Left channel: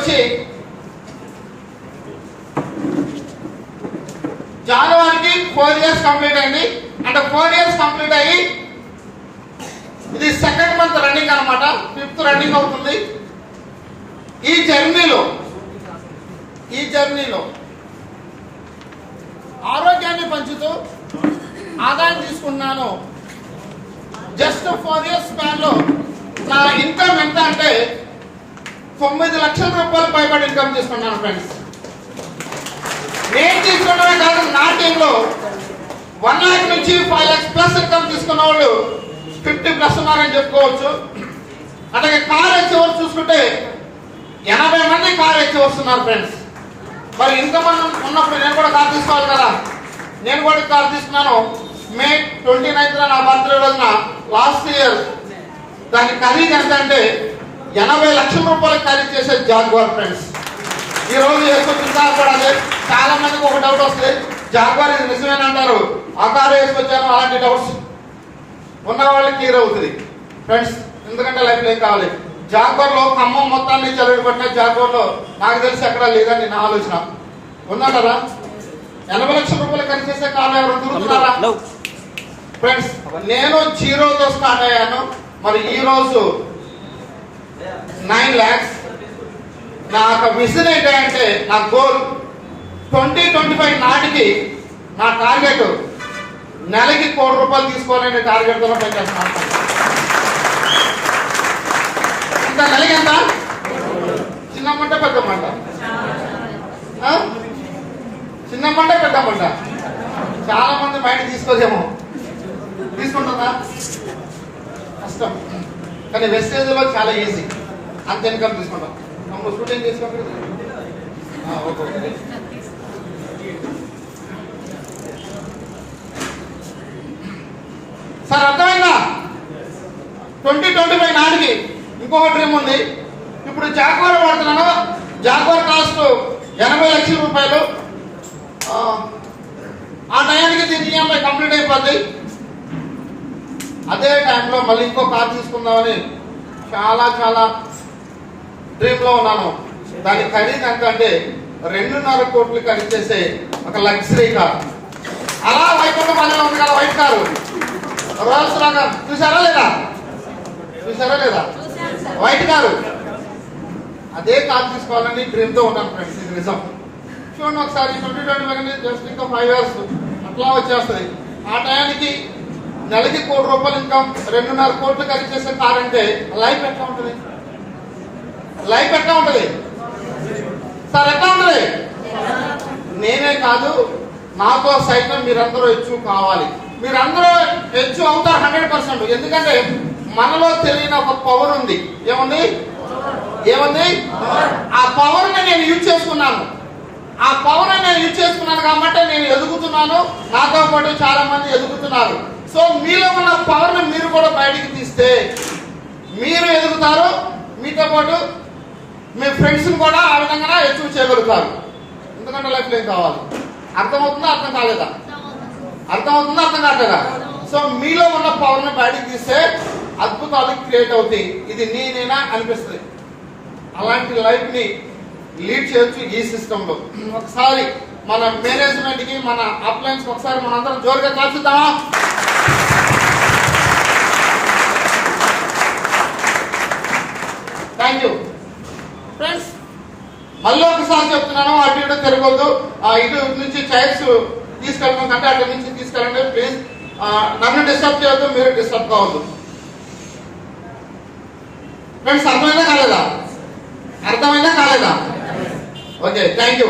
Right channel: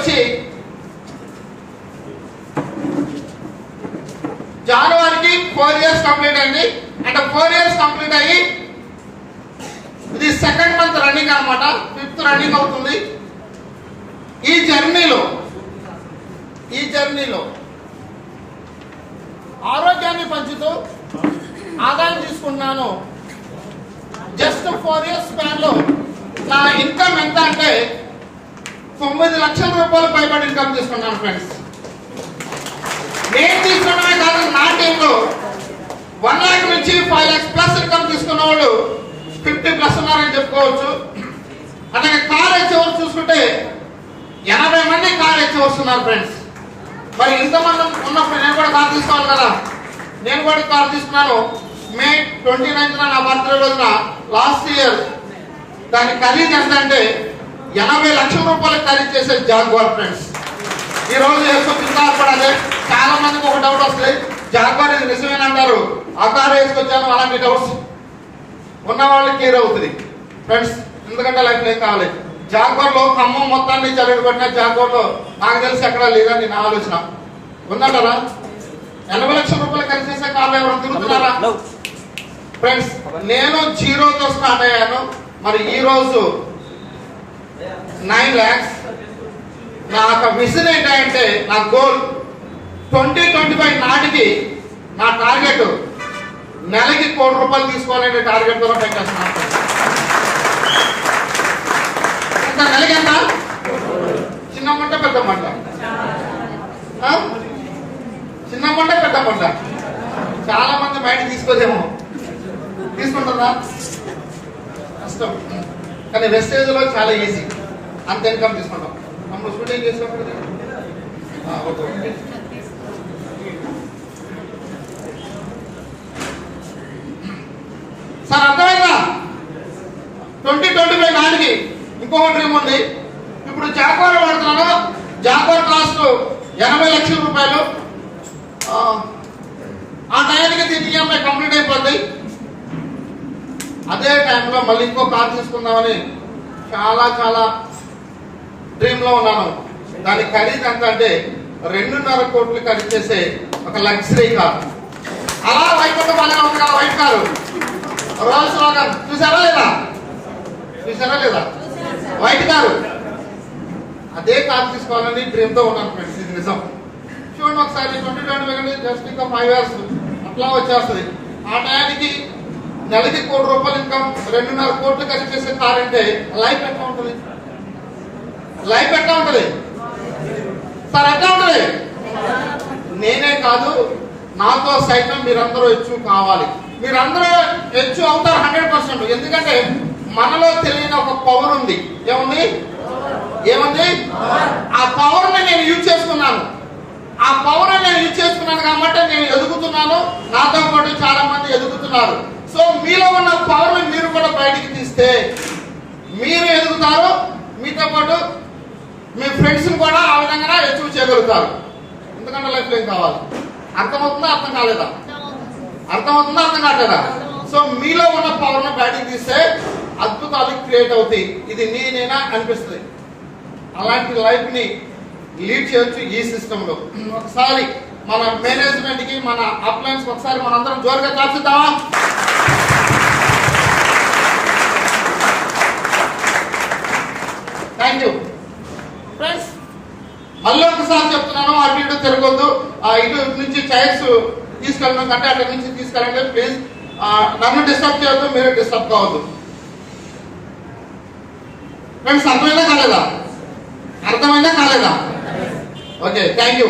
వచ్చి జనవరికి 4 years complete అయింది. అంటే 4 years కంప్లీట్ అయ్యి ఇది సెకండ్ మంత్ రన్నింగ్ అనమాట, 5th రన్నింగ్ అవుతుంది. ఈ జర్నీలో ఆరోగ్యాన్ని పంచుతూ ఆదాయం తీసుకున్నాను. జస్ట్ 4 years స్పాన్ లో నా ఇన్కమ్ ఎంత అంటే 9 లక్షల రూపాయలు పైబడి ఇన్కమ్ తీసుకున్నాను ఫ్రెండ్స్. నేను తీసుకున్నవే కాదు, నా టీంలో 1 lakh నుంచి 5 lakhs ప్లస్ ఇన్కమ్ తీసుకున్న వాళ్ళు 50+ ఉన్నారని చెప్పుకోవచ్చు. అలాగే కార్ హెచ్ఓవర్స్ చూసుకుంటే 80 మంది కార్ హెచ్ఓవర్స్ ఉన్నారు ఫ్రెండ్స్. మరి ఇన్కమ్ ఉన్నప్పుడు నేను కూడా కార్ తీసుకోవాలి కదా. నేను కూడా కార్ తీసుకున్నాను. మే 29th నా బర్త్డే రోజున లాస్ట్ ఇయర్. దాని ఖరీదు ఎంత అంటే 80 లక్షల రూపాయలు ఖరీదు చేసే జాగ్వార్ ఫ్రెండ్స్. ఈ రోజు వేసుకొచ్చింది. చాలా మందికి ఒక డౌట్ వస్తుంది, జాగ్వార్ ఇది నిజమేనంటారు, ఆ కారు వేసుకొచ్చాను, అలాంటి డౌట్స్ ఉన్న వాళ్ళకి క్లియర్ అవుతుంది ఫ్రెండ్స్. ఎందుకంటే లైఫ్ ఏం కావాలి. జాగ్వార్ లో ఖమ్మం మొత్తాన్ని జరగబడిన జాగ్వార్ లో నాకు తెలిసి ఎక్కడ లేదని నా ఆలోచన. ఉన్నా కదా 80 లక్షల రూపాయలు ఖరీదు చేసే కార్లు ఎవరు తిరుగుతున్నారా ఫ్రెండ్స్? నేను 0తో స్టార్ట్ అయ్యాను. మరి ఈ రోజు 9 lakhs. నా విజన్ ఏంటంటే నా గోల్ 2025 నాటికి నా టార్గెట్ నెలకి 1 కోటి రూపాయలు తీసుకోవాలనే టార్గెట్ తో పనిచేస్తున్నాను. ఇంకా నెలకి ఎంత? చిన్న మంట పెద్ద మంట? చిన్న మంట పెద్ద మంట? చాలా మంది మైండ్ తీసుకోలేము. తీసుకుంటుందా? కష్టం. కానీ వెస్టేజ్ లో చాలా ఈజీ. అంత ఇన్కమ్ తీసుకుంటాం. మనం స్టూడెంట్ చేసినప్పుడు సార్ అర్థమైందా? 2025 నాటికి ఇంకొక డ్రీమ్ ఉంది. ఇప్పుడు జాగ్వార్ వాడుతున్నాను. జాగ్వార్ కాస్ట్ 80 లక్షల రూపాయలు. ఆ టైంకి దీని ఈఎంఐ కంప్లీట్ అయిపోతుంది. అదే టైంలో మళ్ళీ ఇంకో కార్ తీసుకుందామని చాలా డ్రీమ్ లో ఉన్నాను. దాని ఖరీదు ఎంత అంటే 2.5 కోట్లు ఖరీదు చేసే ఒక లగ్జరీ కార్. అలా వైకుంఠం వల్ల ఉంది కదా వైట్ కారు, రోల్స్ లాగా. చూసారా లేదా వైట్ కారు? అదే కార్ తీసుకోవాలని డ్రీమ్ తో ఉన్నాను ఫ్రెండ్స్. ఇది నిజం. చూడండి ఒకసారి 2025 జస్ట్ ఇంకా 5 years అట్లా వచ్చేస్తుంది. ఆ టైంకి నెలకి 1 కోటి రూపాయలు ఇన్కమ్, 2.5 కోట్లు ఖరీదు చేసే కార్ అంటే లైఫ్ ఎట్లా ఉంటుంది? సార్ ఎట్లా ఉంటుంది? నేనే కాదు, నాతో సైతం మీరందరూ హెచ్చు కావాలి. మీరందరూ హెచ్చు అవుతారు 100%. ఎందుకంటే మనలో తెలియని ఒక పవర్ ఉంది. ఏముంది? ఆ పవర్ ని నేను యూజ్ చేసుకున్నాను. కాబట్టి నేను ఎదుగుతున్నాను. నాతో పాటు చాలా మంది ఎదుగుతున్నారు. సో మీలో ఉన్న పవర్ ని మీరు కూడా బయటికి తీస్తే మీరు ఎదుగుతారు. మీతో పాటు మీ ఫ్రెండ్స్ కూడా ఆ విధంగా అచీవ్ చేయగలుగుతారు. ఎందుకంటే లైఫ్ ఏం కావాలి? అర్థమవుతుందా? అర్థం కాలేదా? సో మీలో ఉన్న పవర్ ని బయటికి తీస్తే అద్భుతాలు క్రియేట్ అవుతాయి. ఇది నేనేనా అనిపిస్తుంది. అలాంటి లైఫ్ ని లీడ్ చేయొచ్చు ఈ సిస్టమ్ లో. ఒకసారి మన మేనేజ్మెంట్ కి, మన అప్లైన్స్ ఒకసారి మనందరం జోరుగా కాల్చుద్దామా? Thank you friends. మళ్ళీ ఒకసారి చెప్తున్నాను, అటు ఇటు తిరగొద్దు. ఇటు నుంచి చైర్స్ తీసుకెళ్ళడం కంటే అటు నుంచి తీసుకెళ్ళండి ప్లీజ్. నన్ను డిస్టర్బ్ చేయొద్దు, మీరు డిస్టర్బ్ కావద్దు ఫ్రెండ్స్. అర్థమైందా కాలేదా? Okay, thank you.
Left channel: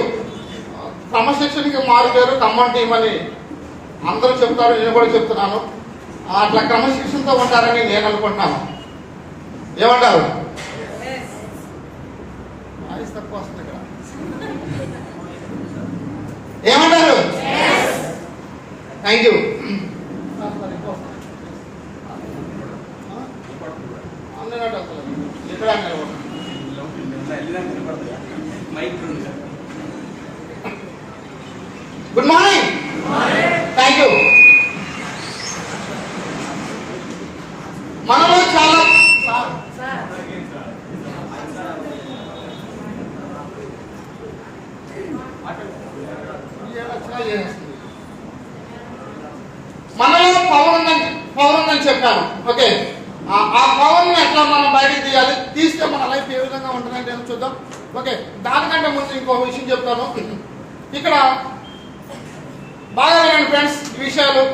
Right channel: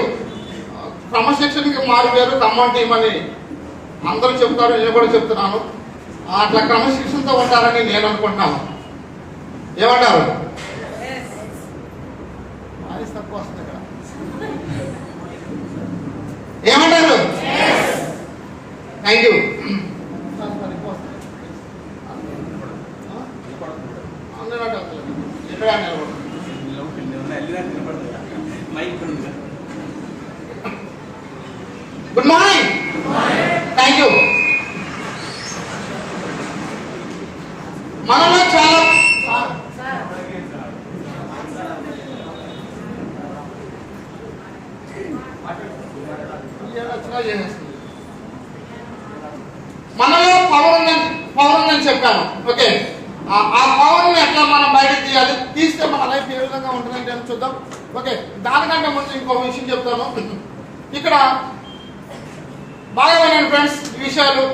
క్రమశిక్షణకి మారిపోయారు ఖమ్మం టీం అని అందరూ చెప్తారు, నేను కూడా చెప్తున్నాను. అట్లా క్రమశిక్షణతో ఉంటారని నేను అనుకుంటున్నాను. ఏమంటారు? వాయిస్ తక్కువ వస్తుంది ఇక్కడ. ఏమంటారు? Thank you. Good morning. Thank you. మనలో చాలా మనలో పవర్ ఉందని చెప్పాను. ఓకే, ఆ పవర్ ని ఎట్లా మనం బయటకు తీయాలి, తీస్తే మన లైఫ్ ఏ విధంగా ఉంటుందంటే చూద్దాం. ఓకే, దానికంటే ముందు ఇంకో విషయం చెప్తాను. ఇక్కడ బాగా వినండి ఫ్రెండ్స్, ఈ విషయాలు.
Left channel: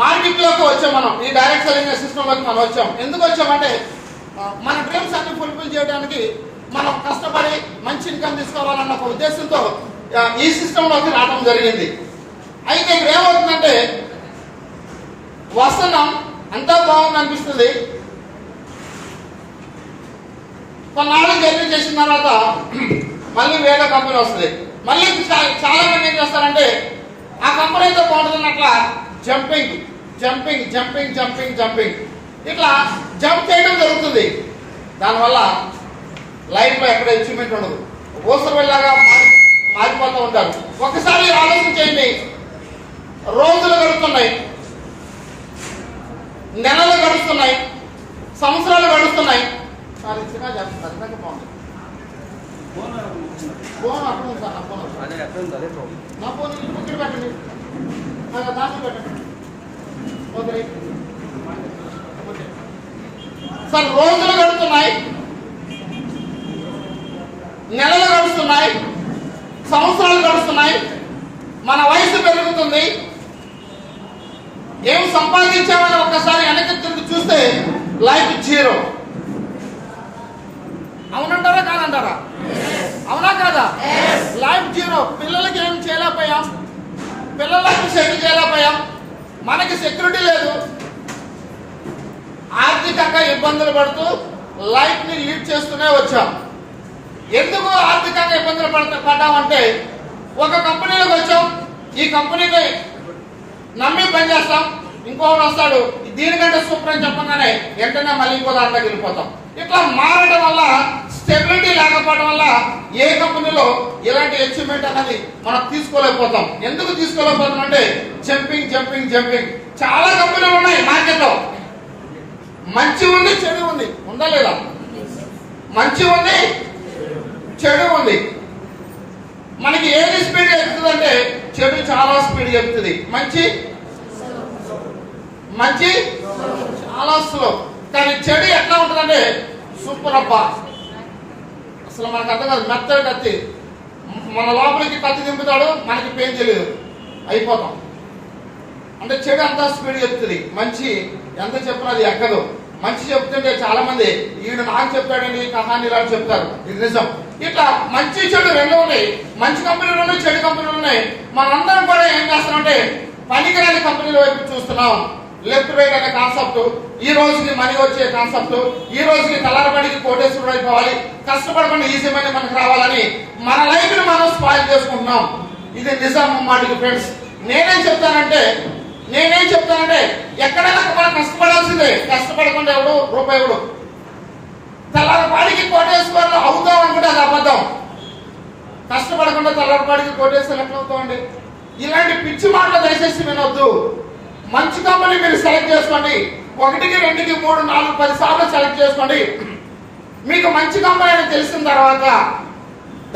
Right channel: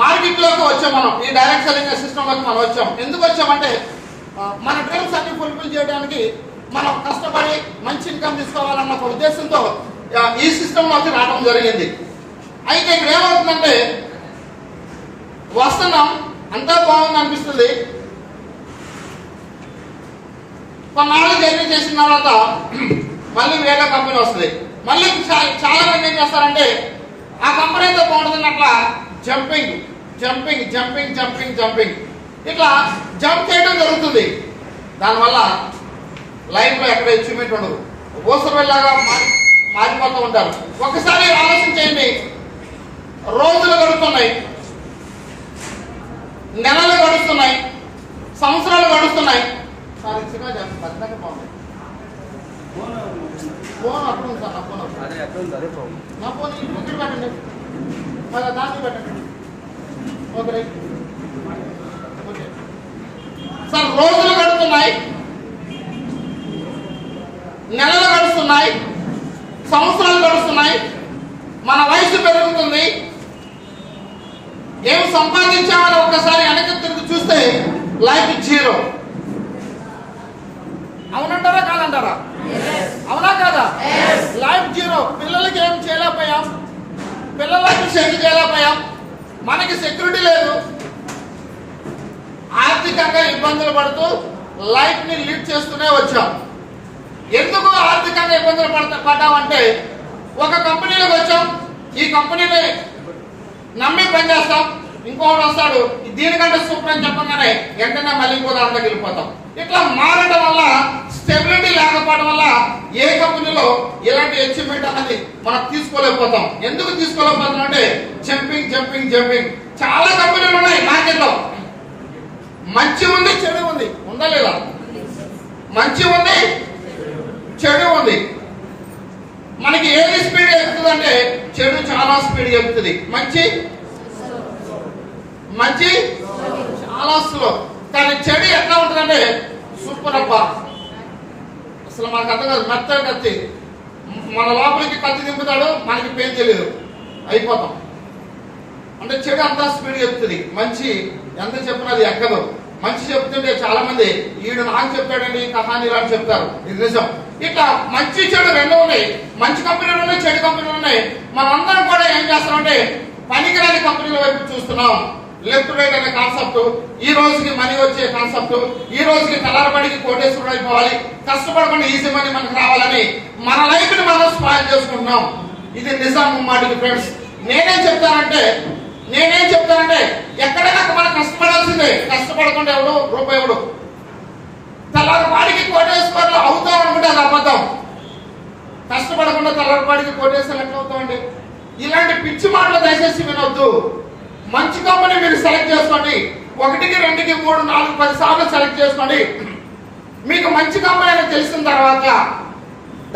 మార్కెట్ లోకి వచ్చాం మనం, ఈ డైరెక్ట్ సెల్లింగ్ సిస్టమ్ లోకి మనం వచ్చాం. ఎందుకు వచ్చామంటే మన డ్రీమ్స్ అన్ని ఫుల్ఫిల్ చేయడానికి మనం కష్టపడి మంచి ఇన్కమ్ తీసుకోవాలన్న ఒక ఉద్దేశంతో ఈ సిస్టమ్ లోకి రావడం జరిగింది. అయితే ఇక్కడ ఏమవుతుందంటే వస్తున్నాం, అంతా బాగుంది అనిపిస్తుంది. కొన్నాళ్ళు జర్నీ చేసిన తర్వాత మళ్ళీ వేరే కంపెనీ వస్తుంది. మళ్ళీ చాలా మంది ఏం చేస్తారంటే ఆ కంపెనీతో బాగుంటున్నట్ల jumping jumping jumping jumping jumping ఇట్లా జంప్ చేయడం జరుగుతుంది. దానివల్ల లైఫ్ లో ఎక్కడ అచీవ్మెంట్ ఉండదు, ఓసరు వెళ్ళాగా మారిపోతూ ఉంటారు. ఒకసారి ఆలోచించేయండి, రోజులు గడుస్తున్నాయి, నెలలు గడుస్తున్నాయి, సంవత్సరాలు గడుస్తున్నాయి. సార్ ఇచ్చినా ఖచ్చితంగా బాగుంది. ఫోన్ అప్పుడు ఉంది సార్, నా ఫోన్ ఇంటి ముక్కలు పెట్టండి, దాంట్లో పెట్టండి. ఓకే సార్, రోజులు గడుస్తున్నాయి, నెలలు గడుస్తున్నాయి, సంవత్సరాలు గడుస్తున్నాయి, మన వయసు పెరుగుతుంది. ఏం సంపాదించామని ఒక్కసారి వెనక్కి తిరిగి చూస్తే లైఫ్ జీరో. అవునంటారా కాదంటారా? అవునా కాదా? Life zero. పిల్లలకి ఏం చేయలేకపోయాం, పిల్లలకి సెటిల్ చేయలేకపోయాం, మనకి సెక్యూరిటీ లేదు, ఆర్థికంగా ఇబ్బందులు పడుతూ లైఫ్ ని లీడ్ చేస్తూనే వచ్చాం. ఎందుకు ఆర్థికంగా ఇబ్బందులు పడ్డామంటే ఒక కంపెనీలోకి వచ్చాం, ఈ కంపెనీని నమ్మి పనిచేస్తాం, ఇంకొకటి వస్తాడు దీనికంటే సూపర్ అని చెప్పగానే వెంటనే మళ్ళీ ఇంకో దాంట్లోకి వెళ్ళిపోతాం. ఇట్లా మారడం వల్ల, స్టెబిలిటీ లేకపోవడం వల్ల ఏ కంపెనీలో ఇలాంటి అచీవ్మెంట్ అనేది మనం తీసుకోలేకపోతాం. ఎందుకు తీసుకోలేకపోతాం అంటే జంపింగ్ జంపింగ్ జంపింగ్. చాలా కంపెనీలు ఉన్నాయి మార్కెట్ లో, మంచి ఉంది చెడు ఉంది, ఉందా లేదా? మంచి ఉంది చెడు ఉంది. మనకి ఏది స్పీడ్ ఎక్కుతుంది అంటే చెడు చాలా స్పీడ్ ఎక్కుతుంది, మంచి చాలా స్లో. కానీ చెడు ఎట్లా ఉంటుందంటే సూపర్ అబ్బా, అసలు మనకు అర్థం కాదు. మెత్తడి కత్తి, మన లోపలికి కత్తి దింపుతాడు, మనకి పెయిన్ తెలియదు, అయిపోతాం. అంటే చెడు అంతా స్పీడ్ ఎక్కుతుంది, మంచి ఎంత చెప్పినా అది ఎక్కదు. మంచి చెప్తుంటే చాలా మంది ఈడు నాకు చెప్పాడండి ఈ కహాని అని చెప్తారు, ఇది నిజం. ఇట్లా మంచి చెడు రెండు ఉన్నాయి, మంచి కంపెనీలు ఉన్నాయి, చెడు కంపెనీలు ఉన్నాయి. మనందరం కూడా ఏం చేస్తామంటే పనికిరాని కంపెనీల వైపు చూస్తున్నాం. లెఫ్ట్ రైట్ అనే కాన్సెప్ట్, ఈ రోజుకి మనీ వచ్చే కాన్సెప్ట్, ఈ రోజుకి తలారబడికి కోటేశ్వరుడు అయిపోవాలి, కష్టపడకుండా ఈజీ మనీ మనకు రావాలని మన లైఫ్ ని మనం స్పాయిల్ చేసుకుంటున్నాం. ఇది నిజం మాటికి ఫ్రెండ్స్. నేనేం చెప్తానంటే ఎక్కడైనా మనం కష్టపడాల్సిందే, కష్టపడకుండా ఎవడు రూపాయి ఎవడు. తెల్లారిపాడికి కోటేశ్వరులు అవుతాం అనుకుంటే అది అబద్ధం. కష్టపడకుండా తెల్లారిపాడికి కోటేశ్వరులు ఎట్లా అవుతామండి? ఇలాంటి పిచ్చి మాటలు దయచేసి వినొద్దు. మంచి కంపెనీ మీరు సెలెక్ట్ చేసుకోండి, 1, 2, 3, 4, 10 సార్లు సెలెక్ట్ చేసుకోండి. మీకు మంచి కంపెనీ అని తెలిసిన తర్వాత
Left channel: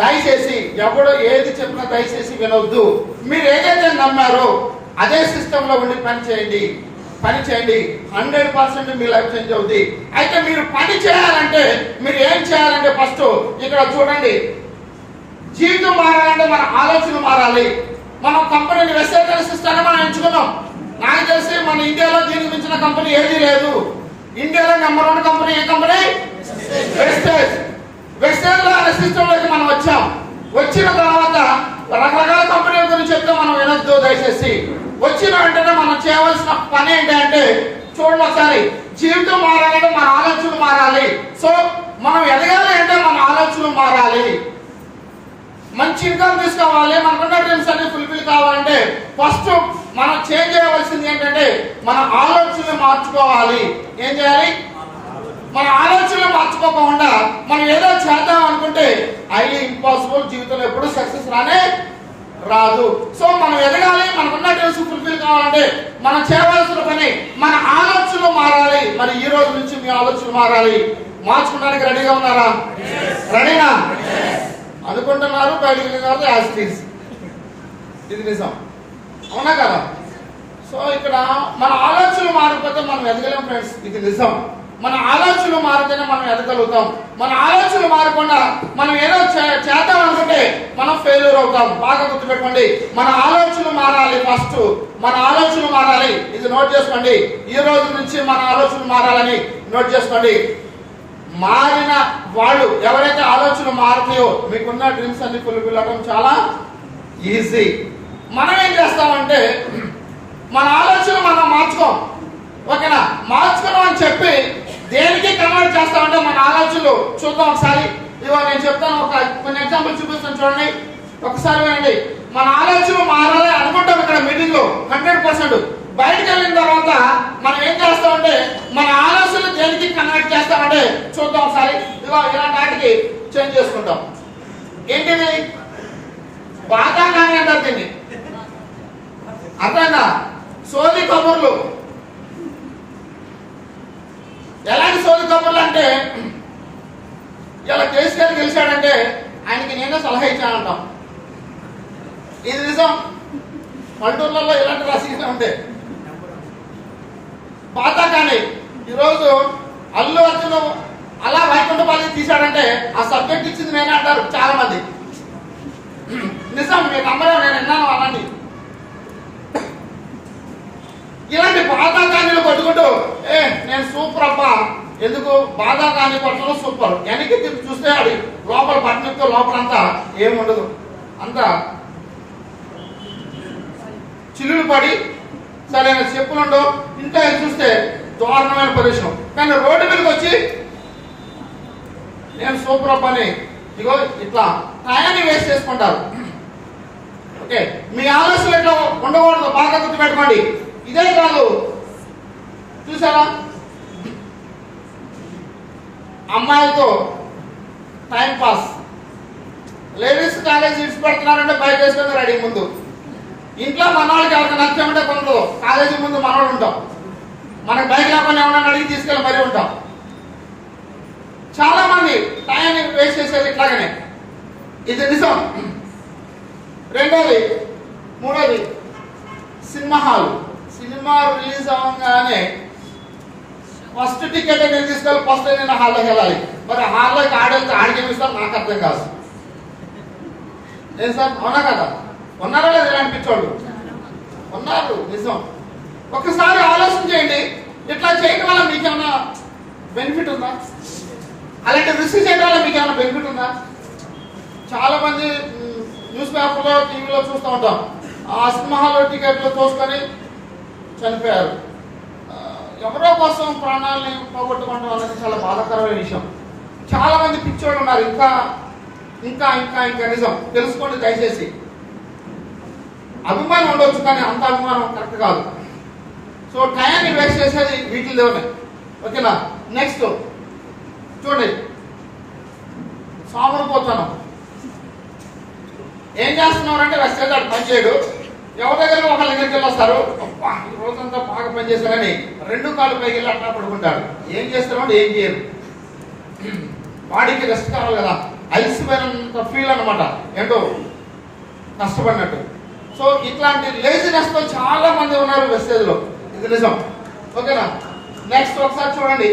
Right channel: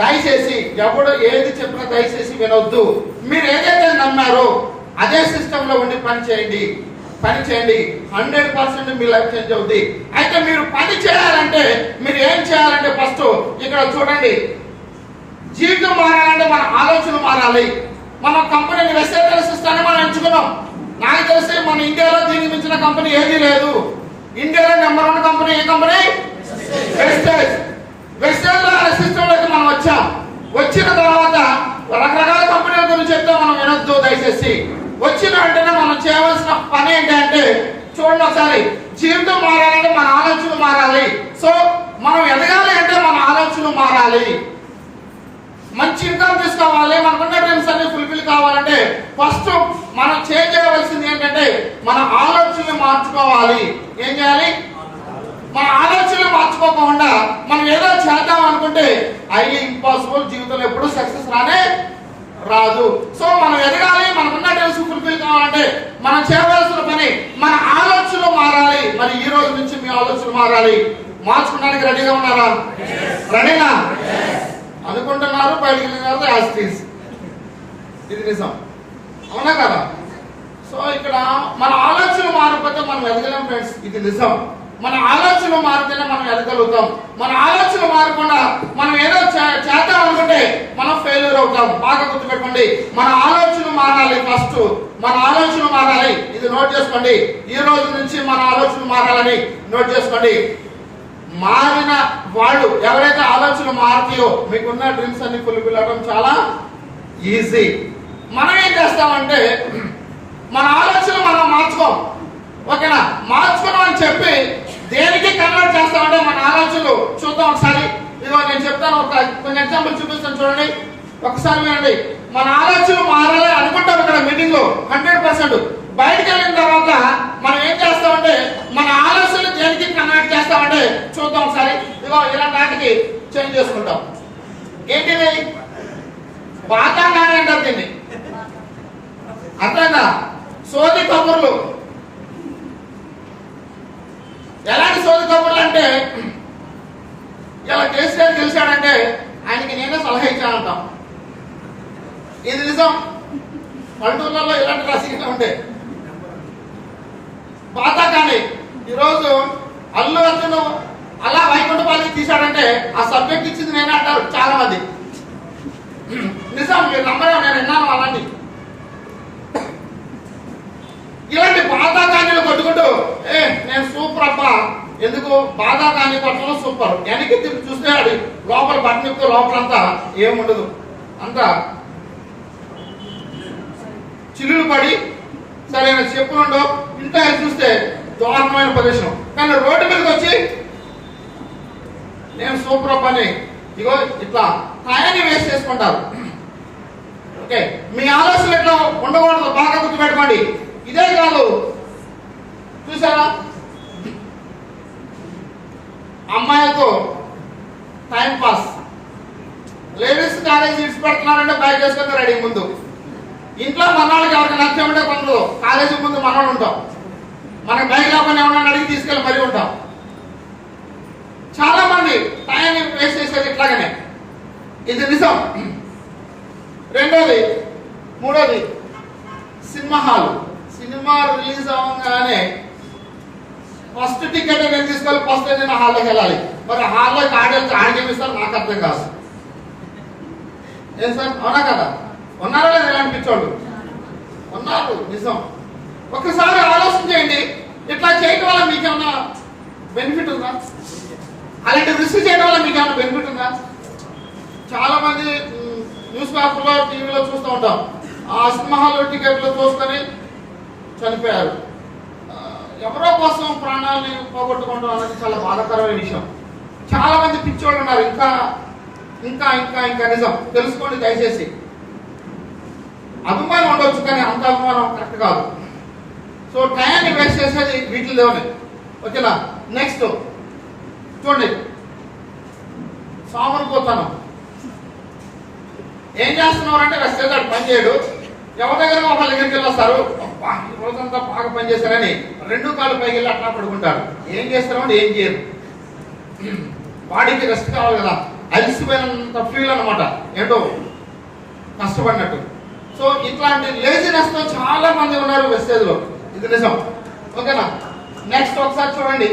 దయచేసి ఎవడు ఏది చెప్పినా దయచేసి వినొద్దు. మీరు ఏదైతే నమ్మారో అదే సిస్టమ్ లో ఉండి పని చేయండి. 100% మీ లైఫ్ చేంజ్ అవుతుంది. అయితే మీరు పని చేయాలంటే మీరు ఏం చేయాలంటే ఫస్ట్ ఇక్కడ చూడండి, జీవితం మారాలంటే మన ఆలోచనలు మారాలి. మనం కంపెనీని వెస్టర్న్ సిస్టమ్ మనం ఎంచుకున్నాం. నాకు తెలిసి మన ఇండియాలో దీనికి మించిన కంపెనీ ఏదీ లేదు. ఇండియాలో నెంబర్ 1 కంపెనీ ఏ కంపెనీ? వెస్టర్న్ అనే సిస్టమ్ లోకి మనం వచ్చాం. వచ్చిన తర్వాత రకరకాల కంపెనీల గురించి చెప్తే మనం వినొద్దు దయచేసి. వచ్చిన వెంటనే మనం చేయవలసిన పని ఏంటంటే చూడండి ఒకసారి, జీవితం మారాలంటే మన ఆలోచనలు మారాలి. సో మనం ఎదగాలి అంటే మన ఆలోచనలు మారాలి. మంచి ఇన్కమ్ తీసుకోవాలి, మనకున్న డ్రీమ్స్ అన్ని ఫుల్ఫిల్ కావాలంటే ఫస్ట్ మనం చేంజ్ చేయవలసింది ఏంటంటే మన ఆలోచనలు మార్చుకోవాలి. ఏం చేయాలి? మన ఆలోచనలు మార్చుకోకుండా మనం ఏదో చేద్దాం అనుకుంటే అది ఇంపాసిబుల్. జీవితంలో ఎప్పుడు సక్సెస్ రాదు. సో మనం ఎదగాలి, మనకున్న డ్రీమ్స్ ఫుల్ఫిల్ కావాలంటే మనం చేయవలసిన పని మన ఆలోచనలు మారాలి. మరి ఈ రోజు నుంచి మీ ఆలోచనలు మారాలి. మార్చుకోవడానికి రెడీగా ఉన్నారా? రెడీనా? అనుకుంటున్నారు, బయటికి వెళ్ళినారు, యాజ్ ఇది నిజం. అవునా కదా? సో ఇక్కడ మన ఆలోచనలు మారిపోతే మనం ఎదగలేం ఫ్రెండ్స్, ఇది నిజం. మన ఆలోచనలు మారితేనే మనం ఎదగలుగుతాం. మన ఆలోచనలు మారకుండా మనం ఏదో చేద్దాం అనుకుంటే మనం ఫెయిల్యూర్ అవుతాం. బాగా గుర్తుపెట్టుకోండి, మన ఆలోచనలు మారాలి. ఫస్ట్ మన ఆలోచనలు మారాలి. ఇది నోట్ చేసుకోండి. ఈ రోజు నుంచి మన ఆలోచనలు మారాలని నోట్ చేసుకోండి. మారిన వాళ్ళు ఎవరైతే ఆలోచనలు మారతాయో మీకున్న డ్రీమ్స్ అన్ని ఫుల్ఫిల్ అవ్వడం చాలా ఈజీ. మనం ఏం చేస్తామంటే మన ఆలోచనలు మనం మార్చుకోం. ఓకేనా? మార్చుకోవడం అని చెప్పి దేనికి కన్వర్ట్ చేస్తామంటే మన ఆలోచనలు చూద్దాం ఒకసారి. ఇదిగో నేను చెప్తాను, కొన్ని ఎగ్జాంపుల్ చూపిస్తాను చూడండి. ఒకసారి వినండి. మన ఆలోచనలు మారాలి అనుకుంటాం ఇక్కడ మీటింగ్ లో 100%. బయటకు వెళ్ళిన తర్వాత మనం ఏం చేస్తామంటే మన ఆలోచనలు దేనికి కన్వర్ట్ చేస్తామంటే చూద్దాం ఒకసారి. ఇదిగో ఇలాంటి వాటికి చేంజ్ చేసుకుంటాం. ఏంటిది? బాతాంగానే అంటారు దీన్ని. అర్థంగా సోది కబుర్లు. ఎలాంటి సోది కబుర్లు అంటే ఇలా కేసీఆర్ గెలిచాడంటే ఆయనకి నేనే సలహా ఇచ్చానంటాం. ఇది నిజం. పల్లెటూర్లలో ఇలాంటి రాజకీయాలు ఉంటాయి. బాతాకాని ఈరోజు అల్లు అర్జున్ అలా వైకుంఠపాలి తీశాడంటే ఆ సబ్జెక్ట్ ఇచ్చింది నేనే అంటారు చాలా మంది. నిజం, మీరు నమ్మరు, నేను విన్నాను అలాంటి. ఇలాంటి బాధాకాన్యులు కొట్టుకుంటూ నేను సూపర్ అబ్బా, ఎందుకు బాధాకాన్ని కొట్టడం సూపర్. వెనక్కి తిరిగి చూస్తే అది లోపల బట్టనితో లోపలంతా ఏముండదు, అంతా చిల్లులు పడి సరైన చెప్పులుండో. ఇంట్లో చూస్తే దారుణమైన ప్రదేశం. కానీ రోడ్డు మీదకి వచ్చి నేను సూపర్ అబ్బా అని ఇగో ఇట్లా టయాన్ని వేస్ట్ చేసుకుంటారు. ఓకే, మీ ఆలోచనలు ఎట్లా ఉండకూడదు, బాగా గుర్తుపెట్టుకోండి. ఇదే కాదు, చూసారా అమ్మాయిలతో టైం పాస్. లేడీస్ కాలేజ్ ఇడ్స్ పెడుతున్నారంటే బైక్ వేసుకొని రెడీ. ముందు ఇంట్లో మనవాళ్ళకి ఎవరికి నచ్చామంటే కొందరు కాలేజీ ముందు మనవాళ్ళు ఉంటాం. మనకి బైక్ లేకుండా ఏమన్నా అడిగి తీసుకెళ్ళి మరీ ఉంటాం. చాలా మంది టైం వేస్ట్ చేసేది ఇట్లాగనే. ఇది నిజం. రెండోది, మూడోది, సినిమా హాల్. సినిమా రిలీజ్ అవ్వగానే ఫస్ట్ టికెట్ నేను తీసుకోవాలి, ఫస్ట్ నేను హాల్లోకి వెళ్ళాలి. మరి హాల్లోకి ఆడేస్తే ఆడికేమిస్తారు నాకు అర్థం కాదు. ఏం సార్, అవునా కదా? ఉన్నారా లేదా ఇలాంటి పిచ్చోళ్ళు? ఉన్నారు, నిజం. ఒకసారి ఆలోచన చేయండి, ఇట్లా చేయడం వల్ల మీకేమైనా బెనిఫిట్ ఉందా? అలాంటి రిస్క్ చేయడం వల్ల మీకేమైనా బెనిఫిట్ ఉందా? చాలా మంది న్యూస్ పేపర్లో, టీవీలో చూస్తూ ఉంటాం. ఆ సినిమా హాల్లో టికెట్లు తోసుకొని చనిపోయారు. ఎవరో కోసం ప్రాణాలని పోగొట్టుకోవడం అనేది చాలా బాధాకరమైన విషయం. చాలా మంది పిచ్చోళ్ళు ఉన్నారు. ఇంకా ఇంకా ఇంకా ఇంకా నిజం తెలుసుకోండి దయచేసి. అభిమానం ఉండవచ్చు కానీ అంత అభిమానం కరెక్ట్ కాదు. సో టయాన్ని వేస్ట్ చేసేది వీటిలోనే. ఓకేనా? నెక్స్ట్ చూడండి, సోమరిపోతాను. ఏం చేస్తున్నారంటే వెస్టేజ్ పని చేయడు. ఎవరి దగ్గర ఒకళ్ళ దగ్గరికి వెళ్ళి వస్తారు, అబ్బా ఈ రోజంతా బాగా పనిచేశారని 2 కాళ్ళు పైకి వెళ్ళి అట్లా పడుకుంటారు. ఏం చేస్తారంటే ఏం చేయరు. బాడీకి రెస్ట్ కావాలి కదా, అలసిపోయినంత ఫీల్ అనమాట, ఏంటో కష్టపడినట్టు. సో ఇట్లాంటి లేజినెస్ తో చాలా మంది ఉన్నారు వెస్టేజ్ లో. ఇది నిజం. ఓకేనా? నెక్స్ట్ ఒకసారి చూడండి,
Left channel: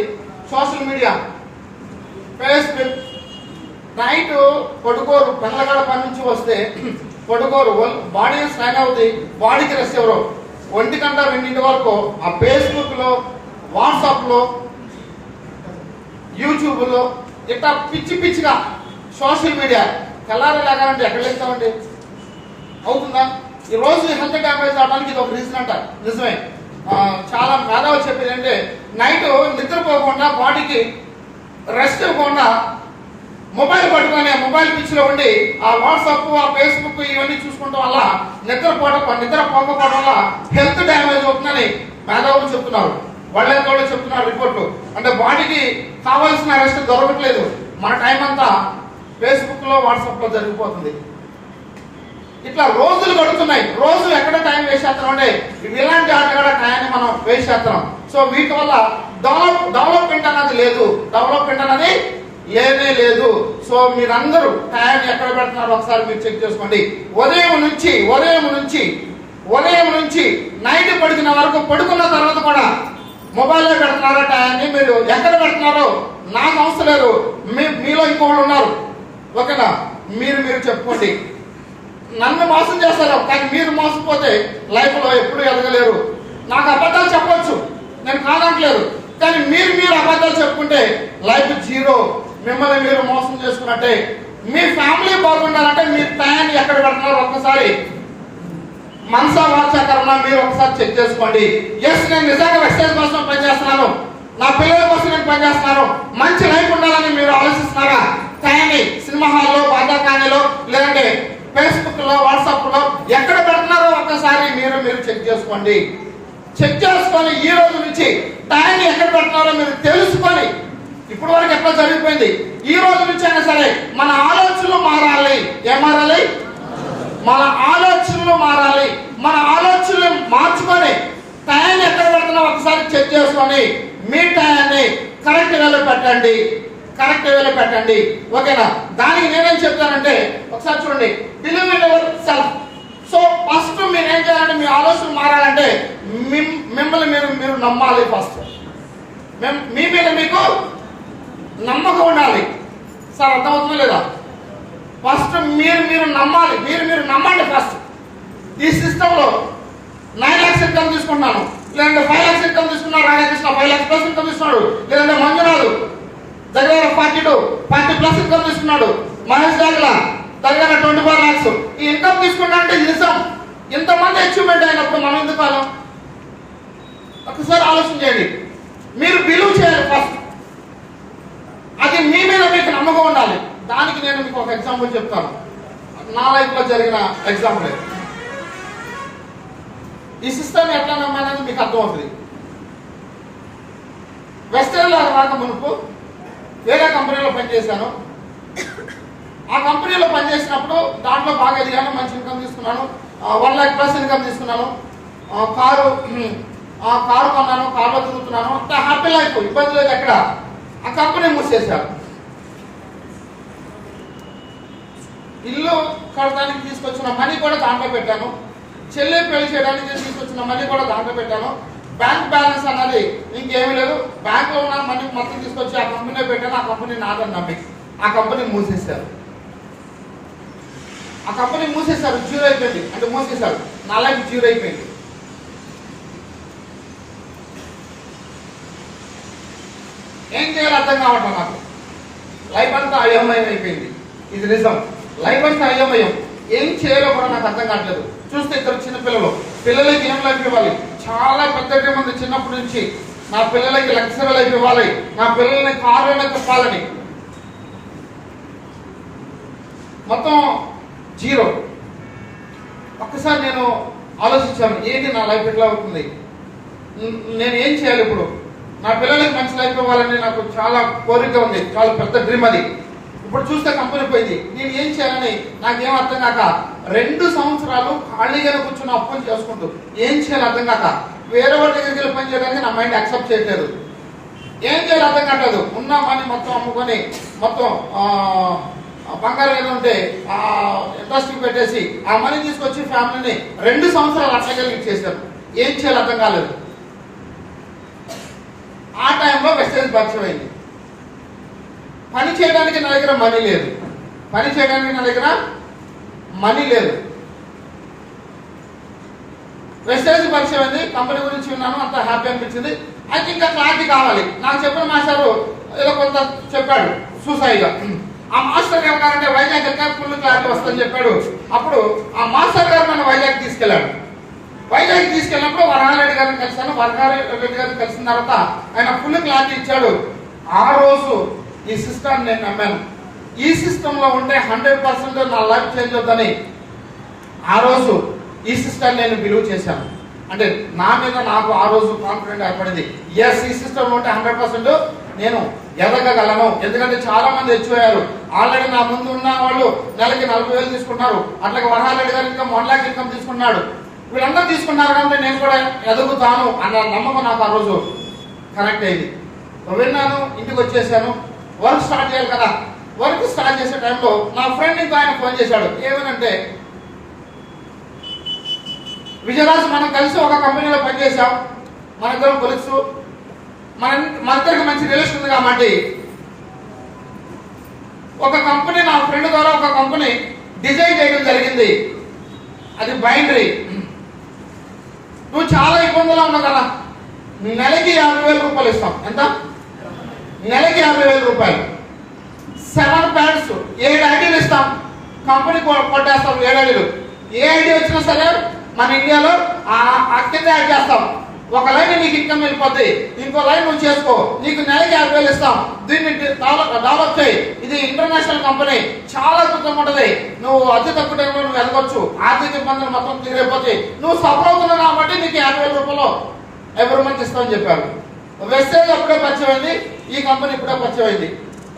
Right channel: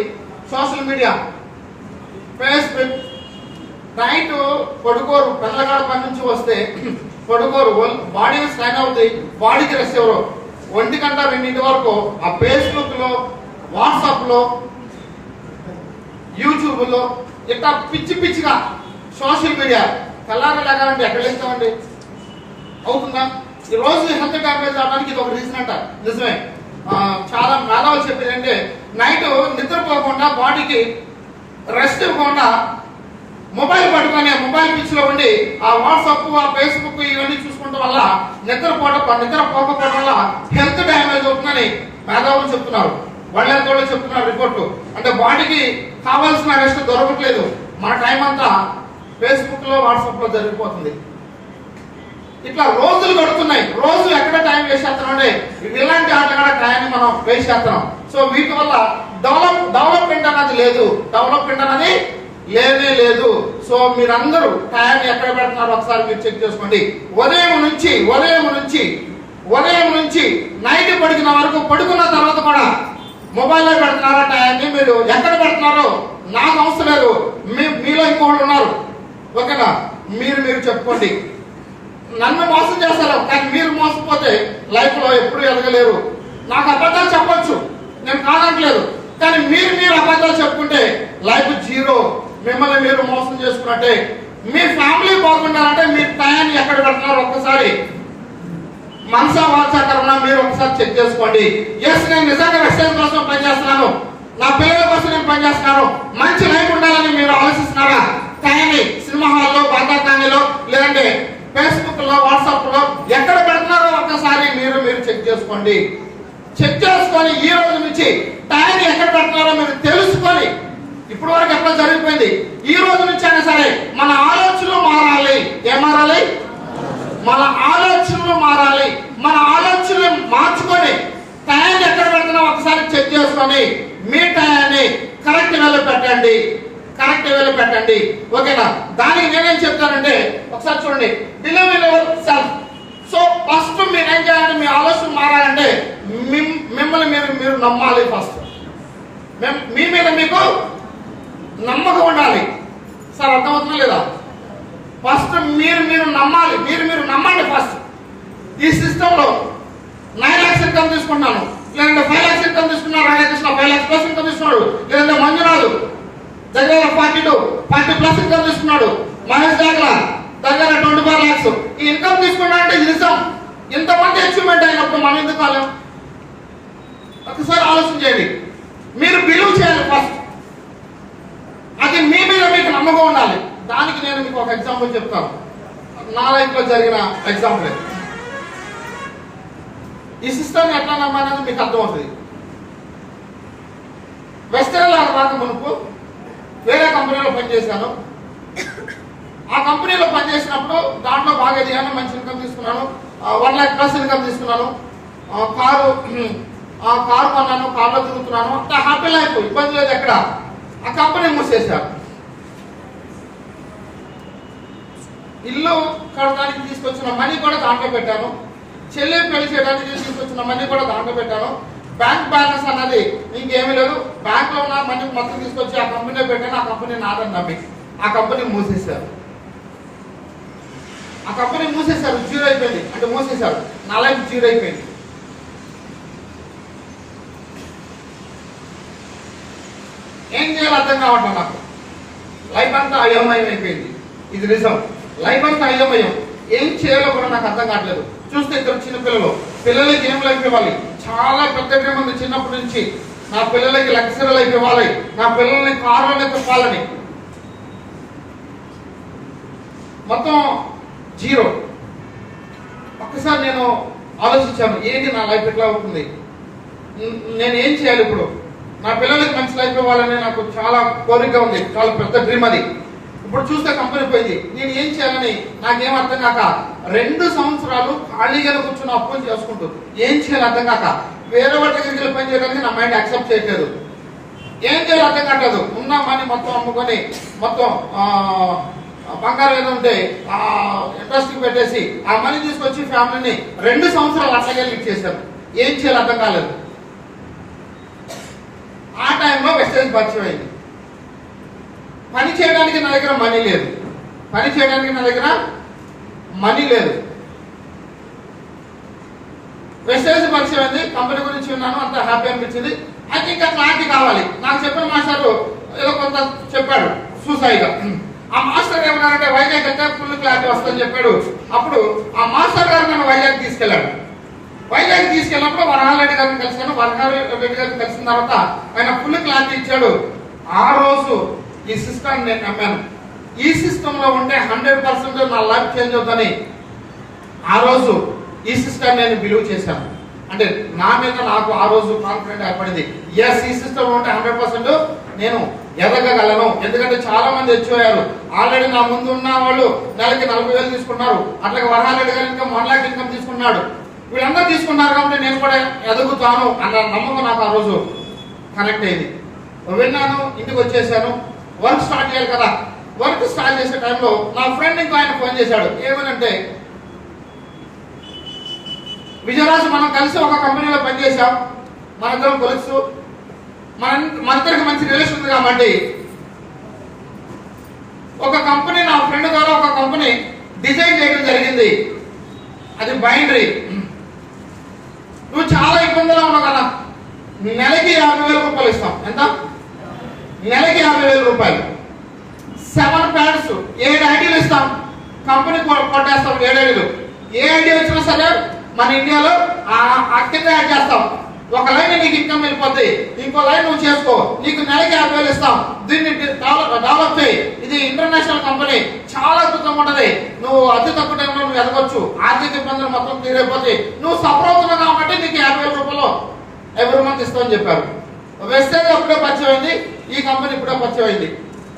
సోషల్ మీడియా, ఫేస్బుక్. నైట్ పడుకోరు, పిల్లగాడ పని నుంచి వస్తే పడుకోరు, బాడీ స్ట్రైన్ అవుతాయి, బాడీకి రెస్ట్ ఎవరు 1 గంట 2 వరకు ఆ ఫేస్బుక్ లో, వాట్సాప్ లో, యూట్యూబ్ లో ఇట్లా పిచ్చి పిచ్చిగా సోషల్ మీడియా తెల్లారలాగా అంటే ఎక్కడ వెళ్తామండి? అవుతుందా? ఈ రోజు హెల్త్ డ్యామేజ్ అవడానికి ఇది ఒక రీజన్ అంట. నిజమే. చాలా మేధావులు చెప్పేది అంటే నైట్ నిద్రపోకుండా, బాడీకి రెస్ట్ ఇవ్వకుండా మొబైల్ పట్టుకొని మొబైల్ పిచ్ లో ఉండి ఆ వాట్సాప్, ఆ ఫేస్బుక్ ఇవన్నీ చూసుకోవడం వల్ల నిద్రపోకపోవడం వల్ల హెల్త్ డ్యామేజ్ అవుతుందని మేధావులు చెప్తున్నారు. వాళ్ళతో చెప్తున్నారు రిపోర్ట్లు. అంటే బాడీకి కావాల్సిన రెస్ట్ దొరకట్లేదు. మన టైం అంతా ఫేస్బుక్ లో, వాట్సాప్ లో జరిగిపోతుంది. ఇట్లా రోజులు గడుతున్నాయి. రోజు ఎక్కడ టైం వేస్ట్ చేస్తున్నాం అంటే ఇలాంటి ఆటగాడ టైంని మనం వేస్ట్ చేస్తున్నాం. సో వీటి వల్ల డెవలప్మెంట్ అనేది లేదు. డెవలప్మెంట్ అనేది లేనే లేదు. సో మీరందరూ టైం ఎక్కడ పెడుతున్నారో ఒకసారి మీరు చెక్ చేసుకోండి. ఉదయం నుంచి నైట్ పడుకున్న వరకు, పడుకున్న తర్వాత కూడా మొబైల్లో పెడుతున్నారా టైంని? మీరు ఎక్కడ పెడుతున్నారో నాకు అవసరం లేదు. మీలో ఇంకోళ్ళు ఉన్నారు, ఓకేనా? మీరు చెప్పుకోండి. నన్ను మోసం చేస్తారు, కానీ మీరు మోసపోతే లైఫ్ లో ఎప్పుడు ఎదగలేరు. నాకు అబద్ధాలు చెప్పొచ్చు, నేను కాదట్లేదు, కానీ మీరు అబద్ధాలు చెప్పుకుంటే లైఫ్ జీరో. మిమ్మల్ని మీరు మోసం చేసుకున్నట్టే. మీ ఫ్యామిలీ బాగుండాలంటే మీరు టైం ఎక్కడ పెడుతున్నారు ఒక్కసారి మనసా వాచాకరణ మీరు ఒకసారి చెక్ చేసుకోండి. ఎస్, నేను నిజంగా వెస్టైజ్ కోసం పనిచేస్తున్నాను, నా పిల్లల కోసం నేను పనిచేస్తున్నాను, మంచి లైఫ్ ఉండాలని మీరు ఆలోచిస్తున్నారా? టైంని సినిమా హాల్లో, బాధాకాణిలో, లేదంటే ఫేస్బుక్ లో, వాట్సాప్ లో ఎక్కడ పెడుతున్నారో ఒక్కసారి మీరు చెక్ చేసుకోండి. చెక్ చేసుకొని ఈ రోజు నుంచి టైం ఎక్కడ పెడుతున్నారో మీరు తెలుసుకొని, ఇప్పుడు వరకు ఎక్కడ జరిగిపోయింది, ఈ రోజు నుంచి అయినా సరే మన ఆలోచనలు మారాలి. ఏం మారాలి? మన ఆలోచనలు మారాలి. మన ఆలోచనలు మార్చుకొని టైం ఎక్కడ పెడుతున్నా ఒకసారి చెక్ చేసుకొని మీ టైంని కరెక్ట్ వేలో పెట్టండి. ఓకేనా? దానికి నేనేం చెప్తానంటే ఒకసారి చూడండి, believe in your self. So first మీరు ఏం చేయాలంటే, మీ ఆలోచన మారాలంటే మిమ్మల్ని మీరు నమ్మాలి. ఫస్ట్ మీ మీద మీకు నమ్మకం ఉండాలి. సార్ అర్థమవుతుందా లేదా? ఫస్ట్ మీరు నమ్మాలి. మీరు నమ్మండి. ఫస్ట్ ఈ సిస్టమ్ లో 9 lakhs ఇన్కమ్ తీసుకుంటున్నాను, లేదంటే 5 lakhs ఇన్కమ్ తీసుకున్నాడు, రాధాకృష్ణ 5 lakhs ప్లస్ ఇన్కమ్ తీసుకున్నాడు, లేదంటే మంజునాథ్ దగ్గర 40 ప్లస్ ఇన్కమ్ తీసుకున్నాడు, మహేష్ దాగలా దగ్గర 24 lakhs ఈ ఇన్కమ్ తీసుకున్నా అంటే నిజం. ఇంతమంది అచీవ్మెంట్ అయినప్పుడు మనం ఎందుకు కాలేం? ఒకసారి ఆలోచన చేయండి. మీరు బిలీవ్ చేయాలి ఫస్ట్. అది మీ మీద మీకు నమ్మకం ఉండాలి. దానికి నేను మీకు ఒక ఎగ్జాంపుల్ చెప్తాను. నా లైఫ్ లో జరిగిన ఎగ్జాంపుల్. ఈ సిస్టమ్ ఎట్లా నమ్మాలనేది మీకు అర్థమవుతుంది. వెస్టర్న్ రాక మునుపు వేరే కంపెనీలో పనిచేశాను. ఆ కంపెనీలో పనిచేసినప్పుడు దాంట్లో బాగా ఎదిగాను, మంచి ఇన్కమ్ తీసుకున్నాను, 1 lakh ప్లస్ ఇన్కమ్ తీసుకున్నాను. కారు కొన్నాను, కారులో తిరుగుతున్నాను, అంత హ్యాపీ లైఫ్, ఇబ్బంది లేదు ఎక్కడ. ఆ కంపెనీ మూసేశారు. ఇల్లు కట్టడానికి తీసుకొచ్చిన మనీ కూడా దాంట్లో పెట్టాను, చెల్లి పెళ్లి చేయడానికి తీసుకొచ్చిన మనీ కూడా దాంట్లో పెట్టాను. బ్యాంక్ బ్యాలెన్స్ అన్నది ఇంకేమీ లేదు. బ్యాంక్ లో ఉన్న మనీ మొత్తం తీసుకొచ్చి ఆ కంపెనీ పెట్టాను. ఆ కంపెనీ నాదని నమ్మి ఆ కంపెనీ మూసేశారు. జీరో అయిపోయింది. అంటే మూసేశారు, నా లైఫ్ జీరో అయిపోయింది. ఏం చేయాలి అర్థం కావట్లేదు నాకు. లైఫ్ అంతా అయోమయం అయిపోయింది. ఇది నిజం, లైఫ్ అంతా అయోమయం. ఏం చేయాలో కూడా నాకు అర్థం కావట్లేదు. చూస్తే ఇద్దరు చిన్న పిల్లలకి ఏం లైఫ్ ఇవ్వాలి? చాలా పెద్ద డ్రీమ్ ఉంది చిన్నప్పటి నుంచి. నా పిల్లలకి లగ్జరీ లైఫ్ ఇవ్వాలి, నా పిల్లల్ని కారులో తిప్పాలని. మొత్తం జీరో. ఒక్కసారి నేను ఆలోచించాను, ఏంటి నా లైఫ్ ఎట్లా అవుతుంది, నేను ఏం చేయాలి ఇప్పుడు? నా పిల్లలకి మంచి లైఫ్ ఇవ్వాలని నాకు చాలా కోరిక ఉంది, చాలా పెద్ద డ్రీమ్ అది. ఇప్పుడు చూస్తే కంపెనీ పోయింది, నేను ఏం చేయాలని నాకేం అర్థం కాక 2 సంవత్సరాలు ఖాళీగానే కూర్చుని అప్పులు చేసుకుంటూ ఏం చేయాలి అర్థం కాక వేరే వాటి దగ్గరికి వెళ్ళి పని చేయడానికి నా మైండ్ యాక్సెప్ట్ చేయట్లేదు. ఏం చేయాలి అర్థం కావట్లేదు. ఉన్న మనీ మొత్తం అమ్ముకొని, మొత్తం బంగారం ఏదో ఉంటే ఇంట్రెస్ట్ పెట్టేసి ఆ మనీ తీసుకొచ్చి ఫ్యామిలీని 2 సంవత్సరాలు అట్లాగే ఇచ్చేసారు. ఏం చేయాలి అర్థం కాలేదు. ఆ టైంలో వెస్టేజ్ పరిచయం అయింది. పని చేయడానికి నా దగ్గర మనీ లేదు. వెస్టేజ్ పరిచయం అయింది. కంపెనీ గురించి ఉన్నాను, అంత హ్యాపీ అనిపించింది. అయితే ఇంకా క్లారిటీ కావాలి. నాకు చెప్పిన మాస్టర్ ఏదో కొంత చెప్పాడు సూసాయిగా. ఆ మాస్టర్ ఏమన్నారంటే వైజాగ్ వెళ్తే ఫుల్ క్లారిటీ వస్తుందని చెప్పాడు. అప్పుడు ఆ మాస్టర్ గారు నన్ను వైజాగ్ తీసుకెళ్లాడు. వైజాగ్ తీసుకెళ్ళినప్పుడు వరహారెడ్డి గారిని కలిశాను. వరహారెడ్డి గారిని కలిసిన తర్వాత ఆయన ఫుల్ క్లారిటీ ఇచ్చాడు. ఆ రోజు ఈ సిస్టమ్ నేను నమ్మాను. ఈ సిస్టమ్ లో ఉంటే 100% నా లైఫ్ చేంజ్ అవుతుందని ఆ రోజు ఈ సిస్టమ్ నేను బిలీవ్ చేశాను. అంటే నా మీద నాకు ఆ రోజు కాన్ఫిడెంట్ ఏర్పడింది. ఎస్, ఈ సిస్టమ్ ఉంటే 100% నేను ఎదగగలను. ఎందుకంటే చాలా మంది వచ్చారు. ఆల్రెడీ నా ముందు ఉన్న వాళ్ళు నెలకి 40,000 తీసుకున్నారు. అట్లాగే వరహారెడ్డి గారు ఇంకా 1 lakh ఇన్కమ్ తీసుకున్నాడు. వీళ్ళందరూ తీసుకున్నారు కాబట్టి నేను కూడా ఎదుగుతాను అన్న నమ్మకం నాకు ఆ రోజు కనెక్ట్ అయింది. విన్నాను, ఇంటికి వచ్చేసాను. వర్క్ స్టార్ట్ చేయాలి కదా. వర్క్ స్టార్ట్ చేసే టైంలో నా ఫ్రెండ్ ఇంకో ఆయన ఫోన్ చేశాడు. ఏమనంటే, విజయరాజు మనం కలిసి ఒక కంపెనీలో పనిచేసాం, మనందరం కొలుసు, మనిద్దరికి మంచి రిలేషన్ ఉంది కాబట్టి ఒక కంపెనీ, నా ఫ్రెండ్ ద్వారా ఒక కంపెనీ డిజైన్ చేయడం జరిగింది. అది బైండరీ. నువ్వు చాలా ఇబ్బందులు ఉన్నావు కదా, నెలకి 50,000 రూపాయలు ఇస్తాం. ఎంత? నెలకి 50,000 రూపాయలు. 7 ప్యాడ్స్, 7 ఐడీలు ఇస్తాం. కంపెనీ కొట్టేస్తాం 7 ఐడీలు. ఏ ఐడి వచ్చినా సరే మన ఇండియాలో కింద యాడ్ చేస్తాం. ఒక లైన్ నీకు ఇన్కమ్ వెళ్ళిపోద్ది, ఇంకో లైన్ నువ్వు చేసుకో, నీకు నెలకి 50,000 ఇస్తాం. దీన్ని డెవలప్ చేయి. ఇది ఇంటర్నేషనల్ కంపెనీ, చాలా అద్భుతంగా ఉంటది. నువ్వు అతి తక్కువ టైంలో నువ్వు ఎదగొచ్చు, ఆర్థిక ఇబ్బందులు మొత్తం తీరైపోతాయి. నువ్వు సఫర్ అవుతున్నావు కాబట్టి నీకు 50,000 రూపాయలు ఎవ్రీ మంత్ ఇస్తామని చెప్పారు. వెస్టేజ్ అప్పుడే పరిచయం అయింది, ఈ కంపెనీ ఇప్పుడే పరిచయం అయింది.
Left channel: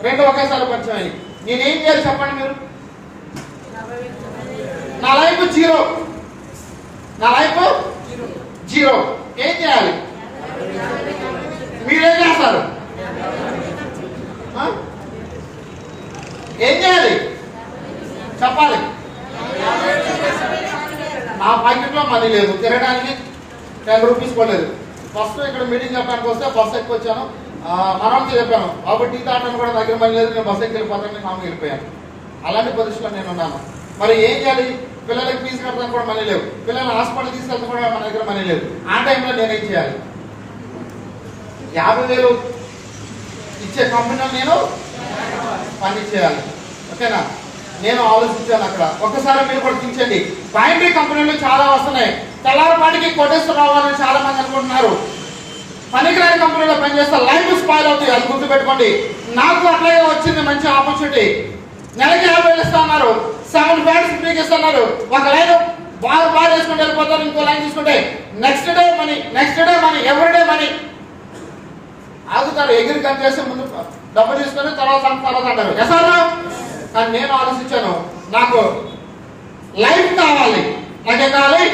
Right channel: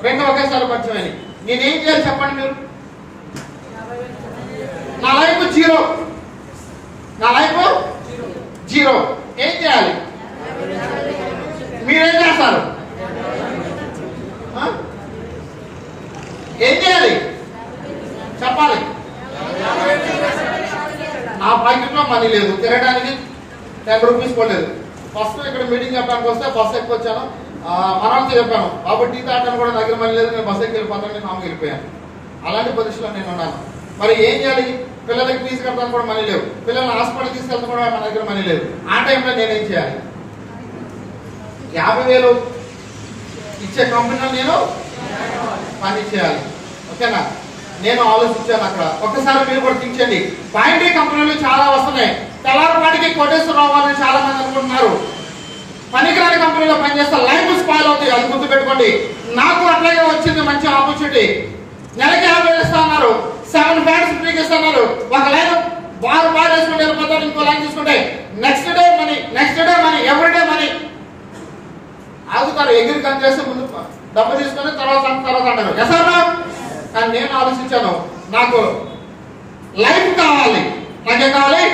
రెండు ఒకేసారి పరిచయం అయింది. నేనేం చేయాలి చెప్పండి మీరు? నా లైఫ్ జీరో, నా లైఫ్ జీరో. ఏం చేయాలి? మీరేం చేస్తారు? ఏం చేయాలి చెప్పాలి. నా పాకెట్లో మనీ లేదు, తిరగడానికి 10 రూపీస్ పోలేదు. ఫస్ట్ ఇక్కడ మీటింగ్ చెప్పడానికి వస్తే బస్సు ఎక్కువ వచ్చాను, మనకి చెప్పాను, బాబు టీ తాగడానికి కూడా దగ్గర మనీ లేదు, నేను బస్సు ఎక్కి వెళ్ళిపోతాను, మామూలు వెళ్ళిపోయాను. అలాంటి పొజిషన్లో నేను ఉన్నాను. మరి ఏం చేయాలి? పిల్లలకి ఫీజు కట్టడానికి కూడా మనీ లేవు, పిల్లల్ని హాస్పిటల్ తీసుకెళ్తే కూడా మన దగ్గర మనీ లేదు. ఆ టైంలో నేనేం చేయాలి? 50,000 ఇచ్చే కంపెనీలో నేను పని చేయాలి. ఓకేనా? నేను ఆలోచించాను అక్కడ. ఒక్కసారి మీరు కూడా థింక్ బైండరీ కంపెనీలు చాలా వస్తున్నాయి. తెల్లారపాటికి కొట్టేస్తున్నావు అని చాలా మంది అనుకుంటున్నారు. పనికిరాని కంపెనీలో పనిచేస్తే లైఫ్ స్పాయిల్ అవుతుంది, అది గుర్తుపెట్టుకోండి. నాకు అట్లాగే వచ్చింది మంచి ఆపర్చునిటీ. నెలకి 50,000 ఇస్తున్నారు, 7 ప్యాడ్స్ ఫ్రీకి ఇస్తున్నారు. ఒక లైన్ బార్ వేసుకుంటే వెళ్ళిపోతారు, ఇంకో లైన్ తీసుకుంటే next day money, next day money, everyday money. ఆగుతారు, ఎగిరి కంచేస్తే ముందు డబ్బు తీసుకొని తర్వాత అంటారు. ఎసారా? కానీ నేను ఆలోచించాను, నాకు లైఫ్ కావాలి. నాకేం కావాలి?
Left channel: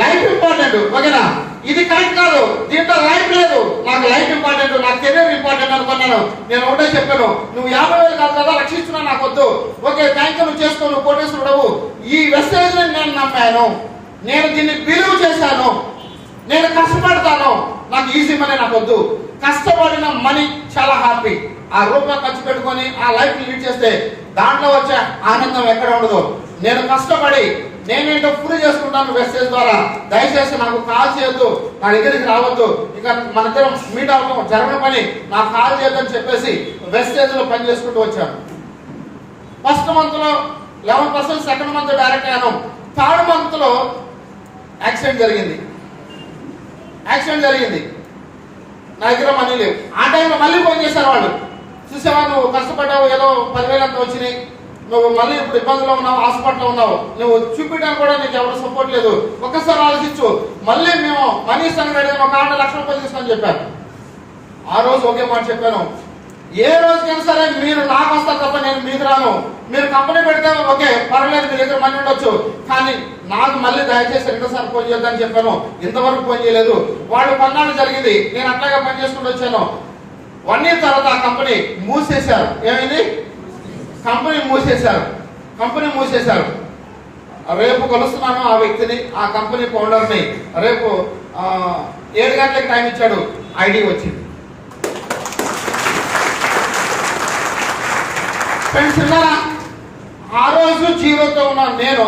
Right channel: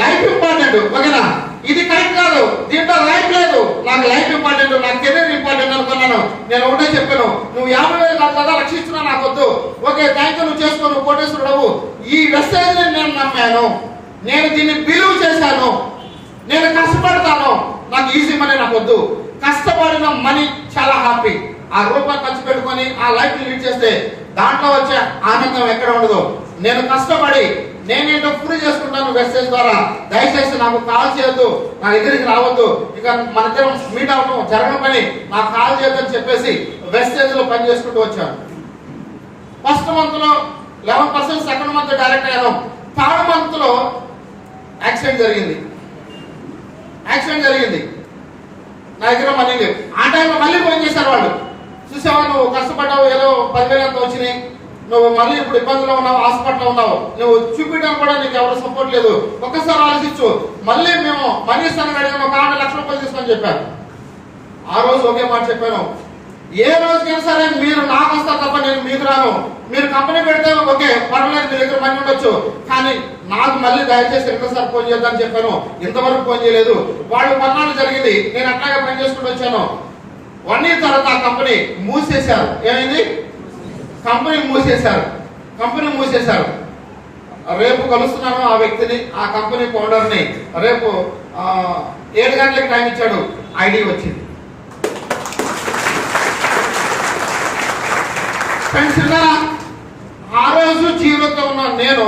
Life important. ఓకేనా? ఇది కరెక్ట్ కాదు, దీంట్లో లైఫ్ లేదు, నాకు లైఫ్ ఇంపార్టెంట్, నాకు కెరీర్ ఇంపార్టెంట్ అనుకున్నాను. నేను ఒకటే చెప్పాను, నువ్వు 50,000 కాదు కదా రక్షిస్తున్నా, నాకు వద్దు. ఓకే థ్యాంక్ యూ, నువ్వు చేసుకో, నువ్వు కోటేశ్వరుడవు. ఈ వెస్టేజ్ నేను నమ్మాను, నేను దీన్ని బిలీవ్ చేశాను, నేను కష్టపడతాను. నాకు ఈజీ మనీ నాకు వద్దు. కష్టపడిన మనీ చాలా హ్యాపీ. ఆ రూపాయి ఖర్చు పెట్టుకొని ఆ లైఫ్ లీడ్ చేస్తే దాంట్లో వచ్చే ఆనందం ఎక్కడ ఉండదు. నేను కష్టపడి నేనేంటో ప్రూవ్ చేసుకుంటాను వెస్టేజ్ ద్వారా. దయచేసి నాకు కాల్ చేయొద్దు, నా దగ్గరికి రావద్దు, ఇక మన దగ్గర మీట్ అవడం జరగని పని, నాకు కాల్ చేయొద్దని చెప్పేసి వెస్టేజ్ లో పని చేసుకుంటూ వచ్చాను. ఫస్ట్ మంత్ లో 11%, సెకండ్ మంత్ డైరెక్ట్ అయ్యాను. థర్డ్ మంత్ లో యాక్సిడెంట్ జరిగింది. నా దగ్గర మనీ లేవు. ఆ టైంలో మళ్ళీ ఫోన్ చేశారు వాళ్ళు, చూసావా నువ్వు కష్టపడ్డావు, ఏదో 10,000 అంత వచ్చినాయి, నువ్వు మళ్ళీ ఇప్పుడు ఇబ్బందులో ఉన్నావు, హాస్పిటల్లో ఉన్నావు, నువ్వు చూపించడానికి కూడా నీకు ఎవరు సపోర్ట్ లేదు, ఒక్కసారి ఆలోచించు, మళ్ళీ మేము మనీ ఇస్తాను అడిగాను, ఒక 6 లక్షల రూపాయలు తీసుకొని చెప్పాను. ఆ రోజు ఒకే మాట చెప్పాను, ఏ రోజుకైనా సరే మీరు నాకు వస్తారు తప్ప నేను మీకు రాను. మీరు కంపెనీ పెడితే ఓకే పర్వాలేదు, మీ దగ్గర మనీ ఉండొచ్చు, కానీ నాకు మళ్ళీ దయచేసి రెండోసారి ఫోన్ చేద్దామని చెప్పాను. ఇంతవరకు ఫోన్ చేయలేదు. వాళ్ళు కొన్నాళ్ళు జరిగింది, నేను అట్లాగే పని చేసుకుంటూ వచ్చాను. 1 year తర్వాత ఆ కంపెనీ మూసేశారు. ఏమైంది? కంపెనీ మూసేశారు. రేపు కలుస్తున్నాను ఆ వ్యక్తిని, ఆ కంపెనీ ఫౌండర్ని. రేపు 7 గంటలకు టైం ఇచ్చాడు, ఐడి వచ్చింది. ఫ్రెండ్స్ ఉన్నారా? ఆ రోజు జీరోతో ఉన్నాను నేను.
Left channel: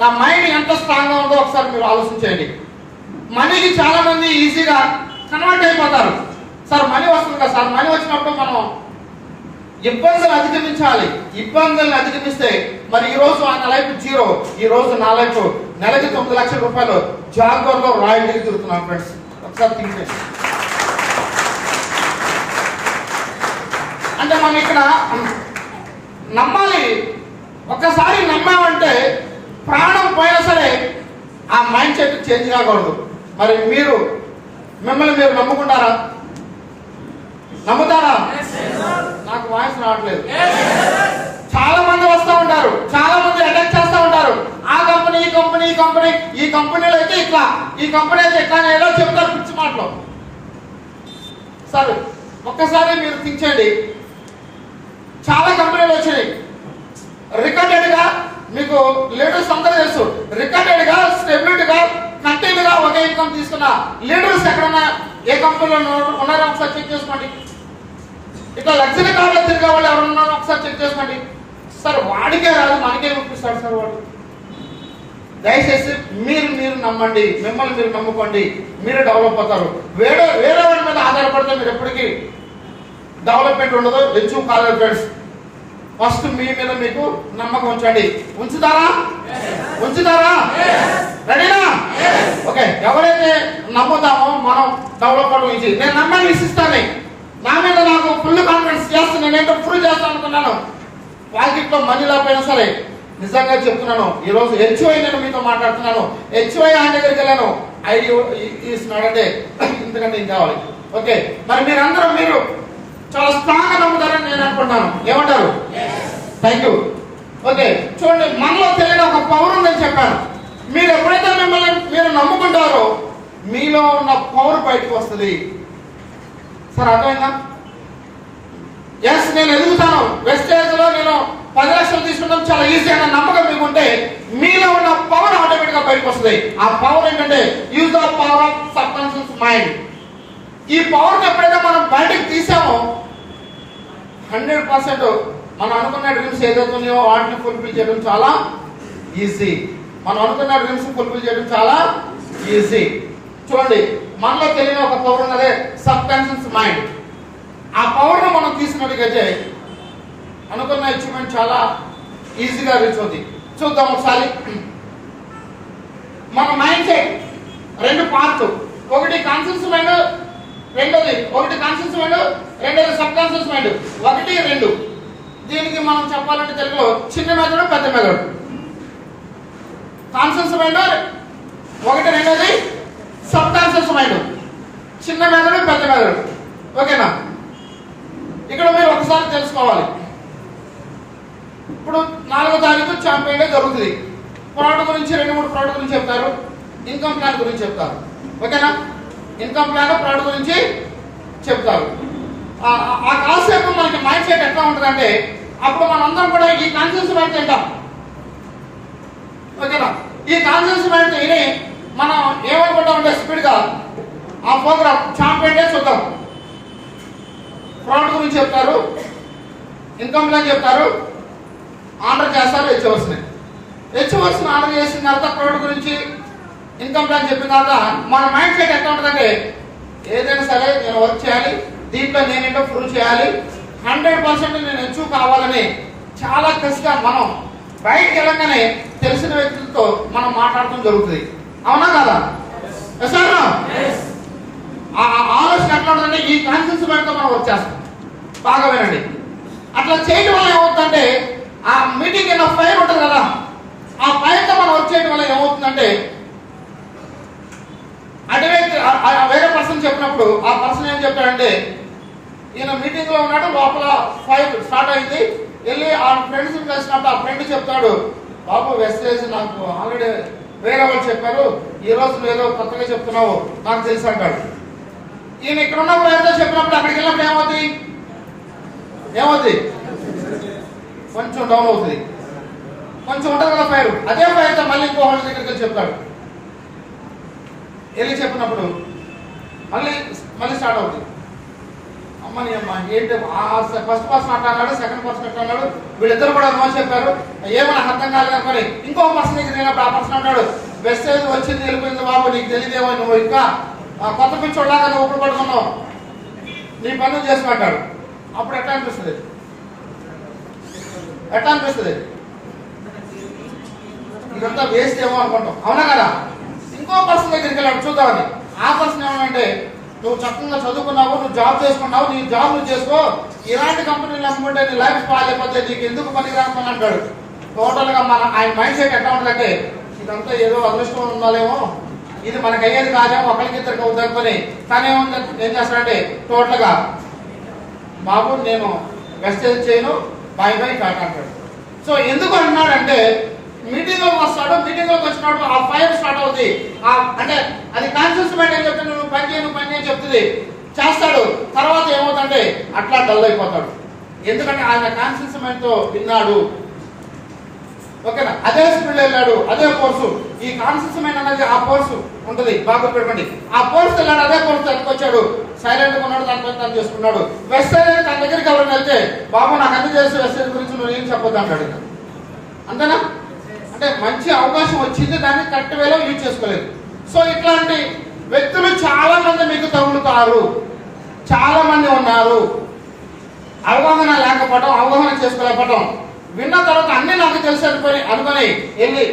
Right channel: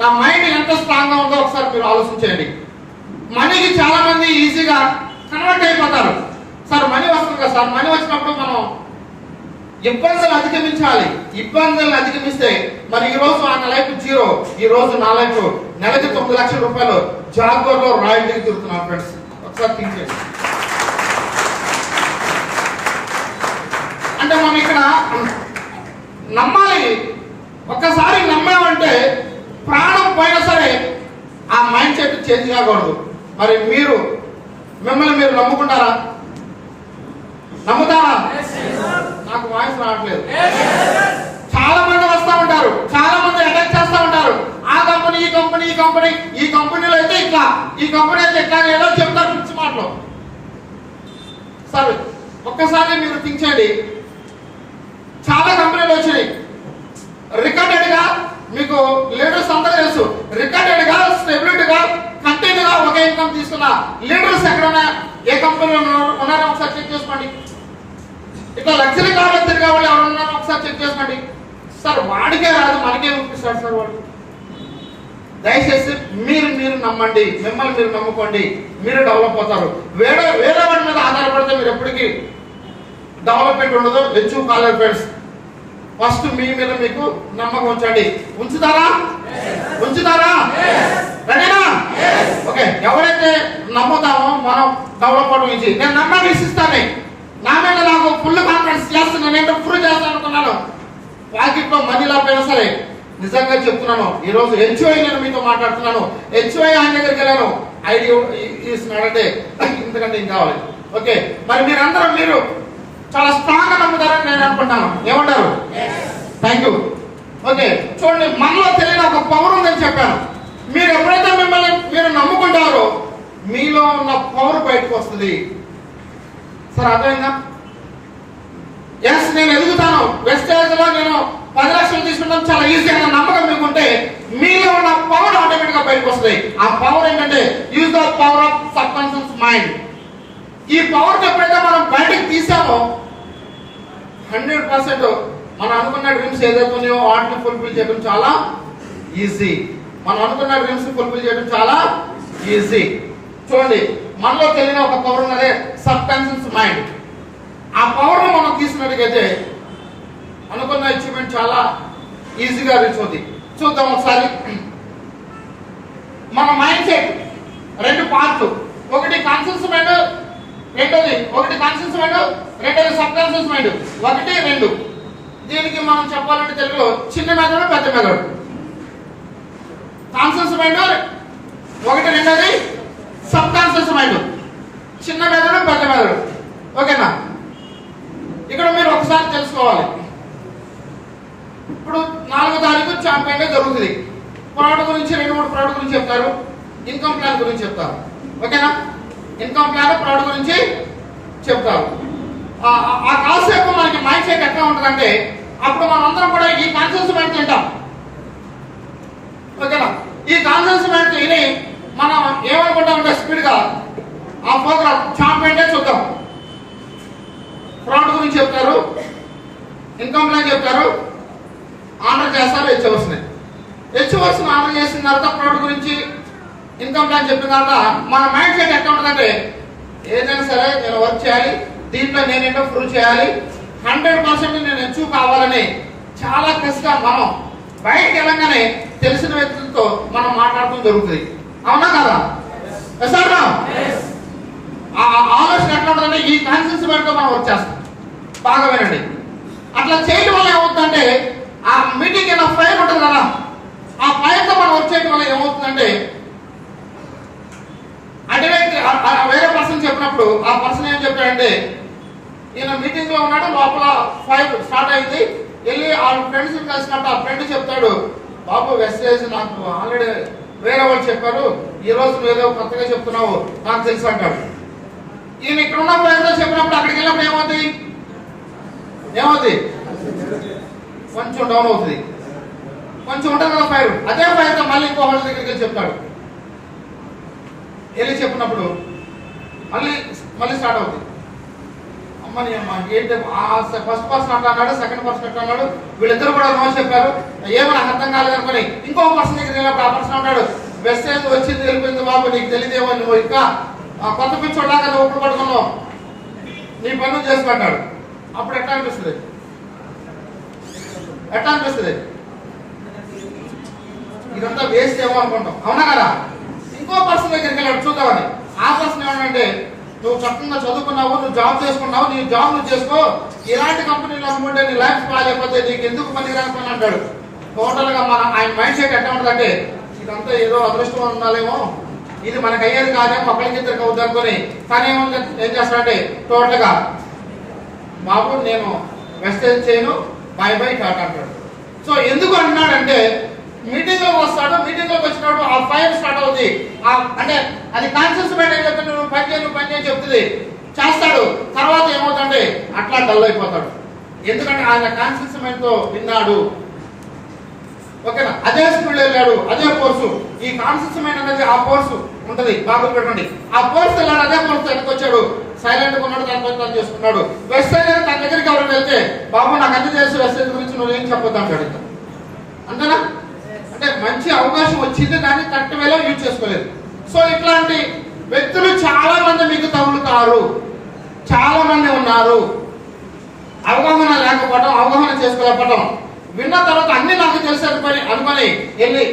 నా మైండ్ ఎంత స్ట్రాంగ్ గా ఉందో ఒకసారి మీరు ఆలోచించండి. మనీకి చాలా మంది ఈజీగా కన్వర్ట్ అయిపోతారు. సార్ మనీ వస్తుంది కదా సార్, మనీ వచ్చినప్పుడు మనం ఇబ్బందులు అధిగమించాలి. ఇబ్బందులను అధిగమిస్తే మరి ఈ రోజు ఆయన లైఫ్ జీరో, ఈ రోజు నా లైఫ్ నెలకి 9 లక్షల రూపాయలు జాగ్వార్ లో రాయల్టీకి తిరుగుతున్నాను. ఫ్రెండ్స్ ఒకసారి థింక్ చేయండి. అంటే మనం ఇక్కడ నమ్మాలి. ఒక్కసారి నమ్మామంటే ప్రాణం పోయినా సరే ఆ మైండ్ సెట్ చేంజ్ కాకూడదు. మరి మీరు మిమ్మల్ని మీరు నమ్ముకుంటారా? నమ్ముతారా? నాకు వాయిస్ రావట్లేదు. చాలా మంది వస్తూ ఉంటారు, చాలా మంది అటాక్ చేస్తూ ఉంటారు. ఆ కంపెనీ ఈ కంపెనీలో అయితే ఇట్లా, ఈ కంపెనీ అయితే ఇట్లా ఏదో చెప్తారు పిచ్చి మాటలు. సరే ఒక్కసారి మీరు థింక్ చేయండి. చాలా కంపెనీ కంపెనీలు వచ్చినాయి. రికార్డెడ్ గా మీకు లీడర్స్ అందరూ తెలుసు. రికార్డెడ్ గా స్టెబిలిటీ గా కంటిన్యూగా ఒక ఇన్కమ్ తీసుకున్న లీడర్స్ ఎక్కడన్నా ఏ కంపెనీలో ఉన్నారో ఒకసారి చెక్ చేసుకోండి. ఇట్లా లగ్జరీ కావాలి తిరిగే వాళ్ళు ఎవరు ఉన్నారో ఒకసారి చెక్ చేసుకోండి. సార్ వాడికే రాదు మనకే చూపిస్తాడు సార్ వాడు. దయచేసి మీరు నమ్మండి, మిమ్మల్ని మీరు నమ్ముకోండి, మీరే డెవలప్ అవుతారు. వేరే వాడి మీద ఆధారపడితే మీరు ఎప్పటికీ డెవలప్మెంట్ ఉండదు. లెచ్చు కాలేజ్ ఫ్రెండ్స్, ఫస్ట్ మీ మీద మీకు నమ్మకం ఉంచండి. ఉంచుతారా? రెడీనా? ఓకే. ఎవరైతే నమ్ముతామో మనం డెవలప్ అవడం నుంచి నేను నమ్మని విసిస్తాను. నా మీద నాకు ఫుల్ కాన్ఫిడెన్స్ చేస్తాను. నేనేంటో ప్రూవ్ చేస్తాను అనుకున్నాను. పాకెట్లో మనీ లేకపోయినా సరే నిజంగా చెప్తున్నాను. ఈ రోజు హెచ్ఓఐ నేను మీతో మాట్లాడుతున్నాను. హెచ్ఓఐ ఆయన దగ్గరికి వెళ్ళాను. ఐడి ఇస్తున్నాడంటే ఇంతకంటే ఏం కావాలి? ఓకే. మరి మీరందరూ మీరు చాలా స్ట్రాంగ్ గా నమ్ముతారని నేను అనుకుంటాను. ఏమంటారు? Thank you. ఓకే. చూడండి, మనలో తెలియని ఒక పవర్ ఉందని చెప్పాను. మీరు ఎప్పుడైతే మిమ్మల్ని మీరు నమ్ముకుంటారో మీలో ఉన్న పవర్ బయటకు వస్తుంది. సార్ అర్థమైందా? ఎస్, నేను ఎదుగుతాను. వెస్టేజ్ లో నేను 10 లక్షలు తీసుకుంటాం చాలా ఈజీ అన్న నమ్మకం మీకుంటే మీలో ఉన్న పవర్ ఆటోమేటిక్ గా బయటకు వస్తుంది. ఆ పవర్ ఏంటంటే use the power of subconscious mind. ఈ పవర్ ఎప్పుడైతే మనం బయటకు తీసామో 100% మనం అనుకున్న డ్రీమ్స్ ఏదైతే ఉన్నాయో వాటిని ఫుల్ఫిల్ చేయడం చాలా ఈజీ. మనం అనుకున్న డ్రీమ్స్ ఫుల్ఫిల్ చేయడం చాలా ఈజీ. చూడండి, మనలో తెలియని ఒక పవర్ ఉన్నదే సబ్కాన్షియస్ మైండ్. ఆ పవర్ ను మనం తీసుకున్నట్టుగైతే అనుకున్న అచీవ్మెంట్ చాలా ఈజీగా రీచ్ అవుతుంది. చూద్దాం ఒకసారి. మన మైండ్ సెట్ 2 పార్ట్. ఒకటి కాన్షియస్ మైండ్, ఒకటి కాన్షియస్ మైండ్, రెండోది సబ్ కాన్షియస్ మైండ్. 1, 2. దీనికి మనం చెప్పాలంటే తెలుగులో చిన్న మెదడు, పెద్ద మెదడు. కాన్షియస్ మైండ్ 1, రెండోది సబ్ కాన్షియస్ మైండ్. చిన్న మెదడు, పెద్ద మెదడు. ఓకేనా? ఇక్కడ మీరు ఒకసారి తెలుసుకోవాలి. ఇప్పుడు 4వ తారీఖు ఛాంపియన్ డే జరుగుతుంది. ప్రోడక్ట్ గురించి 2-3 ప్రోడక్ట్ గురించి చెప్తారు. ఇన్కమ్ ప్లాన్ గురించి చెప్తారు. ఓకేనా? ఇన్కమ్ ప్లాన్, ప్రోడక్ట్ గురించి చెప్తారు. ఆ కాన్సెప్ట్ మనకి మైండ్ సెట్ ఎట్లా ఉంటుందంటే అప్పుడు మనందరం కూడా ఈ కాన్షియస్ మైండ్ తింటాం. ఓకేనా? ఈ కాన్షియస్ మైండ్ తిని మనం ఏమనుకుంటామంటే స్పీడ్ గా ఆ ప్రోగ్రామ్ ఛాంపియన్ డే చూద్దాం. ప్రోడక్ట్ గురించి చెప్తారు, ఇన్కమ్ ప్లాన్ చెప్తారు, ఆర్డర్ చేస్తారు. హెచ్ఓవర్స్ని ఆర్డర్ చేసిన తర్వాత ప్రోడక్ట్ గురించి ఇన్కమ్ ప్లాన్ చెప్పిన తర్వాత మన మైండ్ సెట్ ఎట్లా ఉంటుందంటే ఏదైనా సరే నేను వర్క్ చేయాలి, దీంట్లో నేనేంటో ప్రూవ్ చేయాలి, 100% నేను అచీవ్ కావాలని చాలా కష్టంగా మనం బయటకు వెళ్ళగానే తెలిసిన వ్యక్తులతో మనం మాట్లాడటం జరుగుతుంది. అవునా కదా? ఆలోచన ఎట్లా ఉంటుందంటే ఈ కాన్షియస్ మైండ్ తో మనం వర్క్ చేస్తాం. బాగా వినండి. అట్లా చేయడం వల్ల ఏమవుతుందంటే ఆ మీటింగ్ అయిన ఫైర్ ఉంటుంది కదా, ఆ ఫైర్ తో మనం వర్క్ చేయడం వల్ల ఏమవుతుందంటే అంటే వేరే పర్సన్ చెప్పినప్పుడు ఆ పర్సన్ ఏం చెప్పాడంటే ఈయన మీటింగ్ లో ఉన్నాడు, లోపల ఫైర్ స్టార్ట్ అయింది, వెళ్ళి ఆ ఫ్రెండ్స్ కలిసినట్టు ఆ ఫ్రెండ్ చెప్తాడు, బాబు వెస్టేజ్ నాకు ఆల్రెడీ వేరే వాళ్ళు చెప్పారు, ఈ రోజు ఏదో కొత్తగా చెప్తున్నావు నాకు తెలుసు అంటాడు. ఈయన ఇక్కడ ఉన్నప్పుడు ఏదో చెప్పినప్పుడు అక్కడికి వెళ్ళినప్పుడు ఏమవుతుంది? కొంచెం డౌన్ అవుతుంది. కొంచెం ఉంటుంది కదా ఫైర్. అదే ఫైర్ తో మళ్ళీ ఇంకో వాళ్ళ దగ్గరికి చెప్తాడు. వెళ్ళి చెప్పినప్పుడు మళ్ళీ స్టార్ట్ అవుతుంది. అమ్మని అమ్మ ఏంటి ఫస్ట్ పర్సన్ అట్లా అన్నాడు, సెకండ్ పర్సన్ అట్లా అన్నాడు, వీళ్ళిద్దరు కూడా నో చెప్పారు, ఏమన్నా అర్థం కాలేదు అనుకోని ఇంకో పర్సన్ దగ్గర వెళ్ళినప్పుడు ఆ పర్సన్ అన్నాడు, వెస్టేజ్ వచ్చింది వెళ్ళిపోయింది బాబు, నీకు తెలియదేమో, నువ్వు ఇంకా కొత్త పిచ్చోడ్లాగా నువ్వు ఒప్పుడు పడుతున్నావు, నీ పనులు చేసుకుంటాడు. అప్పుడు ఎట్లా అనిపిస్తుంది? ఇదంతా వేస్ట్ ఏమో అనుకుంటాం. అవునా కదా? ఇంకో పర్సన్ దగ్గరికి వెళ్ళాడు చూద్దామని. ఆ పర్సన్ ఏమంటే నువ్వు చక్కగా చదువుకున్నావు, నువ్వు జాబ్ చేసుకున్నావు, నీ జాబ్ నువ్వు చేసుకో, ఇలాంటి కంపెనీలు అనుకుంటే నీ లైఫ్ బాగాలేకపోతే నీకు ఎందుకు పనికిరాని పని అంటాడు. టోటల్ గా ఆయన మైండ్ సెట్ ఎట్లా ఉంటుందంటే ఇదంతా ఏదో అదృష్టం ఉండాలేమో, ఇది మనకు అయ్యేది కాదేమో, ఒకరికిద్దరికి అవుతానుకొని తను ఏం చేస్తాడంటే టోటల్ గా బాబు నేను వెస్టేజ్ చేయను, బై టాటా అంటాడు. సో ఎందుకు అంటున్నాడంటే మీటింగ్ లోకి వస్తాడు, మీటింగ్ లోకి వచ్చినప్పుడు ఆ ఫైర్ స్టార్ట్ అవుతుంది. అంటే అది కాన్షియస్ మైండ్ అని చెప్తే నువ్వు పని చేయి చెప్తుంది, చేస్తాడు. తర్వాత ఏమవుతుందంటే అట్లా డల్ అయిపోతాడు. ఎందుకంటే ఆయన కాన్షియస్ మైండ్ తో విన్నాడు. ఓకేనా? అదే స్పీడ్ వెళ్ళాడు, అదే కోర్సు. ఈ కాన్షియస్ మైండ్ అనేది ఆ కోర్సు ఉంటది, బాగా పెట్టండి. ఆ కోర్సు వెళ్ళాడు, అదే కోర్సు వెనకొచ్చాడు, సైలెంట్ గా ఉన్నాడు, దాని తను చేసుకున్నాడు. వెస్ట్ సైడ్ తన దగ్గరికి ఎవరైనా వెళ్తే, బాబు నాకు అన్ని తెలుసు వెస్ట్ సైడ్ గురించి, నువ్వు ఏం చెప్పొద్దు అంటాడు. అంతేనా? అంటే మంచి అవకాశం వచ్చింది, దాన్ని కరెక్ట్ వేలో యూజ్ చేసుకోలేదు. సో ఇట్లాంటి వ్యక్తులు చాలా మంది మీకు తగులుతారు, చాలా మంది ఉన్నారు. అవగాహన లేకపోవడం, అవగాహన చేసుకోలేకపోవడం, విన్న తర్వాత అన్ని నాకు తెలుసు అనుకొని వెళ్ళి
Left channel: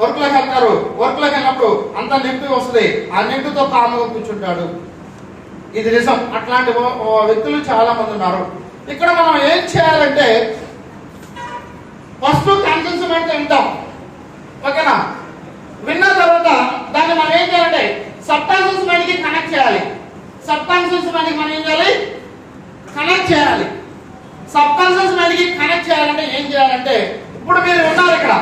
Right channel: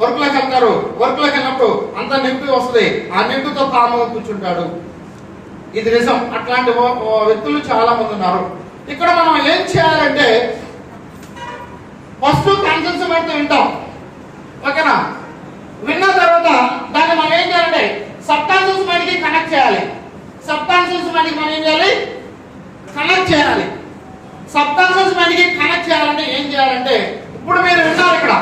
వర్క్ లోకి వెళ్తారు. వర్క్ లోకి వెళ్ళినప్పుడు అంత నెగిటివ్ వస్తుంది, ఆ నెగిటివ్ తో కారణంగా కూర్చుంటాడు. ఇది నిజం. అట్లాంటి వ్యక్తులు చాలా మంది ఉన్నారు. ఇక్కడ మనం ఏం చేయాలంటే, ఫస్ట్ కాన్షియస్ మైండ్ తో వింటాం. ఓకేనా? విన్న తర్వాత దాన్ని మనం ఏం చేయాలంటే సబ్ కాన్షియస్ మైండ్ కి కనెక్ట్ చేయాలి. సబ్ కాన్షియస్ మైండ్ కి మనం ఏం చేయాలి? కనెక్ట్ చేయాలి. సబ్ కాన్షియస్ మైండ్ కి కనెక్ట్ చేయాలంటే ఏం చేయాలంటే, ఇప్పుడు మీరు విన్నారు, ఇక్కడ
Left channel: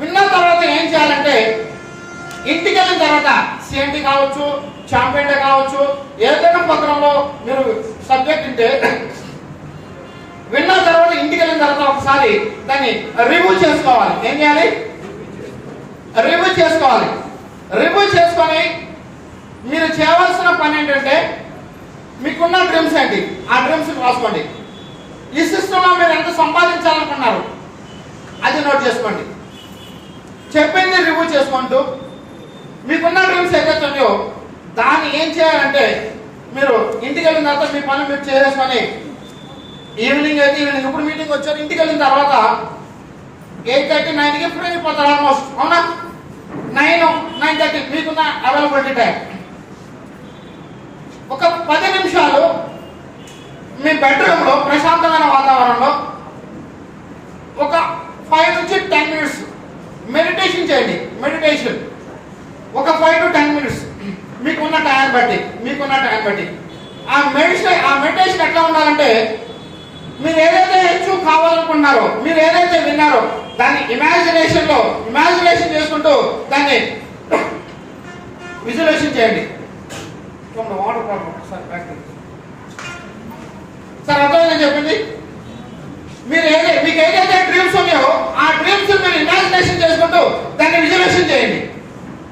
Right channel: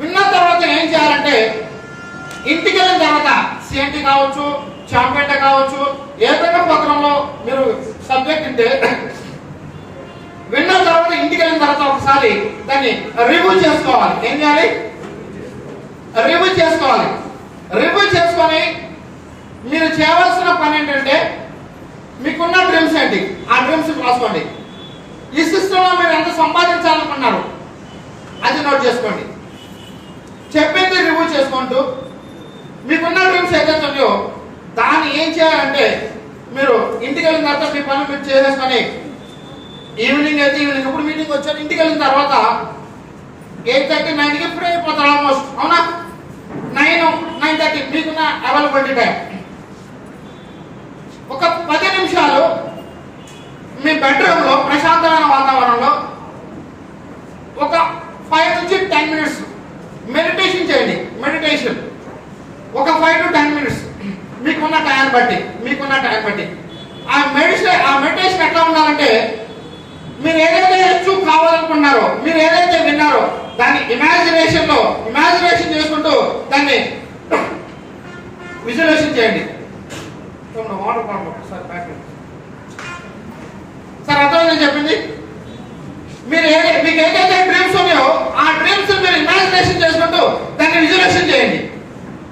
విన్న తర్వాత ఏం చేయాలంటే, ఇంటికి వెళ్ళిన తర్వాత సిఎన్టీ కావచ్చు, చాంపేట కావచ్చు, ఏదైనా ప్రోగ్రాంలో మీరు సబ్జెక్ట్ ఉంటే విన్న తర్వాత ఇంటికి వెళ్ళిన తర్వాత ఒకసారి దాన్ని రివ్యూ చేసుకోవాలి. ఏం చేయాలి? రివ్యూ చేసుకోవాలి. రివ్యూ చేసుకొని మీరు చేయవలసిన పని ఏంటంటే, మీకున్న డ్రీమ్స్ ఏంటి, ఆ డ్రీమ్స్ రాసుకోండి. ఈ సిస్టంలో మీరు ఎంత సంపాదించాలనుకున్నారు అది నోట్ చేసుకోండి. చెప్పింది రివ్యూ చేసుకుంటూ మీకున్న డ్రీమ్స్ ఏదైతే ఉన్నాయో దాన్ని ఏం చేయాలంటే, మీరు ఇంటికి వెళ్ళిన తర్వాత మీ పని మీరు చేసేసుకొని, ఈవినింగ్ అయితే ఈవినింగ్, ఇప్పుడు మీటింగ్ వచ్చారు, ఇంటికి వెళ్ళిన తర్వాత 8:30, 9కి ఫ్రీ అయిపోతారు ఆల్మోస్ట్. అవునా? 9, 9:30 మీకున్న అవైలబిలిటీ టైం. ఒక 10 నిమిషాలు మీ బెడ్రూమ్ లో ప్రశాంతమైన వాతావరణంలో ఒక 5 నుంచి 10 మినిట్స్ మెడిటేషన్ చేయండి. మెడిటేషన్ ఒక 5 to 10 మినిట్స్ మీకున్న టైం బట్టి. ఆ మెడిటేషన్ ఎట్లా ఉండాలంటే, మీరు ఏదైతే అచీవ్ కావాలనుకున్నారో, మీరు ఏదైతే విన్నారో దాన్ని ఇమాజినేషన్ చేసుకుంటూ దాన్ని విజువలైజేషన్ చేయండి. వాటర్ బాటిల్ ఒకసారి ప్యాక్ సార్, అర్థమైందని చెప్పింది. మీకు ఏదైతే డ్రీమ్స్ ఉన్నాయో ఆ డ్రీమ్స్ మీరు ఇమాజినేషన్ చేసుకుంటూ దాన్ని విజువలైజేషన్ చేయండి.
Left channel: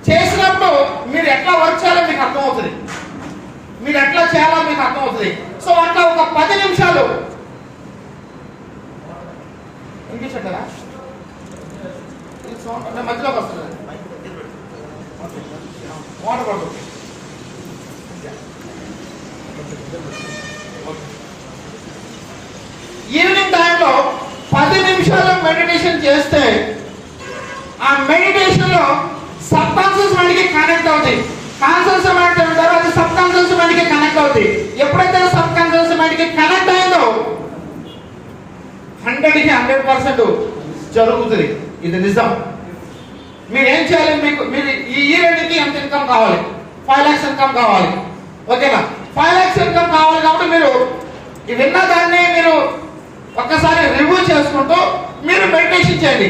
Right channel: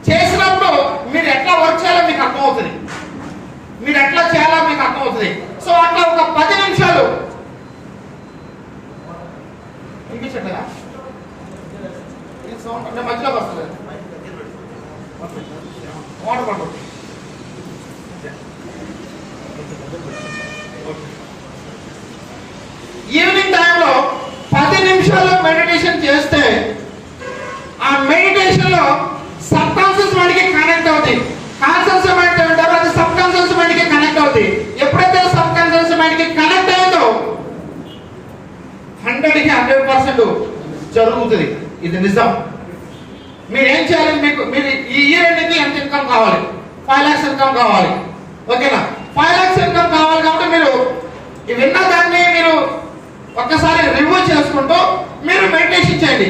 చేసినప్పుడు మీరు ఎట్లా వర్క్ చేయాలో మీకు అర్థమవుతుంది, మీరు ఎట్లా చేయాలో మీకు అర్థమవుతుంది. సో అట్లా ఒక 10 నిమిషాలు వినిపించట్లేదా? ఇది సౌండ్ అంటే మధ్యలోకి వస్తుంది. వాటర్ పడుతుంది. ఈవినింగ్ టైంలో 10 నిమిషాలు మెడిటేషన్ చేస్తే ఆ మెడిటేషన్ లో సబ్ కాన్షియస్ మైండ్ కి కనెక్ట్ అవుతుంది. కాన్షియస్ మైండ్ ఉంటారో అది సబ్ కాన్షియస్ మైండ్ కి కనెక్ట్ అవుతుంది. ఎప్పుడైతే సబ్ కాన్షియస్ మైండ్ కి కనెక్ట్ అయిందో 100కి 100% జరుగుతుంది. ఇది నిజం. మీరు ఏం చేయాలి? మీరు ఈ ఇయర్కి ఎంత ఇన్కమ్ కావాలి? 5 lakhs ఇన్కమ్ కావాలి. ఓకేనా? 5 lakhs ఇన్కమ్ కావాలి కాబట్టి మీరు విన్న దాన్ని మీరు ఒక్కసారి రివ్యూ చేసుకుంటూ మీరు మెడిటేషన్ చేయండి.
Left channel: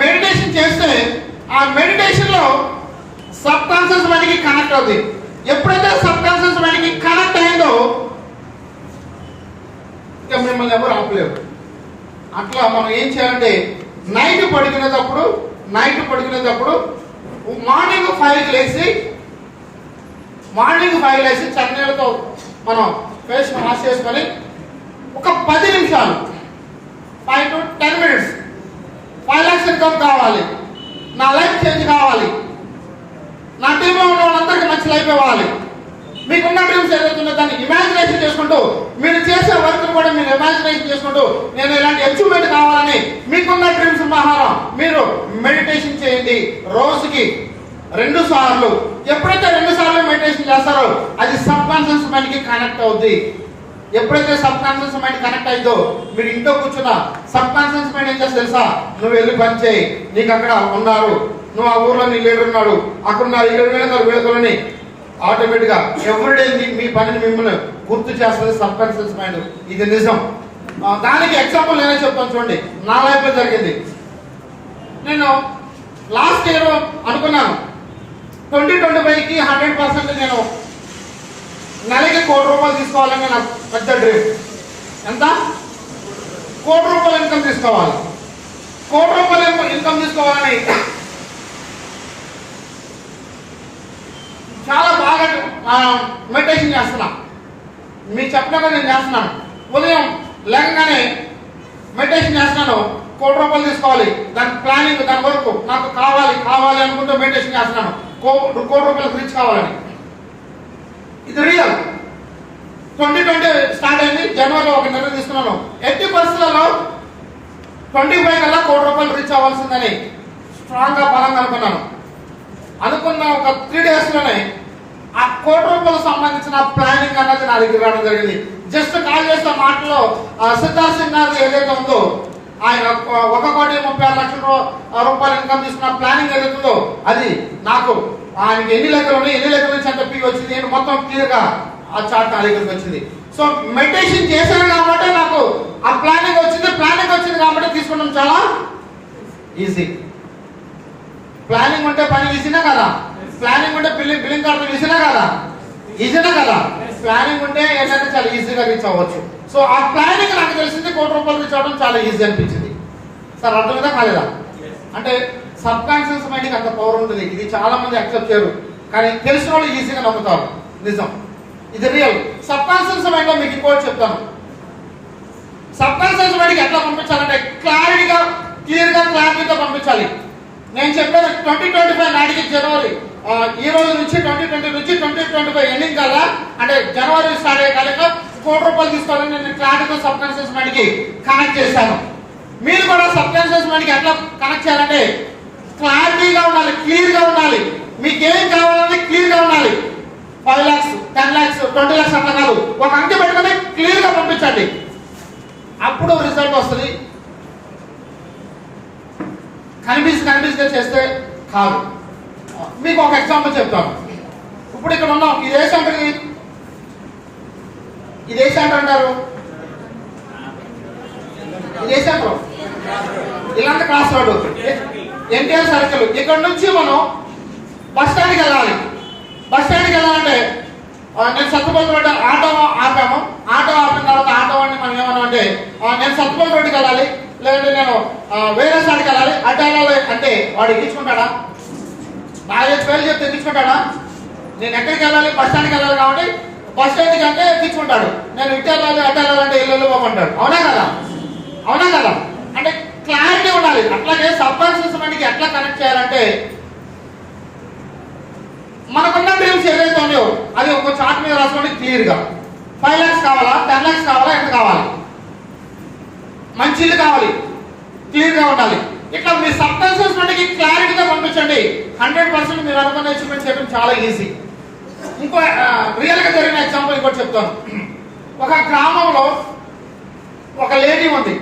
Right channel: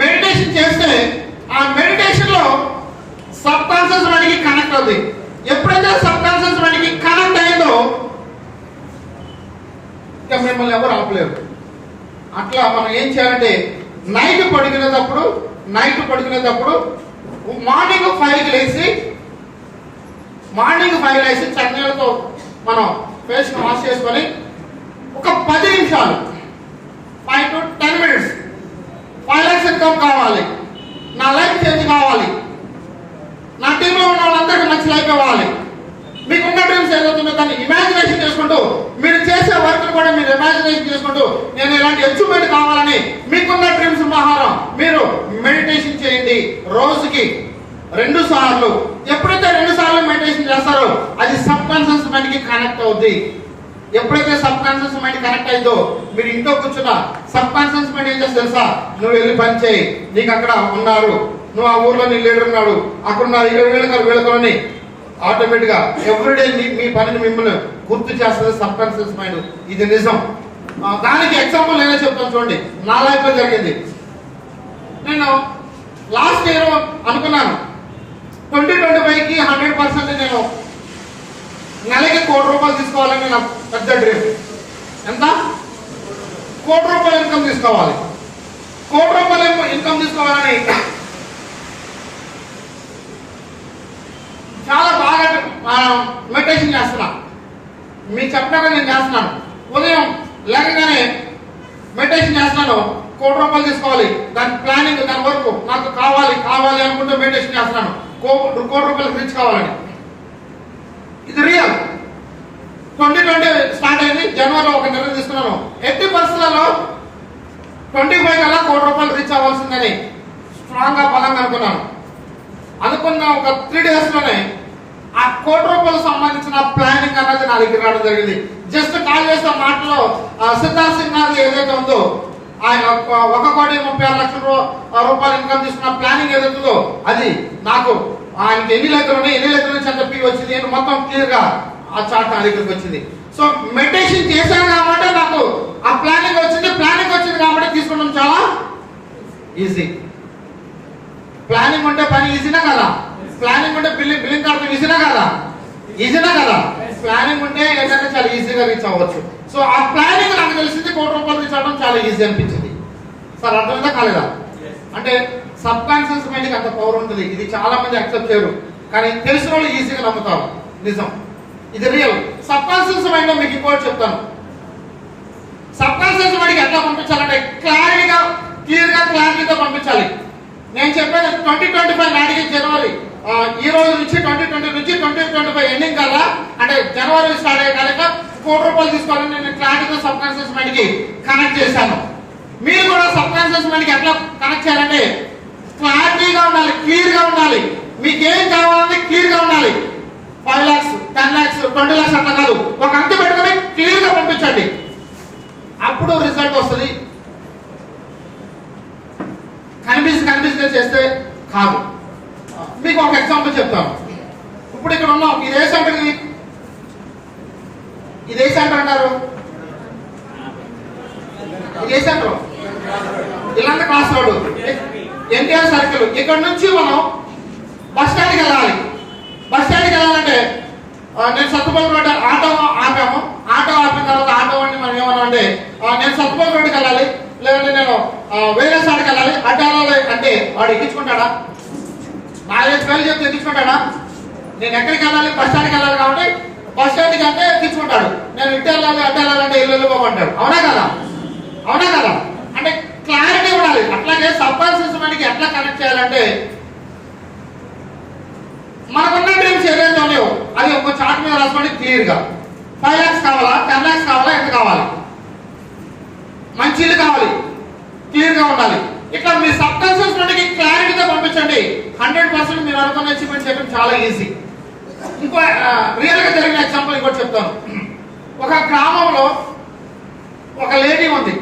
మెడిటేషన్ చేస్తే ఆ మెడిటేషన్ లో సబ్ కాన్షియస్ మైండ్ కి కనెక్ట్ అవుతుంది. ఎప్పుడైతే సబ్ కాన్షియస్ మైండ్ కి కనెక్ట్ అయిందో ఇంకా మిమ్మల్ని ఎవరు ఆపలేరు. అట్లా మనం ఏం చేయాలంటే, నైట్ పడుకునేటప్పుడు మార్నింగ్ 5కి లేచి చన్నీళ్ళతో మనం ఫేస్ వాష్ చేసుకొని ఒక 10 నిమిషాలు 5 to 10 మినిట్స్ 5 lakhs ఇన్కమ్ కావాలి, నా లైఫ్ చేంజ్ కావాలి, నా టీంలో ఉన్న వాళ్ళందరికీ మంచి లైఫ్ ఇవ్వాలి, మీకున్న డ్రీమ్స్ ఏదైతుందో దాన్ని ఇమాజినేషన్ చేసుకుంటూ మీరు చేసే వర్క్ కూడా మీరు ఇమాజినేషన్ చేసుకుంటూ నేను ఇలాంటి అచీవ్మెంట్ కావాలని మీకున్న డ్రీమ్స్ ప్రకారం మీరు మెడిటేషన్ చేయండి. రోజుకి 2 సార్లు. ఎప్పుడైతే 2 సార్లు మెడిటేషన్ చేస్తారో అది సబ్ కాన్షియస్ మైండ్ కి కనెక్ట్ అవుద్ది. ఎప్పుడైతే సబ్ కాన్షియస్ మైండ్ కనెక్ట్ అయిందో మీరు ఇంట్లో కూర్చున్నా సబ్ కాన్షియస్ మైండ్ ఏం చేస్తే తెలుసా, నువ్వు వెళ్ళి పని చేయి, నీకు అక్కడ ఉన్నారు, నువ్వు ఆ ఊర్లో నీ లీడర్ ఉన్నాడు, అక్కడ ఉన్నారు, వీళ్ళకని ఆటోమేటిక్ గా ఎవ్రీడే మీ పనిని మిమ్మల్ని గుర్తు చేస్తుంది సబ్ కాన్షియస్ మైండ్. ఇది నిజం. దానికి ఎగ్జాంపుల్ నేనే చెప్తాను చూడండి. నా లైఫ్ లో జరిగింది. నేను లాస్ట్ ఇయర్ అనుకున్నాను 2025కి 100% నేను నెలకి ₹1,00,00,000 తీసుకోవాలని నాకు పెద్ద డ్రీమ్. ఎంత? ₹1,00,00,000 ఇన్కమ్ తీసుకోవాలి. ₹1,00,00,000 ఇన్కమ్ తీసుకోవాలని చాలా బాగా మెడిటేషన్ చేస్తున్నా. మీకు చెప్పినాక నేను చేస్తున్నాను. ఉదయం లేకగానే మెడిటేషన్ చేస్తున్నాను. ₹1,00,00,000 తీసుకోవాలి, దాని ప్లానింగ్, దాని వరకు నాకు కావాలి కావాలి అనుకుంటూ మెడిటేషన్ చేస్తున్నాను. ₹1,00,00,000 రీచ్ కావాలని. ఇది రియల్. 2020 స్టార్ట్ అయింది. జనవరిలో ఒక నిర్ణయం తీసుకున్నాను. ఎట్టి పరిస్థితుల్లో 25 కల్లా ₹1,00,00,000 రీచ్ అవ్వాల్సిందని స్ట్రాంగ్ గా బలంగా అనుకున్నాను. అనుకున్న ఒక 3 days లోనే ఆ ₹1,00,00,000 సంబంధించిన ప్లానింగ్ అనేది నా దగ్గర రావడం జరిగింది. జస్ట్ కాల్ చేసిన మాటలో సిద్ధార్థ్ సింగ్ గారు ఏదైతే ఉందో ఆయన ₹1,36,00,000 ఇన్కమ్ తీసుకున్న ప్లానింగ్ ఏదైతుందో అది నాకు ఆయనకి ఎన్ని లెక్కలు ఉన్నాయి, ఎన్ని లెక్కల నుంచి ఎంత పీ వచ్చింది, నేను మొత్తం క్లియర్ గా ఆ చార్ట్ నా దగ్గరికి వచ్చింది. సో మెడిటేషన్ చేశాను కాబట్టి నాకు ఆ ప్లానింగ్ వచ్చింది. ప్లానింగ్ వచ్చింది కాబట్టి తీసుకోవడం చాలా ఈజీ. ప్లానింగ్ ఉంటే పని ఈజీనా కదా? ప్లానింగ్ ఉంటే బిల్లింగ్ కడతాం ఈజీనా కదా? ఈజీనా కదా? ప్లానింగ్ ఉంటే ఏంటంటే చాలా ఈజీగా రీచ్ అవ్వచ్చు. సో ఆ ప్లానింగ్ నాకు తెలిసింది ₹1,00,00,000 రీచ్ అవ్వడం చాలా ఈజీ అనిపించింది. సార్ అర్థమైందా కాలేదా? అంటే సబ్ కాన్షియస్ మైండ్కి అంత పవర్ ఉంటుంది. ఇది చాలా మంది యాక్సెప్ట్ చేయరు, కానీ తెలిసిన వాళ్ళు ఈజీగా నమ్ముతారు. నిజం, ఇది రియల్. సబ్ కాన్షియస్ మైండ్ లో మీకు ఇంకోటి చెప్తాను. సబ్ కాన్షియస్ మైండ్కి ఎట్లా పంపించాలంటే క్లారిటీగా పంపించాలి. నేను చెప్పేది 2025 నాటికి జనవరి ఈ రోజు నుంచి 2020 నుంచి 2025 ఎండింగ్ కల్లా అంటే జనవరి స్టార్ట్ అయ్యే కాలేక ₹1,00,00,000 తీసుకోవాలని నేను క్లారిటీతో సబ్ కాన్షియస్ మైండ్ కి కనెక్ట్ చేశాను. మీరు కూడా సబ్ కాన్షియస్ మైండ్ కి ఎట్లా కనెక్ట్ చేయాలంటే క్లారిటీగా ఉండాలి, క్లియర్ గా ఉండాలి. మీకేం కావాలని క్లియర్ గా ఉండాలి. 5 lakhs, 10 lakhs, 20 lakhs అట్లా కాదు. ఒక అంకె పెట్టుకొని క్లియర్ గా పంపించండి. అప్పుడు రిజల్ట్ వస్తుంది. కనిపిస్తే చేస్తే కాదు. మీకు ఒక ఎగ్జాంపుల్ చెప్తాను. ఇప్పుడు ఇక్కడ ఉన్నాం. ఇది ఏ సెంటర్ అంటారు? ఇది ఏ సెంటర్? ఇలాంటి క్లాస్ రోడ్డు ఎన్టీఆర్ సర్కిల్. ఇక్కడ నుంచి మనం బస్ స్టాండ్కి వెళ్ళాలి. బస్ స్టాండ్కి వెళ్ళాలంటే నేను సత్తుపల్లి రోడ్డు ఆటో ఆపాము. ఆటో ఆపిన తర్వాత ఆటో అని మనం ఏమన్నా అంటే నేను సత్తుపల్లి రోడ్డుకి వెళ్ళాలి, లేదంటే నేను వేరే స్టాండ్కి వెళ్ళాలి. అడ్డు వెళ్ళాలి అంటే వాడు ఎక్కించుకుంటాడా? బాగా పేర్లు చెప్తే ఎక్కించుకుంటాడా? నేను ఎక్కడికి వెళ్ళాలి? బస్ స్టాండ్కి వెళ్ళాలి కాబట్టి బస్ స్టాండ్కి అంటే ఎక్కించుకుంటాడు. నేను ఇటు వెళ్ళాలి అడ్డు వెళ్ళాలంటే ఇల్లు పోమంటాడు. అవునా కదా? అవునా కదా? అంటే క్లారిటీ ఉండాలి. అట్లాగే సబ్ కాన్షియస్ మైండ్కి ఎట్లా కనెక్ట్ చేయాలంటే మనకున్న డ్రీమ్స్ ఏదైతే ఉన్నాయో అది ఒక చార్ట్ మీద రాసుకోండి క్లియర్ గా. 5 lakhs కావాలా, 10 lakhs కావాలా, ఎంత కావాలి, మంచి ఇల్లు కావాలి, క్లియర్ గా ఉండాలి. ఇట్లా మీ సబ్ కాన్షియస్ మైండ్కి క్లారిటీగా పంపించండి. 100% మీరు అనుకున్న అచీవ్మెంట్ చేయడం చాలా ఈజీ. ఇంకో రియల్ గా జరిగిన ఎగ్జాంపుల్ ఇంకోటి చెప్తాను. ఒక గ్రామంలో ఒక లేడీ ఉంది.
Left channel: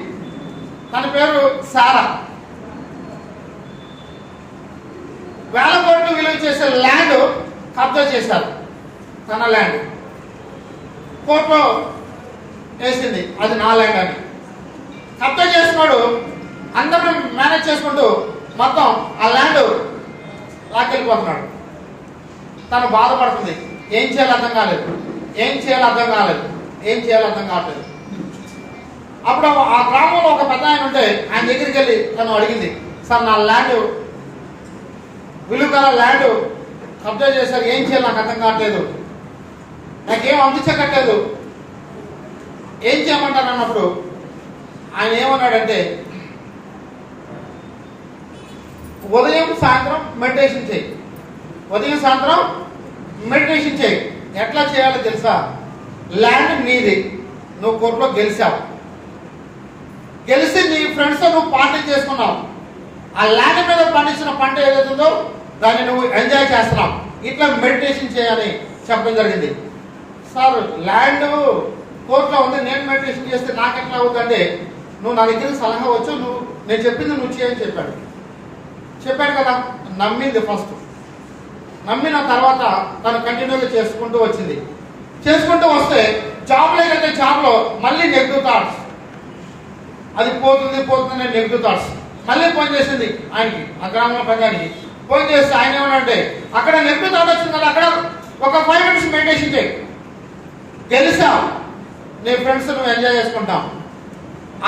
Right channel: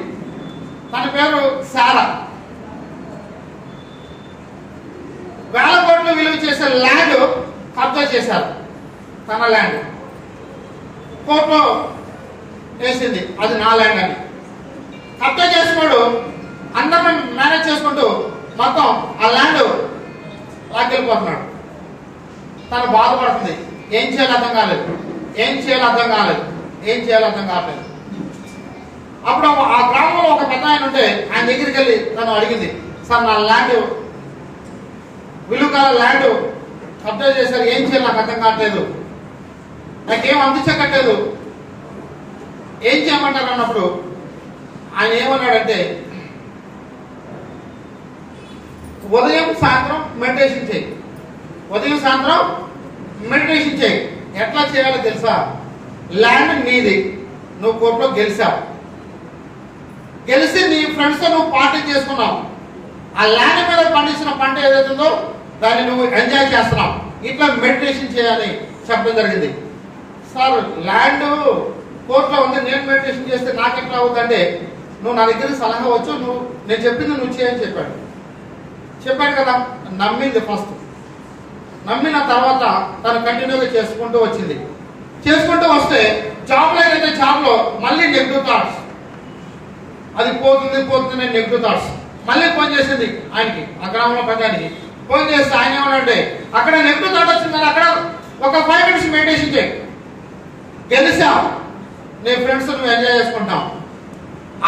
తన పేరు సారా. వేల కోట్లు విలువ చేసే ల్యాండ్ కబ్జా చేశారు. తన ల్యాండ్ కోర్టులో వేసింది, అది నా ల్యాండ్ అని. కబ్జా చేసినాడు అందరిని మేనేజ్ చేసుకుంటూ మొత్తం ఆ ల్యాండ్ లాక్కెళ్ళిపోతున్నాడు. తను బాధపడుతుంది. ఏం చేయాలో అర్థం కాలేదు. అప్పుడు ఆ గ్రామంలో ఒక పెద్ద ఆయన ఉంటే ఆయన దగ్గరికి వెళ్ళి తను అడిగింది, సార్ నా ల్యాండ్ విలువ ల్యాండ్ కబ్జా చేశారు, ఏం చేయాలి నాకు అర్థం కావట్లేదు, నాకేం అందించకట్లేదు, ఏం చేయమంటారు అన్నప్పుడు ఆయన ఏమన్నాడంటే ఉదయం సాయంత్రం మెడిటేషన్ చేయి. ఎట్లా చేయాలో తెలుసా? ల్యాండ్ నీది, నువ్వు కోర్టులో గెలిచి నీ ఫ్రెండ్స్ తో నువ్వు పార్టీ చేసుకున్నావు. ఆ ల్యాండ్ మీద పండించిన పంట ఏదైతుందో దాన్ని నువ్వు ఎంజాయ్ చేస్తున్నావు. ఇట్లా మెడిటేషన్ చేయాలి చెప్పడం జరిగింది. సార్ ల్యాండ్ కోర్టులో ఉంది, నేను మెడిటేషన్ చేస్తే నాకెట్లా అవుతుందంటే నువ్వు నా దగ్గర సలహా వచ్చు, నేను చెప్పింది నువ్వు చేయని చెప్పాడు కదా. నమ్మింది ఫస్ట్. నమ్మిన తర్వాత తను కంటిన్యూగా చేసుకుంటూ వస్తే జాబ్ లేదంటే జాబ్ లో మళ్ళీ నెగిటివ్ థాట్స్, అది పోతుంది నెగిటివ్ థాట్స్. మళ్ళీ ఫోన్ చేసింది ఆయనకి, ఆ గ్రామంలో ప్రధానికి ఫోన్ చేస్తే ఆయన ఏమనంటే అక్కడ నెగిటివ్ థాట్ వచ్చింది కదా, అక్కడ ఒక 5 minutes మెడిటేషన్ చేయి, గెలిచావు, నీ ఫ్రెండ్స్ నువ్వు ఎంజాయ్ చేసుకుంటావు,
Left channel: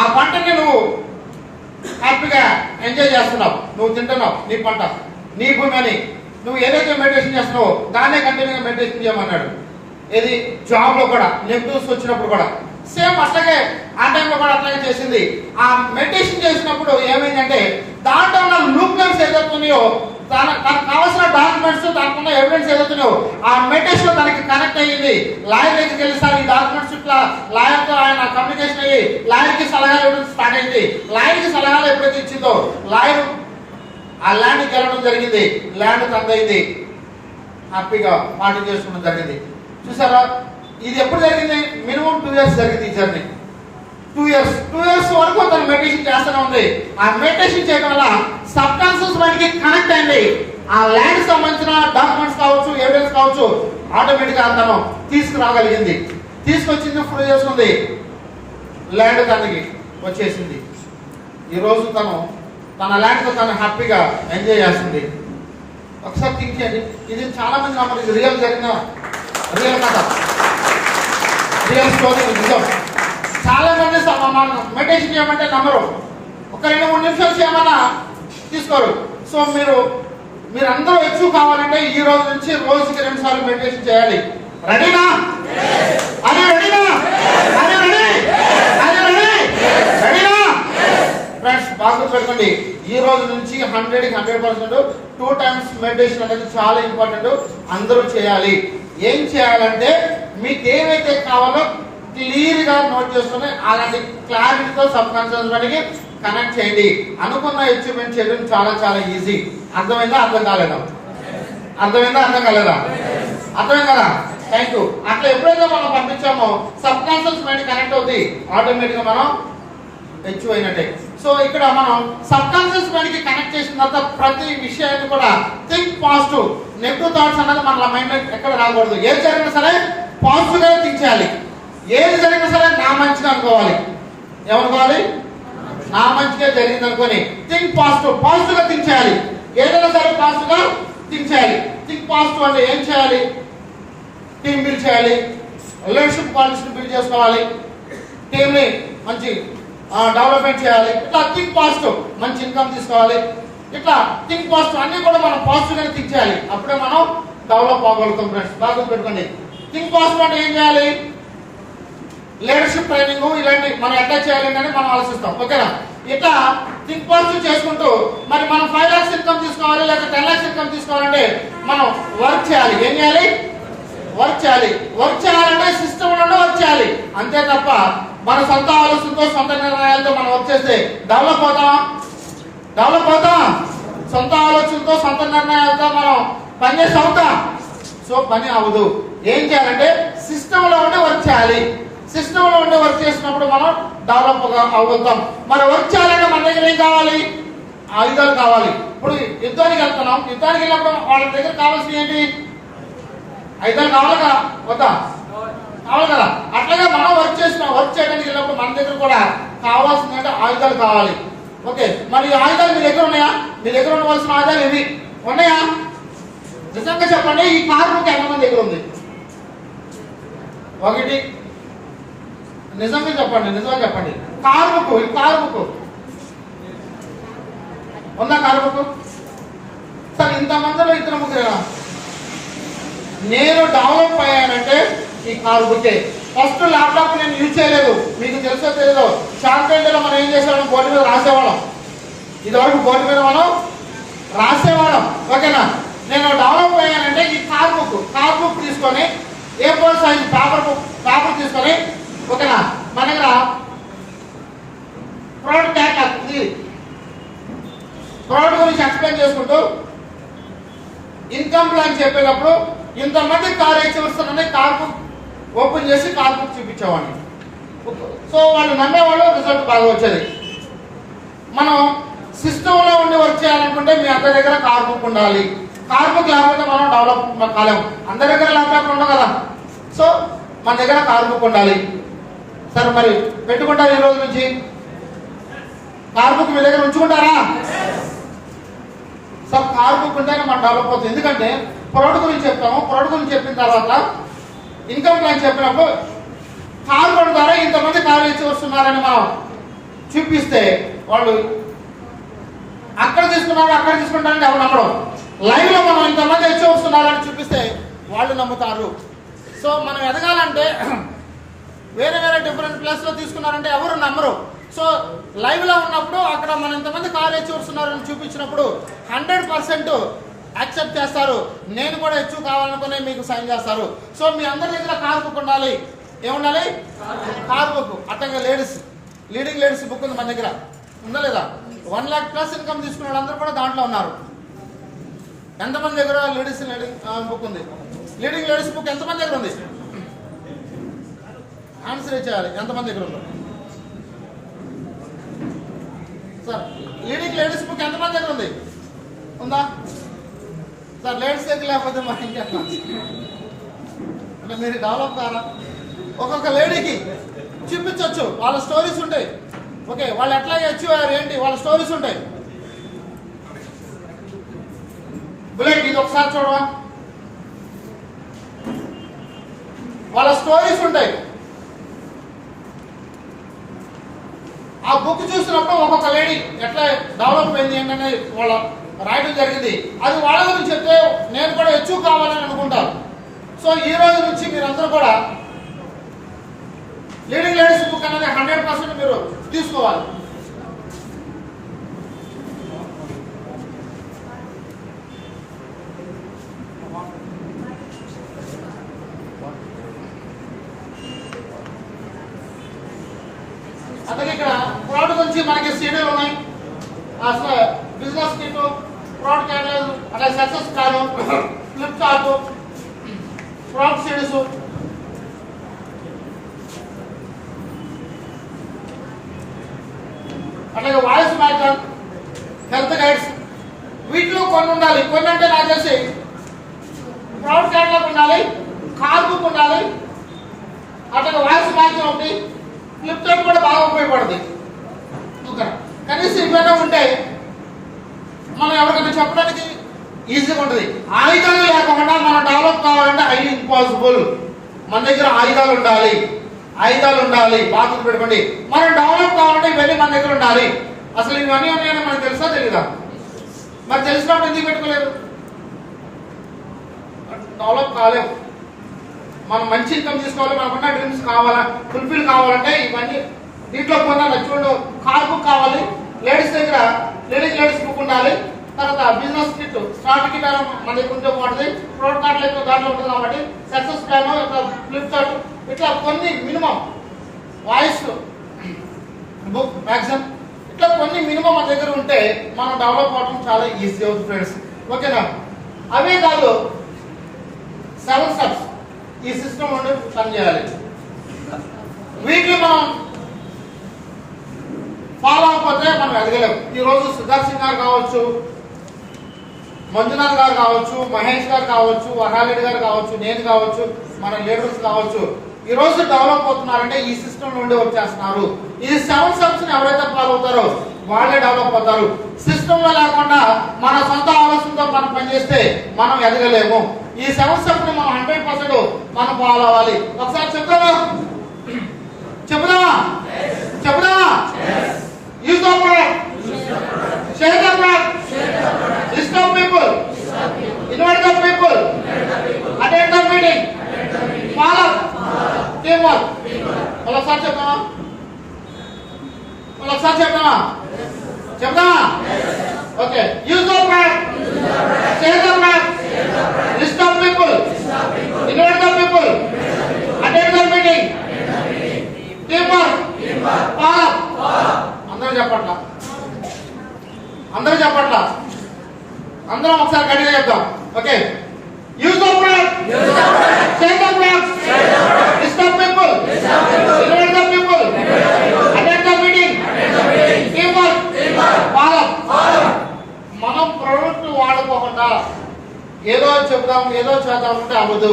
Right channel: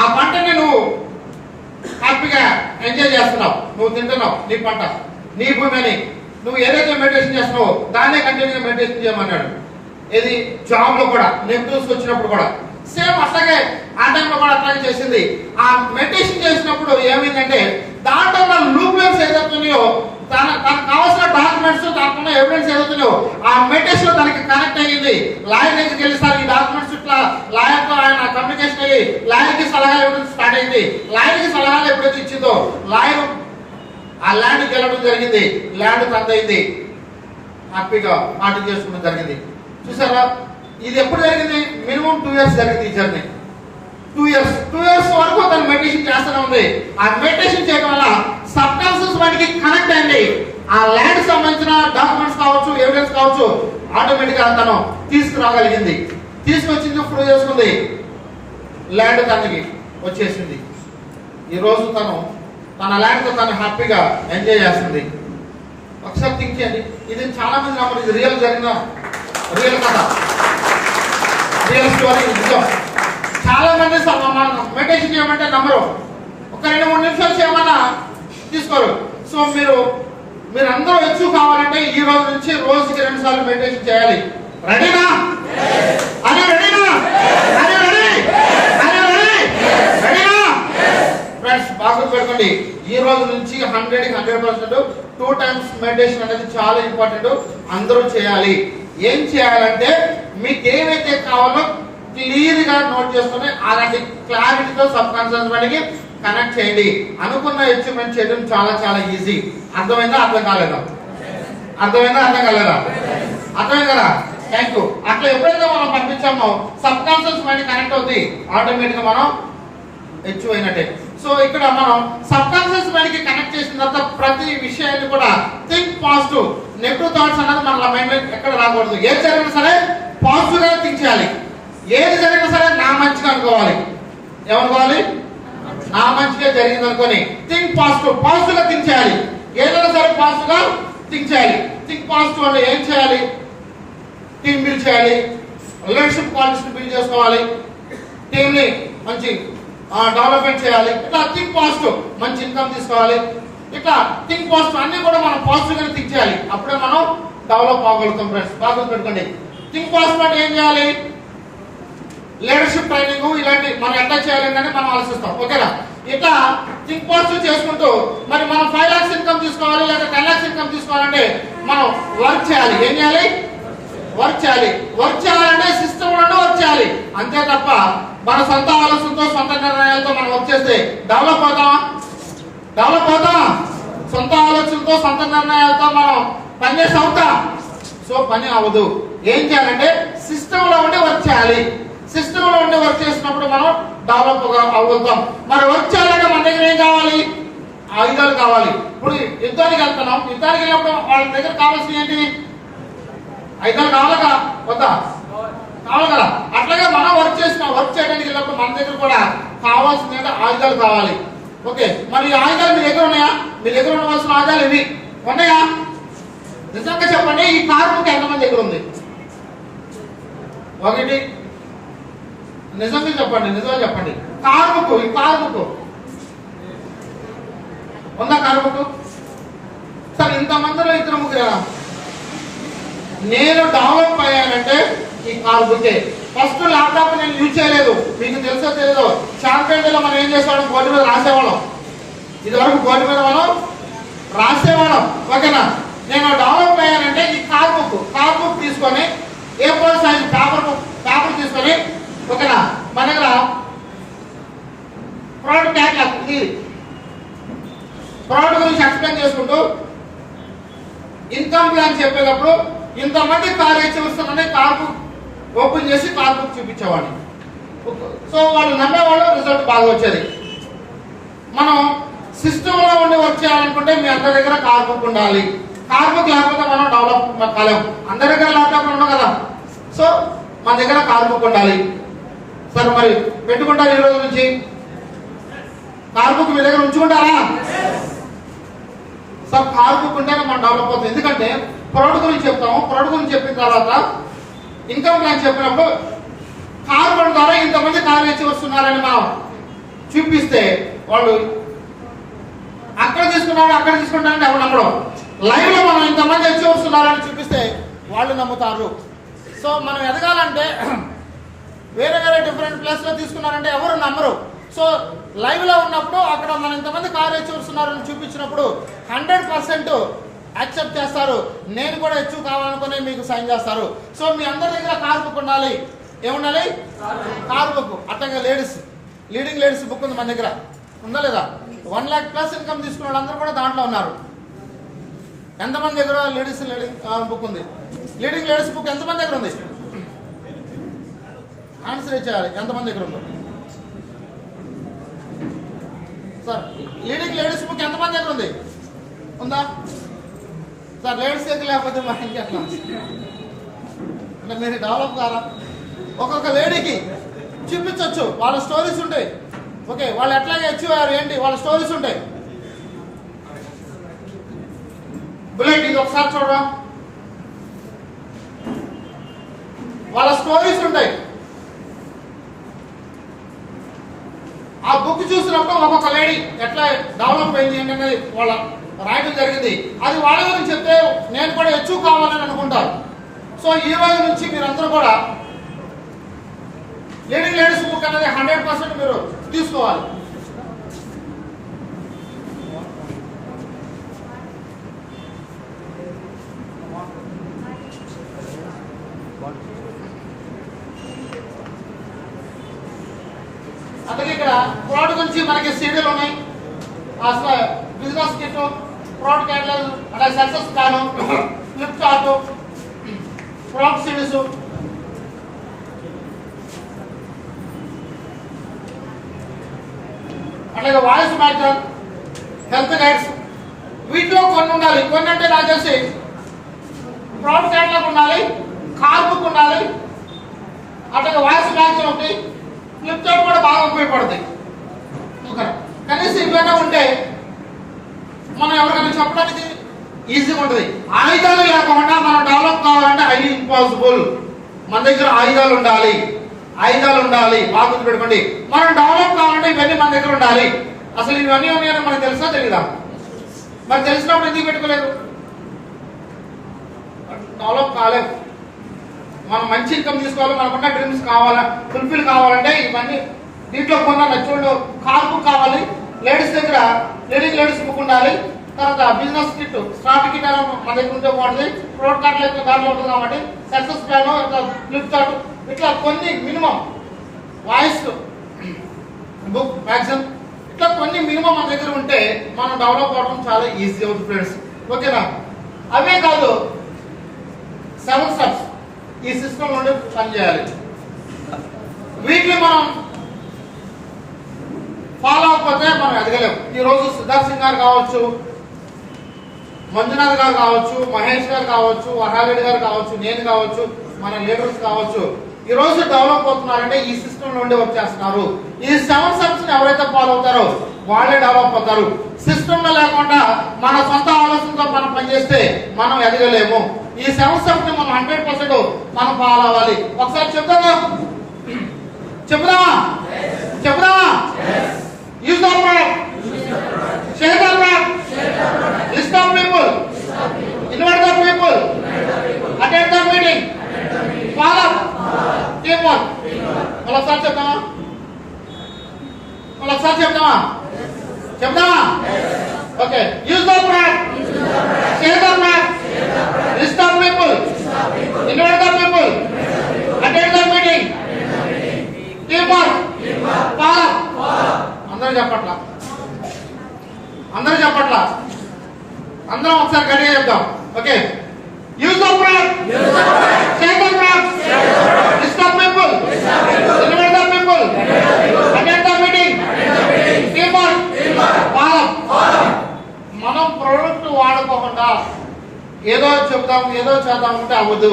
ఆ పంటని నువ్వు హ్యాపీగా ఎంజాయ్ చేస్తున్నావు, నువ్వు తింటున్నావు, నీ పంట నీ భూమి అని నువ్వు ఏదైతే మెడిటేషన్ చేస్తున్నావో దాన్నే కంటిన్యూగా మెడిటేషన్ చేయమన్నాడు. ఏది జాబ్ లో కూడా నెగిటివ్స్ వచ్చినప్పుడు కూడా సేమ్ అట్లాగే ఆ టైంలో కూడా అట్లాగే చేసింది. ఆ మెడిటేషన్ చేసినప్పుడు ఏమైందంటే దాంట్లో ఉన్న లూప్లెన్స్ ఏదైతున్నాయో తనకు కావాల్సిన డాక్యుమెంట్స్ దాంట్లో ఎవిడెన్స్ ఏదైతున్నాయో ఆ మెడిటేషన్ తనకి కనెక్ట్ అయ్యింది. లాయర్ దగ్గరికి వెళ్ళిస్తారు, ఈ డాక్యుమెంట్స్ ఇట్లా లాయర్ తో ఆయన కమ్యూనికేషన్ అయ్యి లాయర్ కి సలహాలు ఇవ్వడం స్టార్ట్ అయింది. లాయర్ కి సలహాలు ఎప్పుడైతే ఇచ్చిందో లాయర్ ఆ ల్యాండ్ గెలవడం జరిగింది, ల్యాండ్ కందయింది, హ్యాపీగా పార్టీ చేసుకోవడం జరిగింది. చూసారా, ఇది ఎప్పుడు జరిగింది? మినిమం 2 years జరిగింది ఈ జర్నీ. 2 years వరకు తను మెడిటేషన్ చేస్తూనే ఉంది. ఆ మెడిటేషన్ చేయడం వల్ల సబ్ కాన్షియస్ మైండ్ కి కనెక్ట్ అయింది. ఆ ల్యాండ్ సంబంధించిన డాక్యుమెంట్స్ కావచ్చు, ఎవిడెన్స్ కావచ్చు, ఆటోమేటిక్ గా తను తీసుకురాగలిగింది. తీసుకొచ్చింది, ప్రూవ్ చేసుకుంది, ల్యాండ్ తనకి వచ్చేసింది. ఈ రోజు తను తన ల్యాండ్ తో తను హ్యాపీగా ఎంజాయ్ చేస్తుంది. ఒకసారి థింక్ చేయండి, ఇది చాలా మంది నమ్మరు, ఇది రియల్ జరిగిన రియల్ కథ, రియల్ స్టోరీ, నిజం. చాలా మంది మెడిటేషన్ చేయమంటే నమ్మరు, ఒక 2-3 నిమిషాలు చేయమన్నా తీసుకోరు. సో మీరు అందరూ ఎక్కువ కావాలంటే ఈ రోజు నుంచి రోజుకి 2 సార్లు మెడిటేషన్ చేయాలి. రెడీనా? అదే రెడీనా? అదే రెడీ? అదే రెడీ? రెడీనా? ఫ్రెండ్స్ బాగా గుర్తుపెట్టుకోండి, ఈ రోజు నుంచి 100% 2 times మెడిటేషన్ అనేది చాలా ఇంపార్టెంట్, అందరూ చేయాలి. ఏం చేయాలంటే మీకు ఏవైతే కావాలో క్లియర్ గా నోట్ చేసుకుని అలాంటి క్లారిటీతో సబ్ కాన్షియస్ మైండ్ కి కనెక్ట్ చేయండి. అనుకున్న అచీవ్మెంట్ చేయడం చాలా చాలా ఈజీ. అర్థమైందా? అర్థం కాలేదా? అర్థమైందా? అర్థం కాలేదా? అర్థమైంది కదా? Thank you. అట్లా ఎప్పుడైతే మనం పంపించామో సబ్ కాన్షియస్ మైండ్ కనెక్ట్ అవుతుంది, ఆటోమేటిక్ గా మనం అచీవ్ అయినట్టే. సో ఇక్కడ మనం సబ్ కాన్షియస్ మైండ్ కి కనెక్ట్ చేసిన తర్వాత ప్రతి విషయాన్ని కూడా థింక్ పాజిటివ్. నెగిటివ్ థాట్స్ అనేది మన మైండ్ ఎక్కడ రాకూడదు. ఏది జరిగినా సరే పాజిటివ్ గా థింక్ చేయాలి. ఏది జరిగినా సరే నా మంచిగా అనుకోవాలి. ఏమనుకోవాలి? నా మంచిగా జరిగింది అనుకోని థింక్ పాజిటివ్, పాజిటివ్ గా థింక్ చేయాలి. ఏదైనా సరే పాజిటివ్ గా థింక్ చేయాలి. థింక్ పాజిటివ్ అంటే ఏం చేయాలి? టీమ్ బిల్డ్ చేయాలి, లీడర్షిప్ క్వాలిటీస్ బిల్డ్ చేసుకోవాలి, టీమ్ ని మంచి డెవలప్మెంట్ చేయాలి. ఇట్లా థింక్ పాజిటివ్, మంచి ఇన్కమ్ తీసుకోవాలి. ఇట్లా థింక్ పాజిటివ్ అన్ని కూడా మనం పాజిటివ్ గా థింక్ చేయాలి. అప్పుడే మనం డెవలప్ అవ్వగలుగుతాం. ఫ్రెండ్స్ బాగా పెట్టుకోండి. థింక్ పాజిటివ్ అంటే ఏం చేయాలి? లీడర్షిప్ ట్రైనింగ్ ఇలాంటి మనం ఎట్లా చేయాలి అని మనం ఆలోచిస్తాం. ఓకేనా? ఇట్లా థింక్ పాజిటివ్ చేసుకుంటూ మరి మనం 5 lakhs ఇన్కమ్ తీసుకోవాలి లేదా 10 lakhs ఇన్కమ్ తీసుకోవాలంటే మనం వర్క్ చేయాలి. ఏం చేయాలి? వర్క్ చేయాలి. వర్క్ చేయాలంటే సిస్టమ్ లోనే వర్క్ చేయాలి. అంతే తప్ప మన సొంత ఆలోచనతో సొంత నిర్ణయాలతో మనం వర్క్ చేస్తే డెవలప్ అవుతాం? డెవలప్ అవుతాం? సొంత ఆలోచనతో సొంత నిర్ణయాలతో మనం పని చేసి అవుతాం? సో పని అవ్వదు. ఏం చేయాలంటే సిస్టమ్ లో ఉండే వర్క్ చేయాలి. సిస్టమ్ లో ఉండే వర్క్ చేసినప్పుడు మనం డెవలప్ అవుతాం. మరి వర్క్ చేయాలంటే మన దగ్గర ఏం కావాలి? ఆయుధాలు కావాలి. ఇప్పుడు యుద్ధానికి వెళ్తున్నాం, యుద్ధానికి వెళ్ళినప్పుడు వాళ్ళ దగ్గర కావాల్సింది ఏంటి? ఆయుధాలు కావాలి కదా, వద్దా? కావాలి కదా. అట్లాగే మనం వర్క్ చేయడానికి వెళ్ళినప్పుడు మన దగ్గర కూడా కావాల్సింది అంటే ఆయుధాలు కావాలి. ఓకే, మరి ఈ ఆయుధాలు మీ దగ్గర ఉన్నాయా? మీ దగ్గర ఉండవలసిన ఆయుధాలు ఇవి ఉన్నాయా? నిజంగా చెప్పండి, ఈ కార్మిక ఎంతమంది దగ్గర ఉంది? ఒకటి. నిజంగా చెప్పండి, నిజంగా చెప్పండి. కార్మికు ఉందా? కార్మికు సరే, ఇంతమందిలో 2-3 నేను డెవలప్ అయ్యానంటే ఈ కార్మికే. ఫస్ట్ ల్యాప్టాప్ నేను యూజ్ చేయలేదు, మీకు తెలుసో తెలియదు. శాంతిలో మనం ఏం చేసేవాళ్ళం? బోర్డు మీద రాసేవాళ్ళం. ఇది వరకు బోర్డు మీద మనం రాసేవాళ్ళం. ఓకేనా? నేను డెవలప్ అయ్యానంటే ఈ కార్బుక్ తీసుకొని A4 సైజ్ పేపర్ తీసుకొని, ఓకేనా, మన దగ్గర ప్రోడక్ట్ క్యాటలాగ్ ఇది ప్రోడక్ట్ గురించి ఎక్స్ప్లెయిన్ చేసుకుంటూ ఇన్కమ్ ప్లాన్ చెప్పేటప్పుడు ఇంతమంది కార్ హెచ్చువస్తున్నాయి కార్బుక్ ఓపెన్ చేసి కార్బుక్ చూపించేవాడిని. సో వాళ్ళు నమ్మేవాళ్ళు, రిజల్ట్ బాగా వచ్చేది. మనం సిస్టమ్ లో ఉండి వర్క్ చేయాలనుకుంటే మీ అందరి దగ్గర కార్బుక్ ఉండాలి. కార్బుక్ లేకపోతే మనం డెవలప్ కాలేము. అందరి దగ్గర ల్యాప్టాప్ ఉండవు కదా. సో మన దగ్గర కార్బుక్ ఉండాలి. సరే, మరి పెట్టుకుంటారు ఈ రోజు నుంచి. కార్ బుక్ మీ దగ్గర ఉంచుకుంటారా? సో కార్ బుక్ ఉంటేనే మనం డెవలప్ అవుతుంది. ఎందుకంటే ప్రొడక్ట్ గురించి చెప్తాము, ప్రొడక్ట్ గురించి చెప్పిన తర్వాత ఇన్కమ్ ప్లాన్ చెప్పినప్పుడు కారు కొన్న ద్వారా ఇంతమంది కారు తెచ్చి వస్తున్నారని మనం చూపిస్తే వాళ్ళు అక్కడ తీసుకున్నారని అక్కడ తీసుకుంటారని ఎవరు నమ్మడం. లైవ్ లో మనం ఇంతమంది తెచ్చి వస్తున్నారని చూపిస్తే వాళ్ళు నమ్ముతారు. సో మనం ఎదగాలంటే వేరే వేరే డిఫరెంట్ ప్లేస్ లో తీసుకున్నారంటే ఎవరు నమ్మరు. సో లైవ్ లో ఉన్నప్పుడు అక్కడ మనం ఇంతమంది కారు తెచ్చి వస్తున్నారని చూపించినప్పుడు 100% యాక్సెప్ట్ చేస్తారు. నేను కూడా హెచ్చు కావాలనుకుని మీకు సైన్ చేస్తారు. సో మీ అందరి దగ్గర కార్ బుక్ ఉండాలి. ఏముండాలి? Car book. అట్లాగే లేడీస్, లీడింగ్ లేడీస్ బుక్ ఉంది మన దగ్గర, ఉందా లేదా? 1 lakh ప్లస్ ఇన్కమ్ తీసుకున్న వాళ్ళందరూ కూడా దాంట్లో ఉన్నారు. ఎంతమంది దగ్గర లేడీస్ బుక్ ఉంది? లీడింగ్ లేడీస్ బుక్ ఎంతమంది దగ్గర ఉంది? ఆన్సర్ ఇచ్చేయాలి. ఎంతమంది దగ్గర ఉందో సార్? లీడింగ్ లేడీస్ బుక్ ఎంతమంది దగ్గర ఉంది? ఉందా సార్? లేడీస్ దగ్గర లేకపోతే మరి ఇంకెట్లా అంటే మీరు డెవలప్ కారా? ఒక్కొక్క లేడీకి చూపించవచ్చు, వాళ్ళ స్టోరీస్ ఉంటాయి. ఓకే, వాళ్ళు ఎట్లా అచీవ్ అయ్యారు ఏంటి వాళ్ళ స్టోరీస్ ఉంటాయి. బుల్లెట్ ఇది ఒకసారి చూడవా, వాళ్ళ స్టోరీస్ ఉంటాయి. ఆ బుక్ చూసినప్పుడు ఒక్కొక్క లేడీ ఎట్లా డెవలప్ అయింది ఏంటనే వాళ్ళ రాయడం జరిగింది. అది వాళ్ళ గురించి చెప్తే నేను కూడా ఎక్కువ కావాలని అనుకుంటారు. సో ఈ రోజు నుంచి మీరందరూ కూడా లీడింగ్ లేడీస్ బుక్ అనేది 100% మీరు తీసుకోవాలి. అలాగే ఇక్కడ ప్రోడక్ట్ గురించి మనకి సీడీలు ఉన్నాయి. అసలు బిజినెస్ కిట్, ప్రోడక్ట్ క్యాటలాగ్, అలాగే success plan, Flipkart, product CDs, అలాగే వాయిస్ మ్యాటర్, హెల్త్ గైడ్స్. వీటిలో కొన్ని ఉండాలి. కొన్ని అంటే నాకు తెలిసి ప్రోడక్ట్ క్యాటలాగ్ ఉండాలి, కార్ బుక్ ఉండాలి, అట్లాగే వాయిస్ మ్యాటర్ ఒకటి, ఫ్లిప్కార్ట్ కూడా బాగా ఉపయోగపడుతుంది. కనీసం ఇవన్నీ ఉంటే మనం ఎవరికైనా చెప్పడానికి ఈజీగా ఉంటుంది. ఆయుధాలు లేకుండా మనం డెవలప్ కావాలంటే అది ఇంపాసిబుల్. మన దగ్గర ఆయుధాలు ఉండాలి, ఆయుధాలు ఉండాలి. బాగా గుర్తుపెట్టుకోండి, మనం డెవలప్ కావాలంటే ఇవన్నీ మన దగ్గర ఉండాలి. అసలు ఇవన్నీ ఉన్నాయని మనకు తెలుసా తెలీదా? మరి తెలిసినప్పుడు ఎందుకు పెట్టుకోలేదు? డెవలప్ కాలేము. మనం మంచి ఇన్కమ్ తీసుకోవాలి, మనకున్న డ్రీమ్స్ కావాలా, ఫుల్ఫిల్ కావాలంటే ఇవన్నీ దీంట్లో కొన్నా. చూడండి, కార్ బుక్ కావాలి, లేడీస్ దగ్గర లేడీస్ బుక్ ఉండాలి, తర్వాత బిజినెస్ కిట్, స్టార్ట్ కిట్ మన దగ్గర ఉంటే బాగుంటుంది, ప్రోడక్ట్ కార్డ్ లైక్ దాంట్లో ఉంటుంది కాబట్టి సక్సెస్ ప్లాన్, ఇట్లా ఫ్లిప్కార్ట్, ఇట్లా కొన్ని మినిమం వాయిస్ బుక్ మ్యాక్సిమం, ఇట్లా కొన్ని మినిమం మన దగ్గర ఉంటే మనం డెవలప్ అవడం చాలా ఈజీ అవుతుంది ఫ్రెండ్స్. ఓకేనా? అవే కాదు, 7 స్టెప్స్ ఈ సిస్టమ్ నుండి పనిచేయాలి. వీటిని మనం ఫాలో అవ్వకపోతే మనం ఎదగలేము. ఈ రోజు సిద్ధార్థ్ సింగ్ గారు కావచ్చు, మంజునాథ్ గారు కావచ్చు, మహేష్ గారు కావచ్చు, వరారెడ్డి గారు కావచ్చు, నేను కావచ్చు, మన లీడర్స్ కావచ్చు, ఈ రోజు డెవలప్ అవుతున్నారంటే ఈ సిస్టమ్ నుండి వచ్చేస్తున్నారు. ఈ 7 స్టెప్స్ ఎవరైతే ఫాలో అవుతారో వాళ్ళే డెవలప్ అవుతారు. సిస్టమ్ లో లేకుండా మన సొంత ఆలోచనతో మనం పనిచేస్తే మనం ఎదగలేము. ఈ 7 స్టెప్స్ ని మనం 100% మనం ఫాలో అవ్వాలి. ఒకసారి చెప్తామా? చెప్దామా? Use the word. Share the word. List of people. Invite the people. Attend the meeting. Follow. Teamwork. ఒకసారి చెప్తామా? Okay. Use the word. Share the word. List of people. Invite the people. Attend the meeting. Teamwork. Follow. అందరూ చెప్పట్లా, అందరం ఒకసారి గట్టిగా చెప్తాం. Okay. Use the word, share the word, list of people, invite the people, attend the meeting, team work, follow. మనం product వాడుకోకుండా ఏదో చెప్తాం, ఏదో చేద్దాం అంటే అవ్వదు.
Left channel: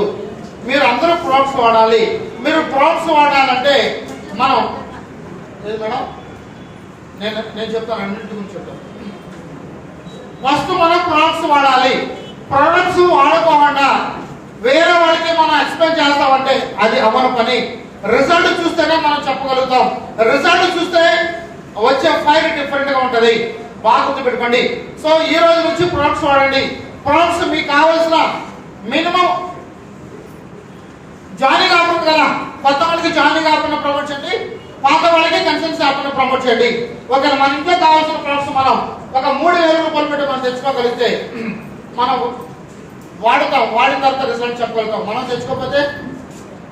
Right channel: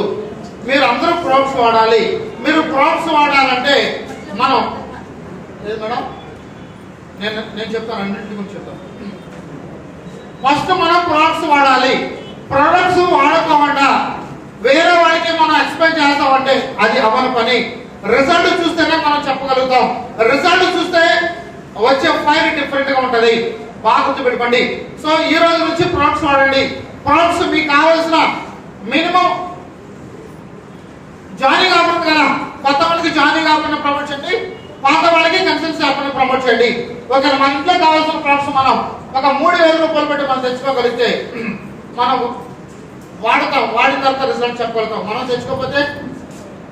మీరు అందరూ ప్రొడక్ట్స్ వాడాలి. మీరు ప్రొడక్ట్స్ వాడాలంటే మనం మేడం నేను చెప్తాను, అన్నింటి గురించి చెప్తాను. ఫస్ట్ మనం ప్రొడక్ట్స్ వాడాలి. ప్రొడక్ట్స్ వాడుకోకుండా వేరే వాళ్ళకి మనం ఎక్స్ప్లెయిన్ చేస్తామంటే అది అవ్వని పని. రిజల్ట్ చూస్తేనే మనం చెప్పగలుగుతాం. రిజల్ట్ చూస్తే వచ్చే ఫైర్ డిఫరెంట్ గా ఉంటది. బాగా గుర్తుపెట్టుకోండి. సో ఈ రోజు నుంచి ప్రొడక్ట్స్ వాడండి. ప్రొడక్ట్స్ మీకు కావాల్సిన మినిమం జాయినింగ్ ఆఫర్ కదా, కొత్త వాళ్ళకి జాయినింగ్ ఆఫర్ ప్రమోట్ చేయండి, పాత వాళ్ళకి కన్సల్టెన్సీ ఆఫర్ ప్రమోట్ చేయండి. ఓకే, మన ఇంట్లో కావాల్సిన ప్రొడక్ట్స్ మనం ఒక 3,000 రూపాయలు పెట్టి మనం తెచ్చుకోగలిగితే మనం వాడతాం. వాడిన తర్వాత రిజల్ట్ చెప్పగలుగుతాం. మనం తెచ్చుకోకపోతే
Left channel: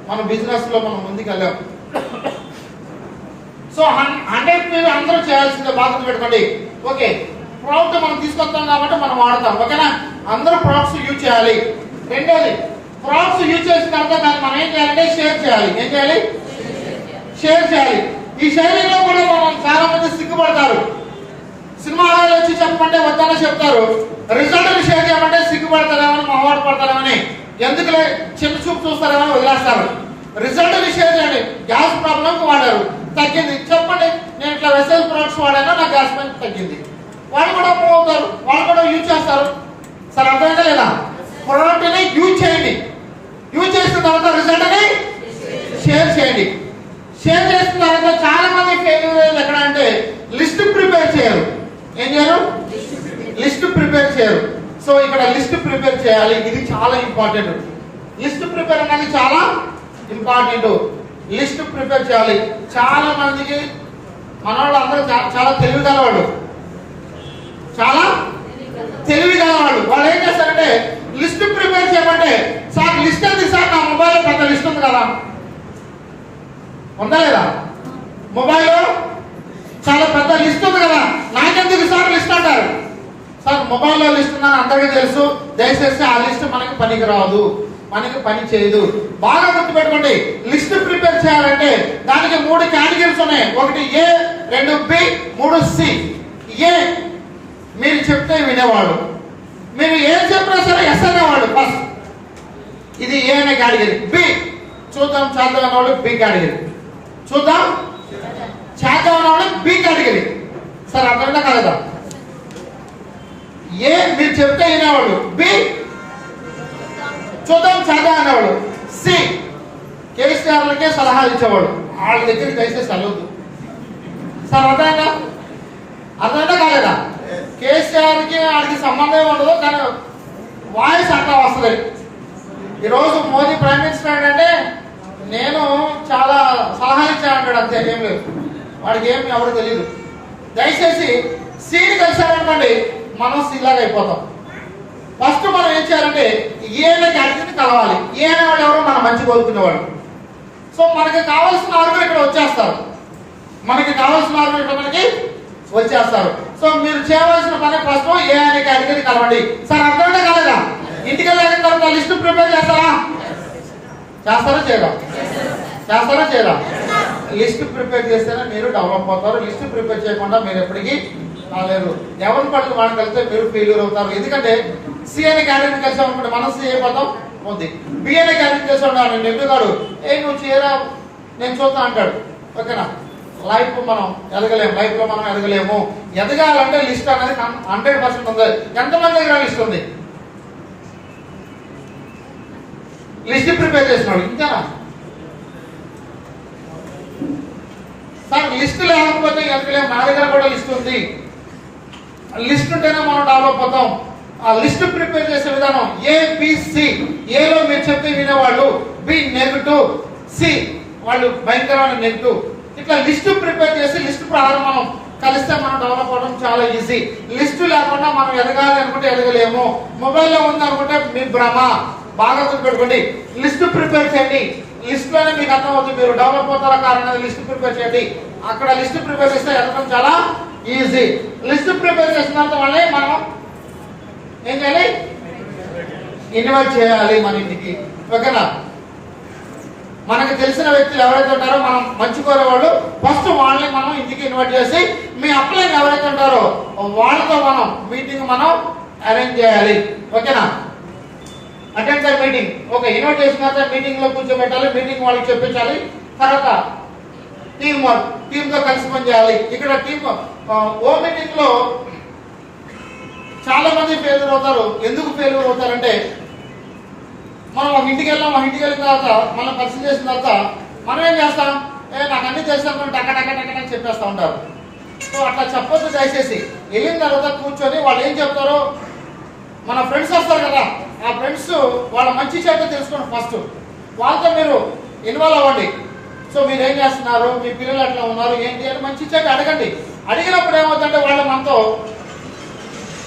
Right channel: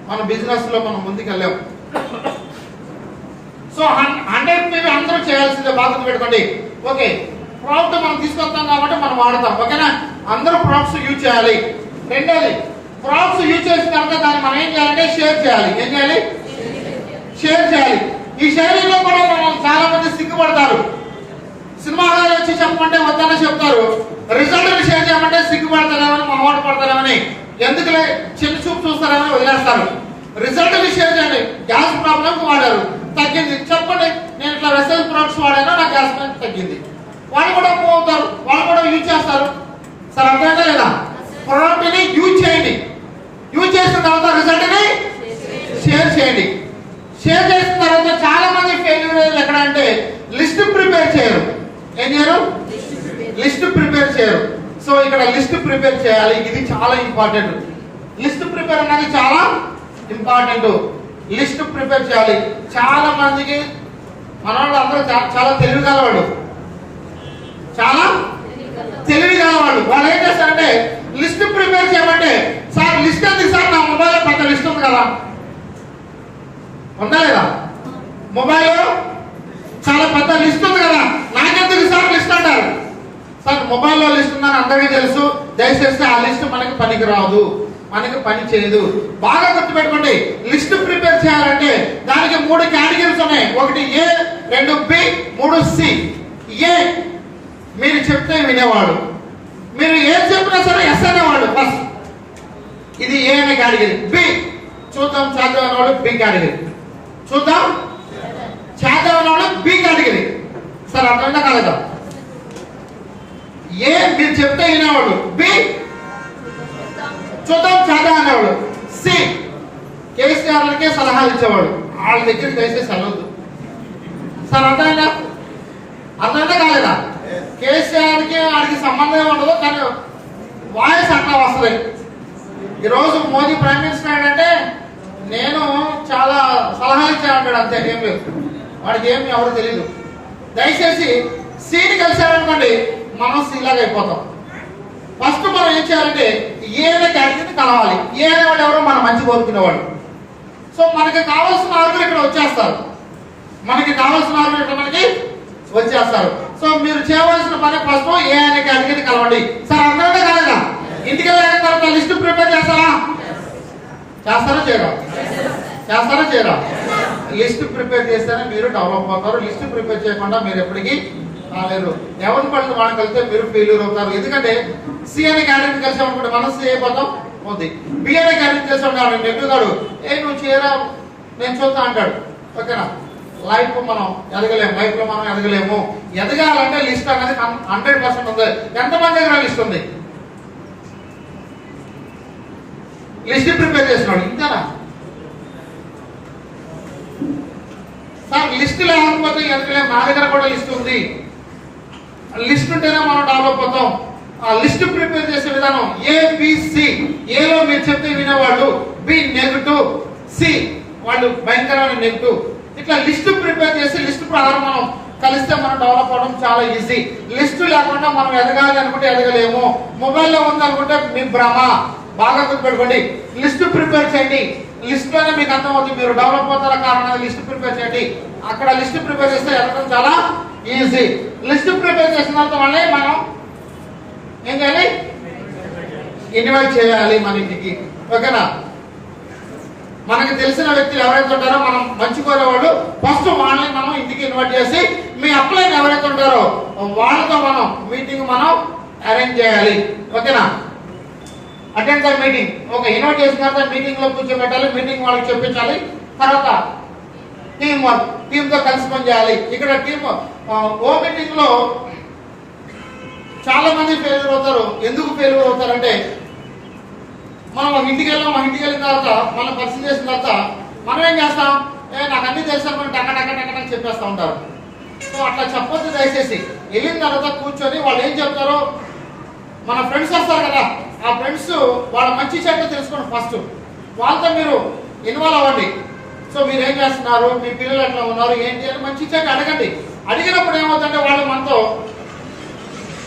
మన బిజినెస్ లో మనం ముందుకు వెళ్ళాం. సో 100 మీరు అందరూ చేయాల్సిందే. బాగా పెట్టుకోండి. ఓకే, ప్రోడక్ట్ మనం తీసుకొస్తాం కాబట్టి మనం వాడతాం. ఓకేనా, అందరూ ప్రొడక్ట్స్ యూజ్ చేయాలి. రెండోది, ప్రొడక్ట్స్ యూజ్ చేసిన తర్వాత దాన్ని మనం ఏం చేయాలంటే షేర్ చేయాలి. ఏం చేయాలి? షేర్ చేయాలి. ఈ షేరింగ్ లో కూడా మనం చాలా మంది సిగ్గుపడతారు. సినిమా హాల్ వచ్చి చెప్పమంటే వద్దన్న చెప్తారు. రిజల్ట్ షేర్ చేయమంటే సిగ్గుపడతారేమని, మొహమాట పడతారేమని, ఎందుకులే చిన్న చూపు చూస్తారేమని వదిలేస్తారు. రిజల్ట్ షేర్ చేయండి. గ్యాస్ ప్రాబ్లం వాడారు, తగ్గింది, చెప్పండి నేను ఇట్లా వెసైల్ ప్రొడక్ట్స్ వాడాను, నా గ్యాస్ పైన తగ్గింది. వాళ్ళు కూడా మూవ్ అవుతారు, వాళ్ళు కూడా యూజ్ చేస్తారు. సరే, అర్థమైతే లేదా? ప్రొడక్ట్ ని యూజ్ చేయండి. యూజ్ చేసిన తర్వాత రిజల్ట్ ని షేర్ చేయండి. షేర్ చేసిన తర్వాత చాలా మంది ఫెయిల్యూర్ ఎక్కడ అంటే లిస్ట్ ప్రిపేర్ చేయరు. ఏం చేయరు? లిస్ట్ ప్రిపేర్ చేయరు. సో ఇక్కడ లిస్ట్ ప్రిపేర్ చేయాలి. ఇది చాలా ఇంపార్టెంట్. లిస్ట్ ప్రిపేర్ అనేది చాలా ఇంపార్టెంట్. లిస్ట్ ప్రిపేర్ చేయాలి. చాలా మందికి మన వాళ్ళు అందరూ చాలా తెలివి గలవాడు, చాలా తెలివి గలవాడు. వాళ్ళు ఏం చేస్తారంటే లిస్ట్ ప్రిపేర్ చేయమంటే, సార్ లిస్ట్ ఉంది సార్, నా మొబైల్లో పెద్ద లిస్ట్ ఉంది కదా, ఉందా లేదా? మొబైల్లో చాలా పెద్ద లిస్ట్ ఉంది కదా, నాకెందుకు సార్ లిస్ట్ అంటారు. సార్ మొబైల్లో లిస్ట్ ఉందని అందరికీ తెలుసు, దయచేసి ఆ లిస్ట్ మనకి పనికి రాదు, మనకి పని చేయదు. బాగా గుర్తుపెట్టుకోండి. లిస్ట్ ప్రిపేర్ చేయాలంటే దానికి 3 కేటగిరీస్ ఉన్నాయి. ఒకటి ఏ, 2 బి, 3 సి. ఏ మీరు చెప్తే వినేవాడు, మీరు ఏం చెప్పినా సరే ఎస్ అనేవాడు ఫస్ట్. ఇది ఏ అనే కేటగిరీ. బి చూద్దాం చేద్దాం అనేవాడు బి కేటగిరీ. చూద్దాం చేద్దాం అనేవాడు బి కేటగిరీ. సరే, అర్థమైనా కలదా? ఏ మీరు చెప్తే వినేవాడు, బి చూద్దాం చేద్దాం అనేవాడు, సి కేసీఆర్లకే సలహాలు ఇచ్చేవాడు. వాళ్ళ దగ్గరికి దయచేసి వెళ్ళొద్దు. సార్ అర్థమైనా? అర్థమైనా కాలేదా? కేసీఆర్ కి వాడికి సంబంధం ఉండదు, కానీ వాయిస్ అట్లా వస్తుంది. ఈరోజు మోదీ ప్రైమ్ మినిస్టర్ అంటే నేను చాలా సలహా ఇచ్చానంటాడు, అంతే, ఏం లేదు. వాడికి ఏమి ఎవరు తెలియదు. దయచేసి సీని కలిసామనుకోండి మనం సీలాగా అయిపోతాం. ఫస్ట్ మనం ఏం చేయాలంటే ఏ అనే కేటగిరీని కలవాలి. ఏ అనేవాడు ఎవరో మనం మంచి కోరుకునేవాడు. సో మనకి కావాల్సిన ఆరుగురు ఇక్కడ వచ్చేస్తారు. మనకి కావాల్సిన ఆరుగురు ఇక్కడ మనకి వచ్చేస్తారు. సో మీరు చేయవలసిన పని ఫస్ట్ ఏ అనే కేటగిరీ కలవండి. సార్ అర్థమైతే కాలేదా? ఇంటికి వెళ్ళిన తర్వాత లిస్ట్ ప్రిపేర్ చేస్తారా? చేస్తారా చేయరా? చేస్తారా చేయరా? లిస్ట్ ప్రిపేర్ చేస్తేనే మీరు డెవలప్ అవుతారు. లిస్ట్ ప్రిపేర్ చేయకుండా మీరు ఎప్పటికీ రాలేరు. ఎవరి పట్ల మనం కలిస్తే మీరు ఫెయిల్యూర్ అవుతారు. ఎందుకంటే సి అనే కేటగిరీ కలిసి అనుకుంటే మనం సి అయిపోతాం. ఉంది బి అనే కేటగిరీ కలిసి ఉన్నాడు, నేను కాడు, నువ్వు చేయరా నేను చూస్తా అంటాడు. ఓకేనా? లైఫ్ మనం ఎదగలేము. లైఫ్ లో మనం ఎదగలేము. ఎదగాలంటే లిస్ట్ అనేది 100% ఉంది. ఎంతమంది దగ్గర లిస్ట్ ఉంది? లిస్ట్ ప్రిపేర్ చేస్తున్నాడు, ఇంతేనా? సార్ లిస్ట్ లేకపోతే ఎదగలేము. నా దగ్గర కూడా లిస్ట్ ఉంది. లిస్ట్ ఉంటేనే మనం డెవలప్ అవుతాం. ఆ లిస్ట్ ప్రిపేర్ చేసే విధానం ఏబిసి. ఏలో మీరు చెప్తే వినేవాళ్ళు, బి నెగటివ్, సి వాళ్ళు భయంకరమైన నెగటివ్. ఇట్లా లిస్ట్ ప్రిపేర్ చేసి లిస్ట్ ప్రకారం మనం కలిస్తే మనం డెవలప్ అవడం చాలా ఈజీ. లిస్ట్ లేకుండా మనం ఎదగాలి అనుకుంటే ఎదగలేము. మొబైల్లో ఉంది అనుకుంటే మీ భ్రమ. బాగా గుర్తుపెట్టుకోండి. లిస్ట్ ప్రిపేర్ చేయండి. లిస్ట్ లోనే మీకు అర్థమవుతుంది మీరు డెవలప్ అవుతారా కారణం. లిస్ట్ ప్రిపేర్ చేయండి. అక్కడ లిస్ట్ ప్రిపేర్ చేస్తే ఎదగడం చాలా ఈజీ. లిస్ట్ ప్రిపేర్ చేసినంత వల్లే మనం ఏం చేయాలి? ఇన్వైట్ చేయాలి మన ఇంటికి. ఓకేనా? మనకు తెలిసిన వ్యక్తులు ఎవరైతే ఉంటారో మనం మంచి కోరేవాళ్ళు ఫస్ట్ వాళ్ళని మనం ఇంటికి ఇన్వైట్ చేసి మీ అప్లైన్ ఎవరైతే ఉంటారో వాళ్ళతో మనం మీటింగ్ మనం అరేంజ్ చేయాలి. ఓకేనా? Attend the meeting. Okay, invite చేసిన తర్వాత మీటింగ్ లో కూర్చోబెట్టాలి. మీటింగ్ వాళ్ళకి చెప్పించాలి. తర్వాత టీమ్ వర్క్, టీమ్ తో కలిసి పని చేయాలి. ఇక్కడ ఓ మీటింగ్ లో చాలా మంది ఫెయిల్యూర్ అవుతారు. ఎందుకు ఫెయిల్యూర్ అవుతారంటే మనం ఒక ఇంటికి వెళ్ళిన తర్వాత మనం పరిస్థితి చేసిన తర్వాత మనం ఏం చేస్తాం, నాకు అన్ని తెలుసు టక టక టక టక చెప్పేస్తూ ఉంటారు. సో అట్లా చెప్పొద్దు. దయచేసి వెళ్ళిన తర్వాత కూర్చొని వాళ్ళు ఏం చెప్తారో, మన ఫ్రెండ్స్ వస్తారు కదా, ఆ ఫ్రెండ్స్ వాళ్ళ మంచి చెడ్డ తెలుసుకోండి. ఫస్ట్ వాళ్ళతో మీరు ఇన్వాల్వ్ అవ్వండి. సో మీరు ఏం చేస్తున్నారు, మీ పిల్లలు ఎట్లా ఉన్నారు ఏంటి అని మంచి చెడ్డ అడగండి. అడిగినప్పుడు ఏమవుతుందంటే వాళ్ళు మనతో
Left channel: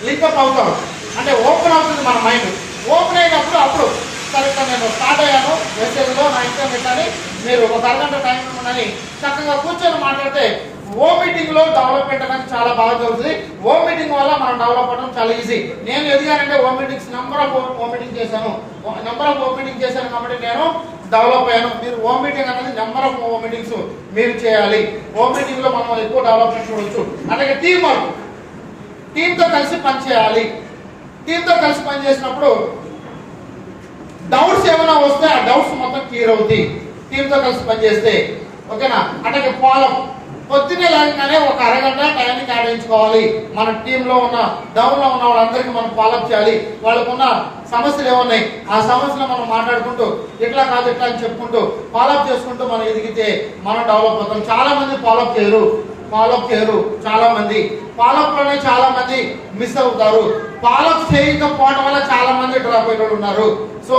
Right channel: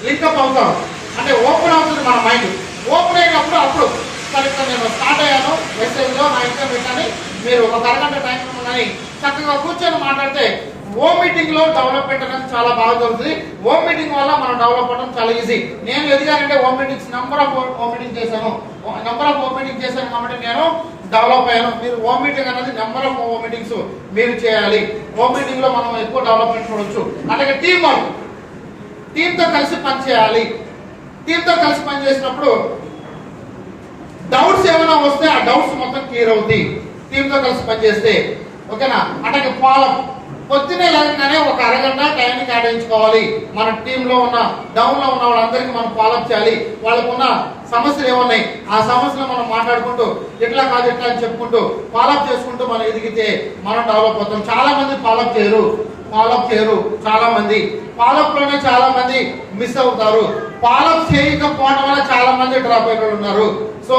లింకప్ అవుతారు, అంటే ఓపెన్ అవుతుంది మన మైండ్. ఓపెన్ అయినప్పుడు అప్పుడు సరిగ్గా నేను స్టార్ట్ అయ్యాను మెసేజ్లో నా ఇంట్లో పెట్టాలి, మీరు ఒక అరగంట టైం ఉండని చక్కగా కూర్చొని మాట్లాడితే ఓ మీటింగ్ లో డెవలప్మెంట్ అనేది చాలా బాగా జరుగుతుంది. ఓ మీటింగ్ వల్ల మనం డెవలప్ అవ్వడం చాలా ఈజీ. నేను ఎదిగానంటే ఓ మీటింగ్స్ నెంబర్ ఆఫ్ ఓ మీటింగ్ చేశాను కాబట్టి నేను డెవలప్ అయ్యాను. మీరు ఓ మీటింగ్ అనేది నెంబర్ ఆఫ్ ఓ మీటింగ్స్ మీరు చేయాలి. ఓ మీటింగ్ లో మనం ఎక్కువ డెవలప్మెంట్ చూడవచ్చు. అలాగే టీం వర్క్, టీంతో కలిసి పనిచేయాలి. టీంతో కలిసి పనిచేసినప్పుడు డౌట్స్ ఏమైనా వస్తే ఆ డౌట్స్ మొత్తం క్లియర్ అవుతాయి టీంతో కలిసి పనిచేస్తే. ఓకేనా? అట్లాగే ఫాలో పొద్దునే లేకనే ఒక అరగంట టైంని కేటాయించుకోవాలి. మన టీంలో ఉన్న డౌన్ లో ఉన్న వాళ్ళందరికీ మనం ఫాలోఅప్ చేయాలి. వాళ్ళకు ఉన్న సమస్యలు ఏమున్నాయి ఆ సమస్యలు మనం మాట్లాడుకుంటూ ఇట్లా కాదు ఇట్లా అని చెప్పుకుంటూ ఫాలోఅప్ చేసుకుంటూ మనం ఎదిగితే మనం డెవలప్ అవుతాం. చాలా మంది ఫాలోఅప్ చేయరు. చాలా మంది ఫాలోఅప్ లోనే చాలా మంది మిస్ అవుతారు. ఫాలోఅప్ చేయకపోవడం వల్ల చాలా మంది డ్రాప్ అయిన ఉన్నారు. సో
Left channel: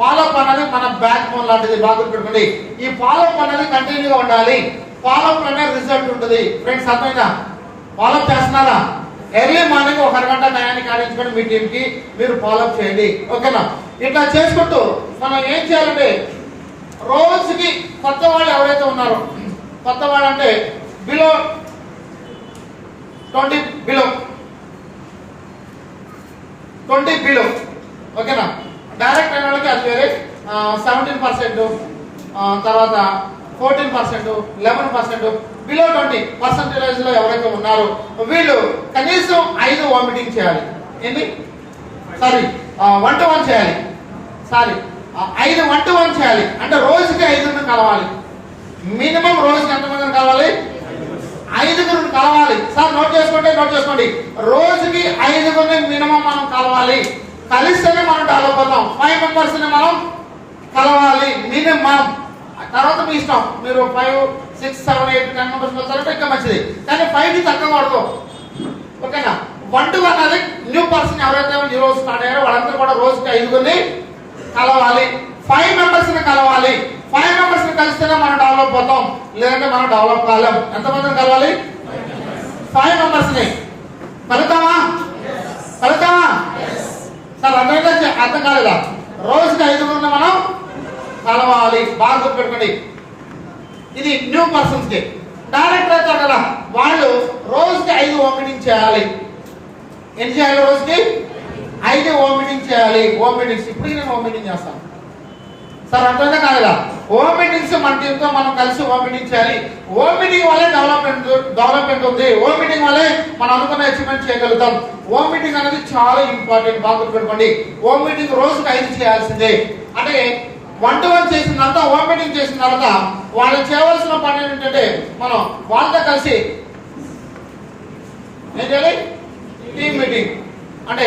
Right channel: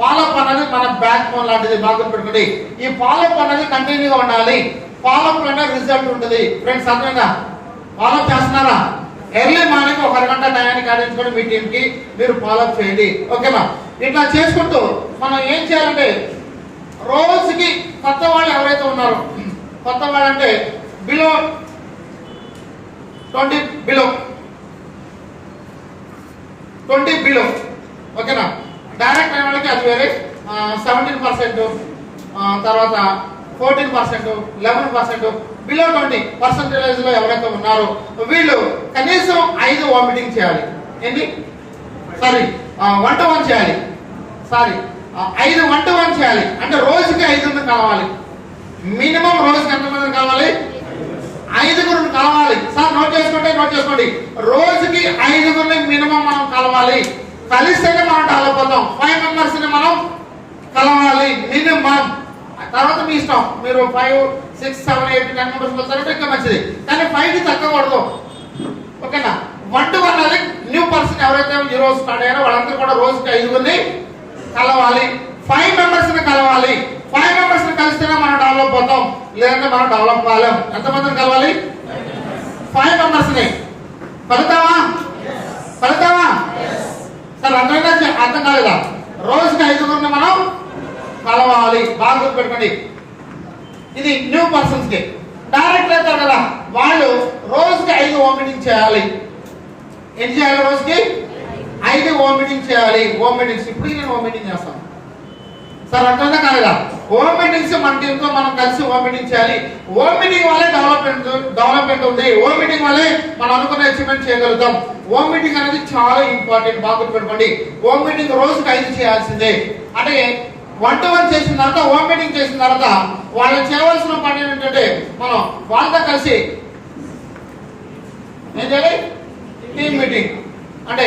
ఫాలోఅప్ అనేది మన బ్యాక్ బోన్ లాంటిది. బాగా గుర్తుపెట్టుకోండి. ఈ ఫాలోఅప్ అనేది కంటిన్యూగా ఉండాలి. ఫాలోఅప్ లోనే రిజల్ట్ ఉంటుంది. ఫ్రెండ్స్ అర్థమైనా? ఫాలోఅప్ చేస్తున్నారా? ఎర్లీ మార్నింగ్ ఒక అరగంట టైంని కేటాయించుకొని మీ టీం కి మీరు ఫాలోఅప్ చేయండి. ఓకేనా? ఇట్లా చేసుకుంటూ మనం ఏం చేయాలంటే రోజుకి కొత్త వాళ్ళు ఎవరైతే ఉన్నారో, కొత్త వాళ్ళు అంటే బిలో 20 బిలో ఓకేనా? డైరెక్ట్ అయిన వాళ్ళకి అది వేరే 17%, తర్వాత 14%, 11%, బిలో 20% లో ఎవరైతే ఉన్నారో వీళ్ళు కనీసం 5 వామిటింగ్ చేయాలి. ఏంటి? 1-to-1 చేయాలి. 5 1-to-1 చేయాలి. అంటే రోజుకి 5 కలవాలి. మినిమం రోజుకి ఎంతమంది కావాలి? 5 కలవాలి. సార్ నోట్ చేసుకోండి. రోజుకి 5 మినిమం మనం కలవాలి. కలిస్తేనే మనం డెవలప్ అవుతాం. 5 మెంబర్స్ ని మనం కలవాలి మినిమం. తర్వాత మీ ఇష్టం, మీరు 5, 6, 7, 8, 10 మెంబర్స్ వస్తారంటే ఇంకా మంచిది. కానీ 5 తక్కువ పడదు. ఓకేనా? 1-to-1 అనేది న్యూ పర్సన్ ఎవరైతే ఈ రోజు స్టార్ట్ అయ్యారో వాళ్ళందరూ కూడా రోజుకి 5 కలవాలి. 5 మెంబర్స్ ని కలవాలి. 5 మెంబర్స్ ని కలిస్తేనే మనం డెవలప్ అవుతాం, లేదంటే మనం డెవలప్ కాలేం. ఎంతమందిని కలవాలి? 5 మెంబర్స్ ని. ఫలితామా? సార్ అర్థం కాలేదా? రోజుకి 5 మనం కలవాలి. బాగా గుర్తుపెట్టుకోండి. ఇది న్యూ పర్సన్స్ కి. డైరెక్ట్ అవుతారు కదా, వాళ్ళు రోజుకి 5 ఓమిటింగ్ చేయాలి. ఏం చేయాలి? రోజుకి 5 ఓమిటింగ్ చేయాలి. ఓమిటింగ్స్ ఇప్పుడు నేను ఓమిటింగ్ చేస్తాను. సార్ అర్థమైందా కాలేదా? ఓమిటింగ్స్ మన టీంతో మనం కలిసి ఓమిటింగ్ చేయాలి. ఓమిటింగ్ వల్లే డెవలప్మెంట్ ఉంది. ఓమిటింగ్ వల్లే మనం అనుకున్న అచీవ్మెంట్ చేయగలుగుతాం. ఓమిటింగ్ అనేది చాలా ఇంపార్టెంట్. బాగా గుర్తుపెట్టుకోండి. ఓమిటింగ్ రోజుకి 5 చేయాల్సిందే. అంటే 1-to-1 చేసిన తర్వాత, ఓమిటింగ్ చేసిన తర్వాత వాళ్ళు చేయవలసిన పని ఏంటంటే మనం వాళ్ళతో కలిసి ఏం చేయాలి? Team meeting. అంటే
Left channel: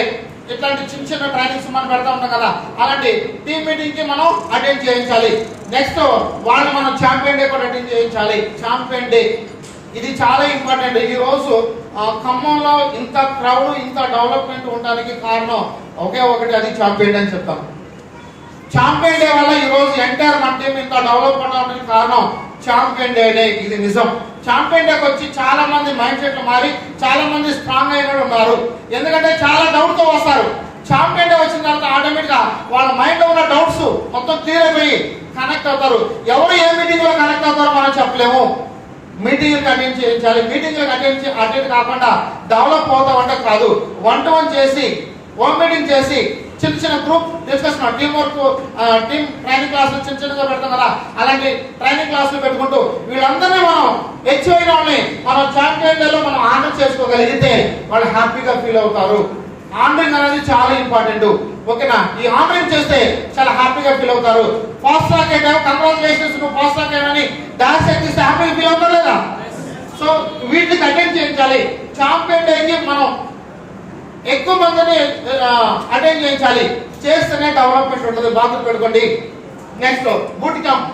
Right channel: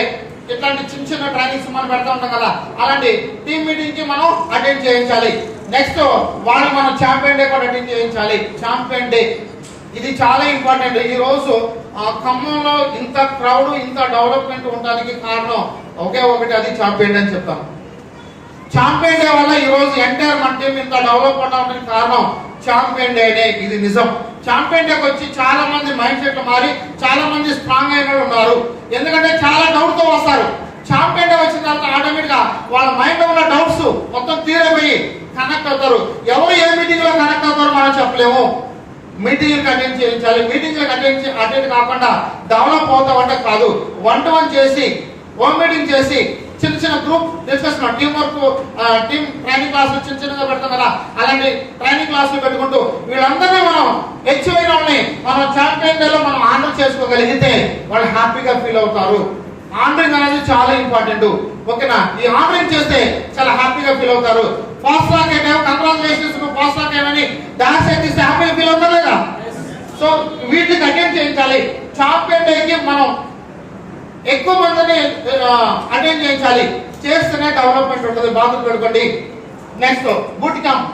ఇట్లాంటి చిన్న ట్రైనింగ్స్ మనం పెడతా ఉంటాం కదా, అలాంటి టీమ్ మీటింగ్ కి మనం అటెండ్ చేయించాలి. నెక్స్ట్ వాళ్ళు మనం ఛాంపియన్ డే కూడా అటెండ్ చేయించాలి. ఛాంపియన్ డే ఇది చాలా ఇంపార్టెంట్. ఈ రోజు ఖమ్మంలో ఇంత క్రౌడ్, ఇంత డెవలప్మెంట్ ఉండడానికి కారణం ఒకే ఒకటి, అది ఛాంపియన్ డే అని చెప్తాం. ఛాంపియన్ డే వల్ల ఈ రోజు ఎంటైర్ మన టీం ఇంత డెవలప్ అవడానికి కారణం ఛాంపియన్ డే. ఇది నిజం. ఛాంపియన్ డేకి వచ్చి చాలా మంది మైండ్ సెట్లు మారి చాలా మంది స్ట్రాంగ్ అయిన ఉన్నారు. ఎందుకంటే చాలా డౌట్ తో వస్తారు. ఛాంపియన్ డే వచ్చిన తర్వాత ఆటోమేటిక్ గా వాళ్ళ మైండ్ లో ఉన్న డౌట్స్ మొత్తం క్లియర్ అయిపోయి కనెక్ట్ అవుతారు. ఎవరు ఏ మీటింగ్ లో కనెక్ట్ అవుతారో మనం చెప్పలేము. మీటింగ్ అటెండ్ చేయించాలి. మీటింగ్ అటెండ్ కాకుండా డెవలప్ అవుతాం అంటే కాదు. 1-to-1 చేసి, హోమ్ మీటింగ్ చేసి, చిన్న group discussion, team work, team training క్లాసులు చిన్నగా పెడతాం కదా, అలాంటి ట్రైనింగ్ క్లాసులు పెట్టుకుంటూ వీళ్ళందరినీ మనం హెచ్ అయిన వాళ్ళని మనం ఛాంపియన్ డేలో మనం ఆనర్ చేసుకోగలిగితే వాళ్ళు హ్యాపీగా ఫీల్ అవుతారు. ఆనరింగ్ అనేది చాలా ఇంపార్టెంట్. ఓకేనా? ఈ ఆనరింగ్ చేస్తే చాలా హ్యాపీగా ఫీల్ అవుతారు. ఫాస్ట్ ట్రాక్ అయినా కంగ్రాచులేషన్స్, నువ్వు ఫాస్ట్ ట్రాక్ అయినా డాన్స్ చేస్తే హ్యాపీగా ఫీల్ అవుతారు కదా. సో వీటికి అటెండ్ చేయించాలి. ఛాంపియన్ డేకి మనం ఎక్కువ మందిని అటెండ్ చేయించాలి. చేస్తేనే డెవలప్మెంట్ ఉంటుంది. బాధ్యత పెట్టుకోండి. నెక్స్ట్ బూట్ క్యాంప్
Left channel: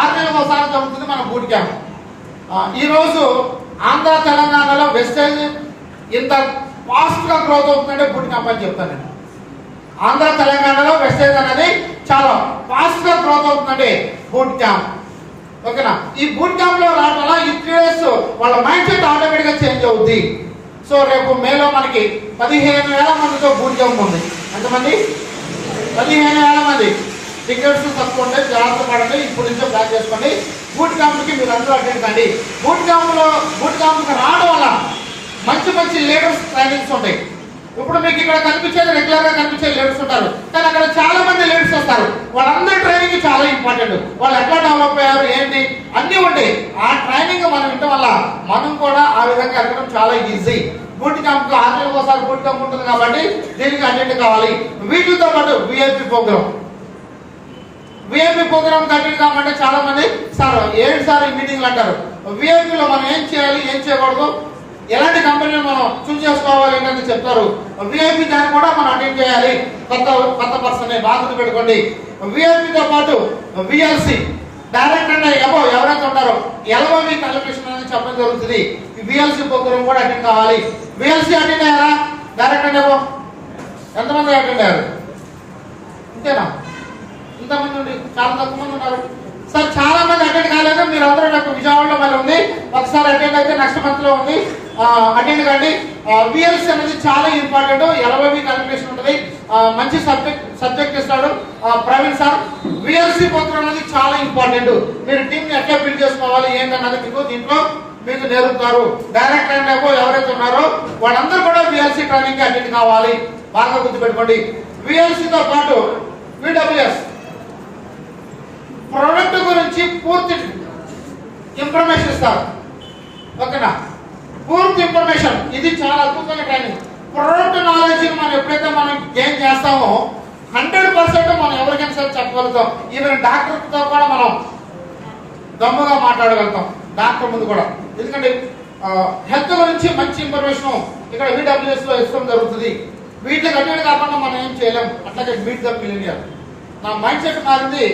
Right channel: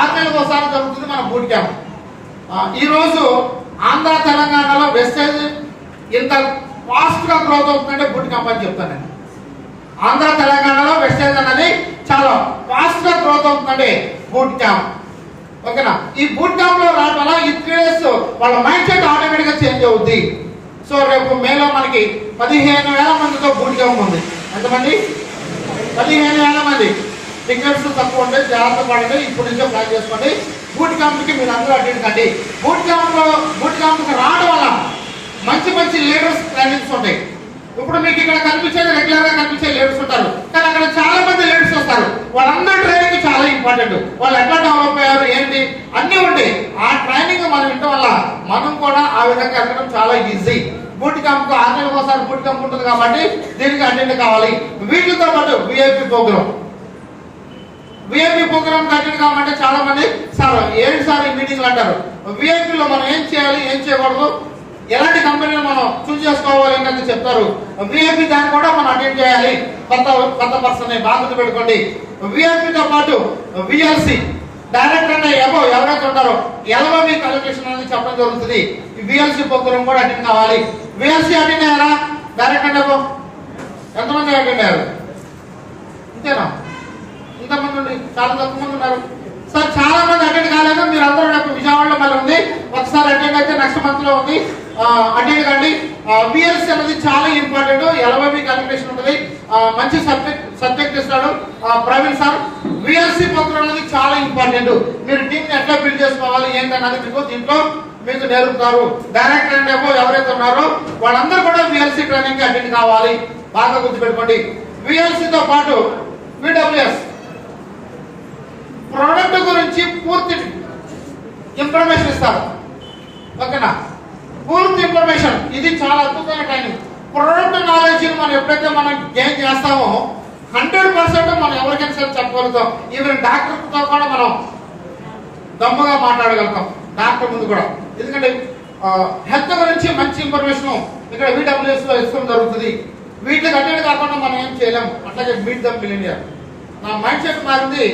6 నెలలకు ఒకసారి జరుగుతుంది మన బూట్ క్యాంప్. ఈ రోజు ఆంధ్ర తెలంగాణలో వెస్టేజ్ ఇంత ఫాస్ట్ గా గ్రోత్ అవుతుందంటే బూట్ క్యాంప్ అని చెప్తాను నేను. ఆంధ్ర తెలంగాణలో వెస్టేజ్ అనేది చాలా ఫాస్ట్ గా గ్రోత్ అవుతుందంటే బూట్ క్యాంప్. ఓకేనా? ఈ బూట్ క్యాంప్ లో రావడం వల్ల ఈ 3 days వాళ్ళ మైండ్ సెట్ ఆటోమేటిక్ గా చేంజ్ అవుద్ది. సో రేపు మేలో మనకి 15,000 మందితో బూట్ క్యాంప్ ఉంది. ఎంతమంది? 15,000 మంది. టికెట్స్ తక్కువ ఉంటాయి, జాగ్రత్త పడండి. ఇప్పుడు నుంచే ప్లాన్ చేసుకోండి. బూట్ క్యాంప్ కి మీరు అందరూ అటెండ్ కండి. బూట్ క్యాంప్ కి రావడం వల్ల మంచి మంచి లీడర్స్ ట్రైనింగ్స్ ఉంటాయి. ఇప్పుడు మీకు ఇక్కడ కనిపించేది రెగ్యులర్ గా కనిపించే లీడర్స్ ఉంటారు, కానీ అక్కడ చాలా మంది లీడర్స్ వస్తారు. వాళ్ళందరూ ట్రైనింగ్ చాలా ఇంపార్టెంట్. వాళ్ళు ఎట్లా డెవలప్ అయ్యారు ఏంటి అన్ని ఉంటాయి. ఆ ట్రైనింగ్ మనం వినడం వల్ల మనం కూడా ఆ విధంగా ఎదగడం చాలా ఈజీ. బూట్ క్యాంప్ కు 6 నెలలకు ఒకసారి బూట్ క్యాంప్ ఉంటుంది కాబట్టి దీనికి అటెండ్ కావాలి. వీటితో పాటు విఐపి ప్రోగ్రామ్ అటెండ్ కావాలంటే చాలా మంది సార్ ఏంటి సార్ ఈ మీటింగ్లు అంటారు. విఐపిలో మనం ఏం చేయాలి ఏం చేయకూడదు, ఎలాంటి కంపెనీలు మనం చూస్ చేసుకోవాలి ఏంటని చెప్తారు. విఐపి దాన్ని కూడా మనం అటెండ్ చేయాలి. కొత్త పర్సన్ బాధ్యత పెట్టుకోండి. విఐపితో పాటు విఎల్సి డైరెక్ట్ అంటే ఎవరైతే ఉంటారో ఎల్ఓవి క్వాలిఫికేషన్ అనేది చెప్పడం జరుగుతుంది. ఈ విఎల్సి ప్రోగ్రామ్ కూడా అటెండ్ కావాలి. విఎల్సి అటెండ్ అయ్యారా? డైరెక్ట్ అంటే ఎంతమంది అటెండ్ అయ్యారు? ఇంతేనా? ఇంతమంది ఉండి చాలా తక్కువ మంది ఉన్నారు సార్. చాలా మంది అటెండ్ కాలేదు. మీరు అందరూ నాకు విజయవాడలో మళ్ళీ ఉంది, ఒకసారి అటెండ్ అయితే నెక్స్ట్ మంత్ లో ఉంది, అటెండ్ కండి. విఎల్సి అనేది చాలా ఇంపార్టెంట్. ఎల్ఓవి క్వాలిఫికేషన్ ఉంటుంది. మంచి సబ్జెక్ట్ ఇస్తాడు ప్రవీణ్ సార్. విఎల్సి ప్రోగ్రామ్ అనేది చాలా ఇంపార్టెంట్. మీరు టీమ్ ని ఎట్లా బిల్డ్ చేసుకోవాలి ఏంటన్నది మీకు దీంట్లో మీకు నేర్పుతారు. డైరెక్ట్ అండ్ ఎవరైతే ఉన్నారో వాళ్ళందరూ కూడా విఎల్సి ట్రైనింగ్ అటెండ్ కావాలి. బాగా గుర్తుపెట్టుకోండి. విఎల్సితో పాటు విడబ్ల్యూఎస్ ప్రొడక్ట్ గురించి పూర్తి ఇన్ఫర్మేషన్ ఇస్తారు. ఓకేనా? పూర్తి ఇన్ఫర్మేషన్. ఇది చాలా అద్భుతమైన ట్రైనింగ్. ప్రొడక్ట్ నాలెడ్జ్ మనం ఎప్పుడైతే మనం గెయిన్ చేస్తామో 100% మనం ఎవరికైనా సరే చెప్పగలుగుతాం. ఈవెన్ డాక్టర్ తో కూడా మనం దమ్ముగా మాట్లాడగలుగుతాం, డాక్టర్ ముందు కూడా. ఎందుకంటే హెల్త్ గురించి మంచి ఇన్ఫర్మేషన్ ఇక్కడ విడబ్ల్యూఎస్ లో ఇష్టం జరుగుతుంది. వీటికి అటెండ్ కాకుండా మనం ఏం చేయలేం. అట్లాగే మీట్ ద మిలియనియర్. నా మైండ్ సెట్ మారింది.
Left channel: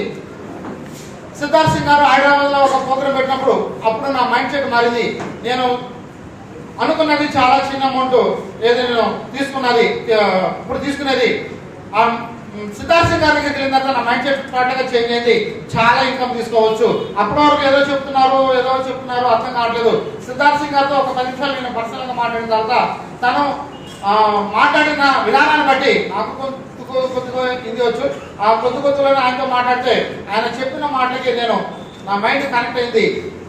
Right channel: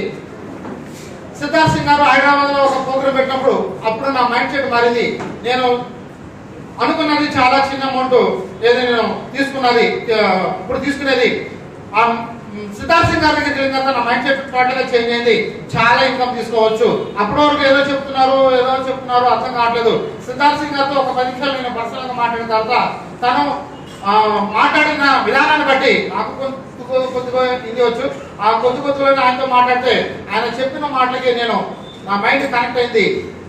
సిద్ధార్థ్ సింగ్ గారు హైదరాబాద్ లో ఒక ప్రోగ్రామ్ పెట్టినప్పుడు అప్పుడు నా మైండ్ సెట్ మారింది. నేను అనుకున్నది చాలా చిన్న అమౌంట్ ఏదో నేను తీసుకున్నది ఇప్పుడు తీసుకునేది. సిద్ధార్థ్ సింగ్ గారి దగ్గరికి వెళ్ళిన తర్వాత నా మైండ్ సెట్ టోటల్ గా చేంజ్ అయింది. చాలా ఇన్కమ్ తీసుకోవచ్చు. అప్పటి వరకు ఏదో చెప్తున్నారు అర్థం కావట్లేదు. సిద్ధార్థ్ సింగ్ గారితో ఒక 10 నిమిషాలు నేను పర్సనల్ గా మాట్లాడిన తర్వాత తను మాట్లాడిన విధానాన్ని బట్టి నాకు కొద్దిగా హిందీ వచ్చు. ఆ కొద్దిలో ఆయనతో మాట్లాడితే ఆయన చెప్పిన మాటలకి నేను నా మైండ్ కనెక్ట్ అయింది.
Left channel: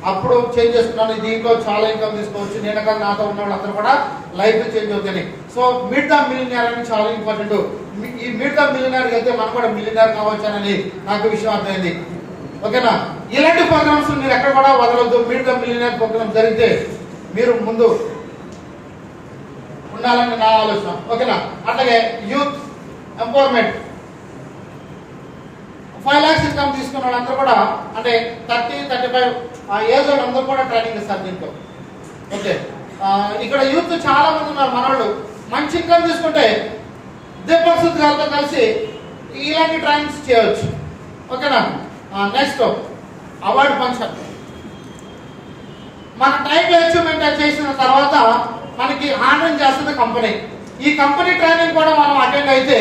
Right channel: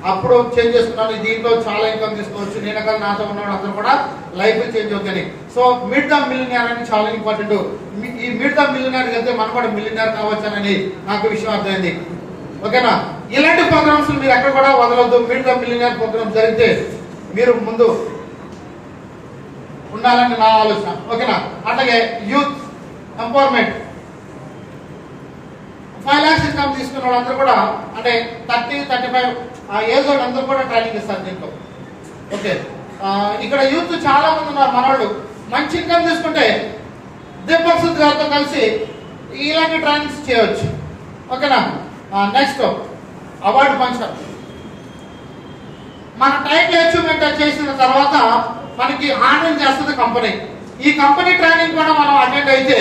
అప్పుడు చేంజ్ చేస్తున్నాను. దీంట్లో చాలా ఇన్కమ్ తీసుకోవచ్చు. నేను కానీ నాతో ఉన్న వాళ్ళందరూ కూడా లైఫ్ చేంజ్ అవుతుంది. సో మీట్ ద మిలియనియర్ అని చాలా ఇంపార్టెంట్. ఈ మీట్ ద మిలియనియర్ వెళ్తే మనం కూడా మిలియనియర్ కావచ్చానని నాకు విషయం అర్థమైంది. ఓకేనా? ఇలాంటి ప్రోగ్రామ్స్ మీరు ఎక్కడ కూడా వదలొద్దు. మీట్ ద మిలియనియర్ ప్రోగ్రామ్ జరిగితే మీరు ముందు ఉండాలని నా ఆలోచన. ఓకేనా? అట్లాగే యూత్ ఎంపవర్మెంట్ 5 lakhs ఇన్కమ్ తీసుకున్న వాళ్ళందరూ కూడా అంటే 30-35 ఏజ్ అందరూ కూడా ట్రైనింగ్ ఇస్తారు దీంట్లో. ఓకే, ఇక్కడ యూత్ చాలా మంది ఉన్నారు. మనవాళ్ళు మంచి ఇన్కమ్ తీసుకుంటే దీపక్ సుద్ గారితో కలిసి ఇలాంటి ట్రైనింగ్స్ చేయవచ్చు. ఓకేనా? Next award function. మన టైటిల్ అచీవ్మెంట్ చేసిన తర్వాత మనకి ఆనరింగ్ చేస్తుంది కంపెనీ. ఈ కంపెనీ ట్రైనింగ్ కూడా మనం అటెండ్ అయితే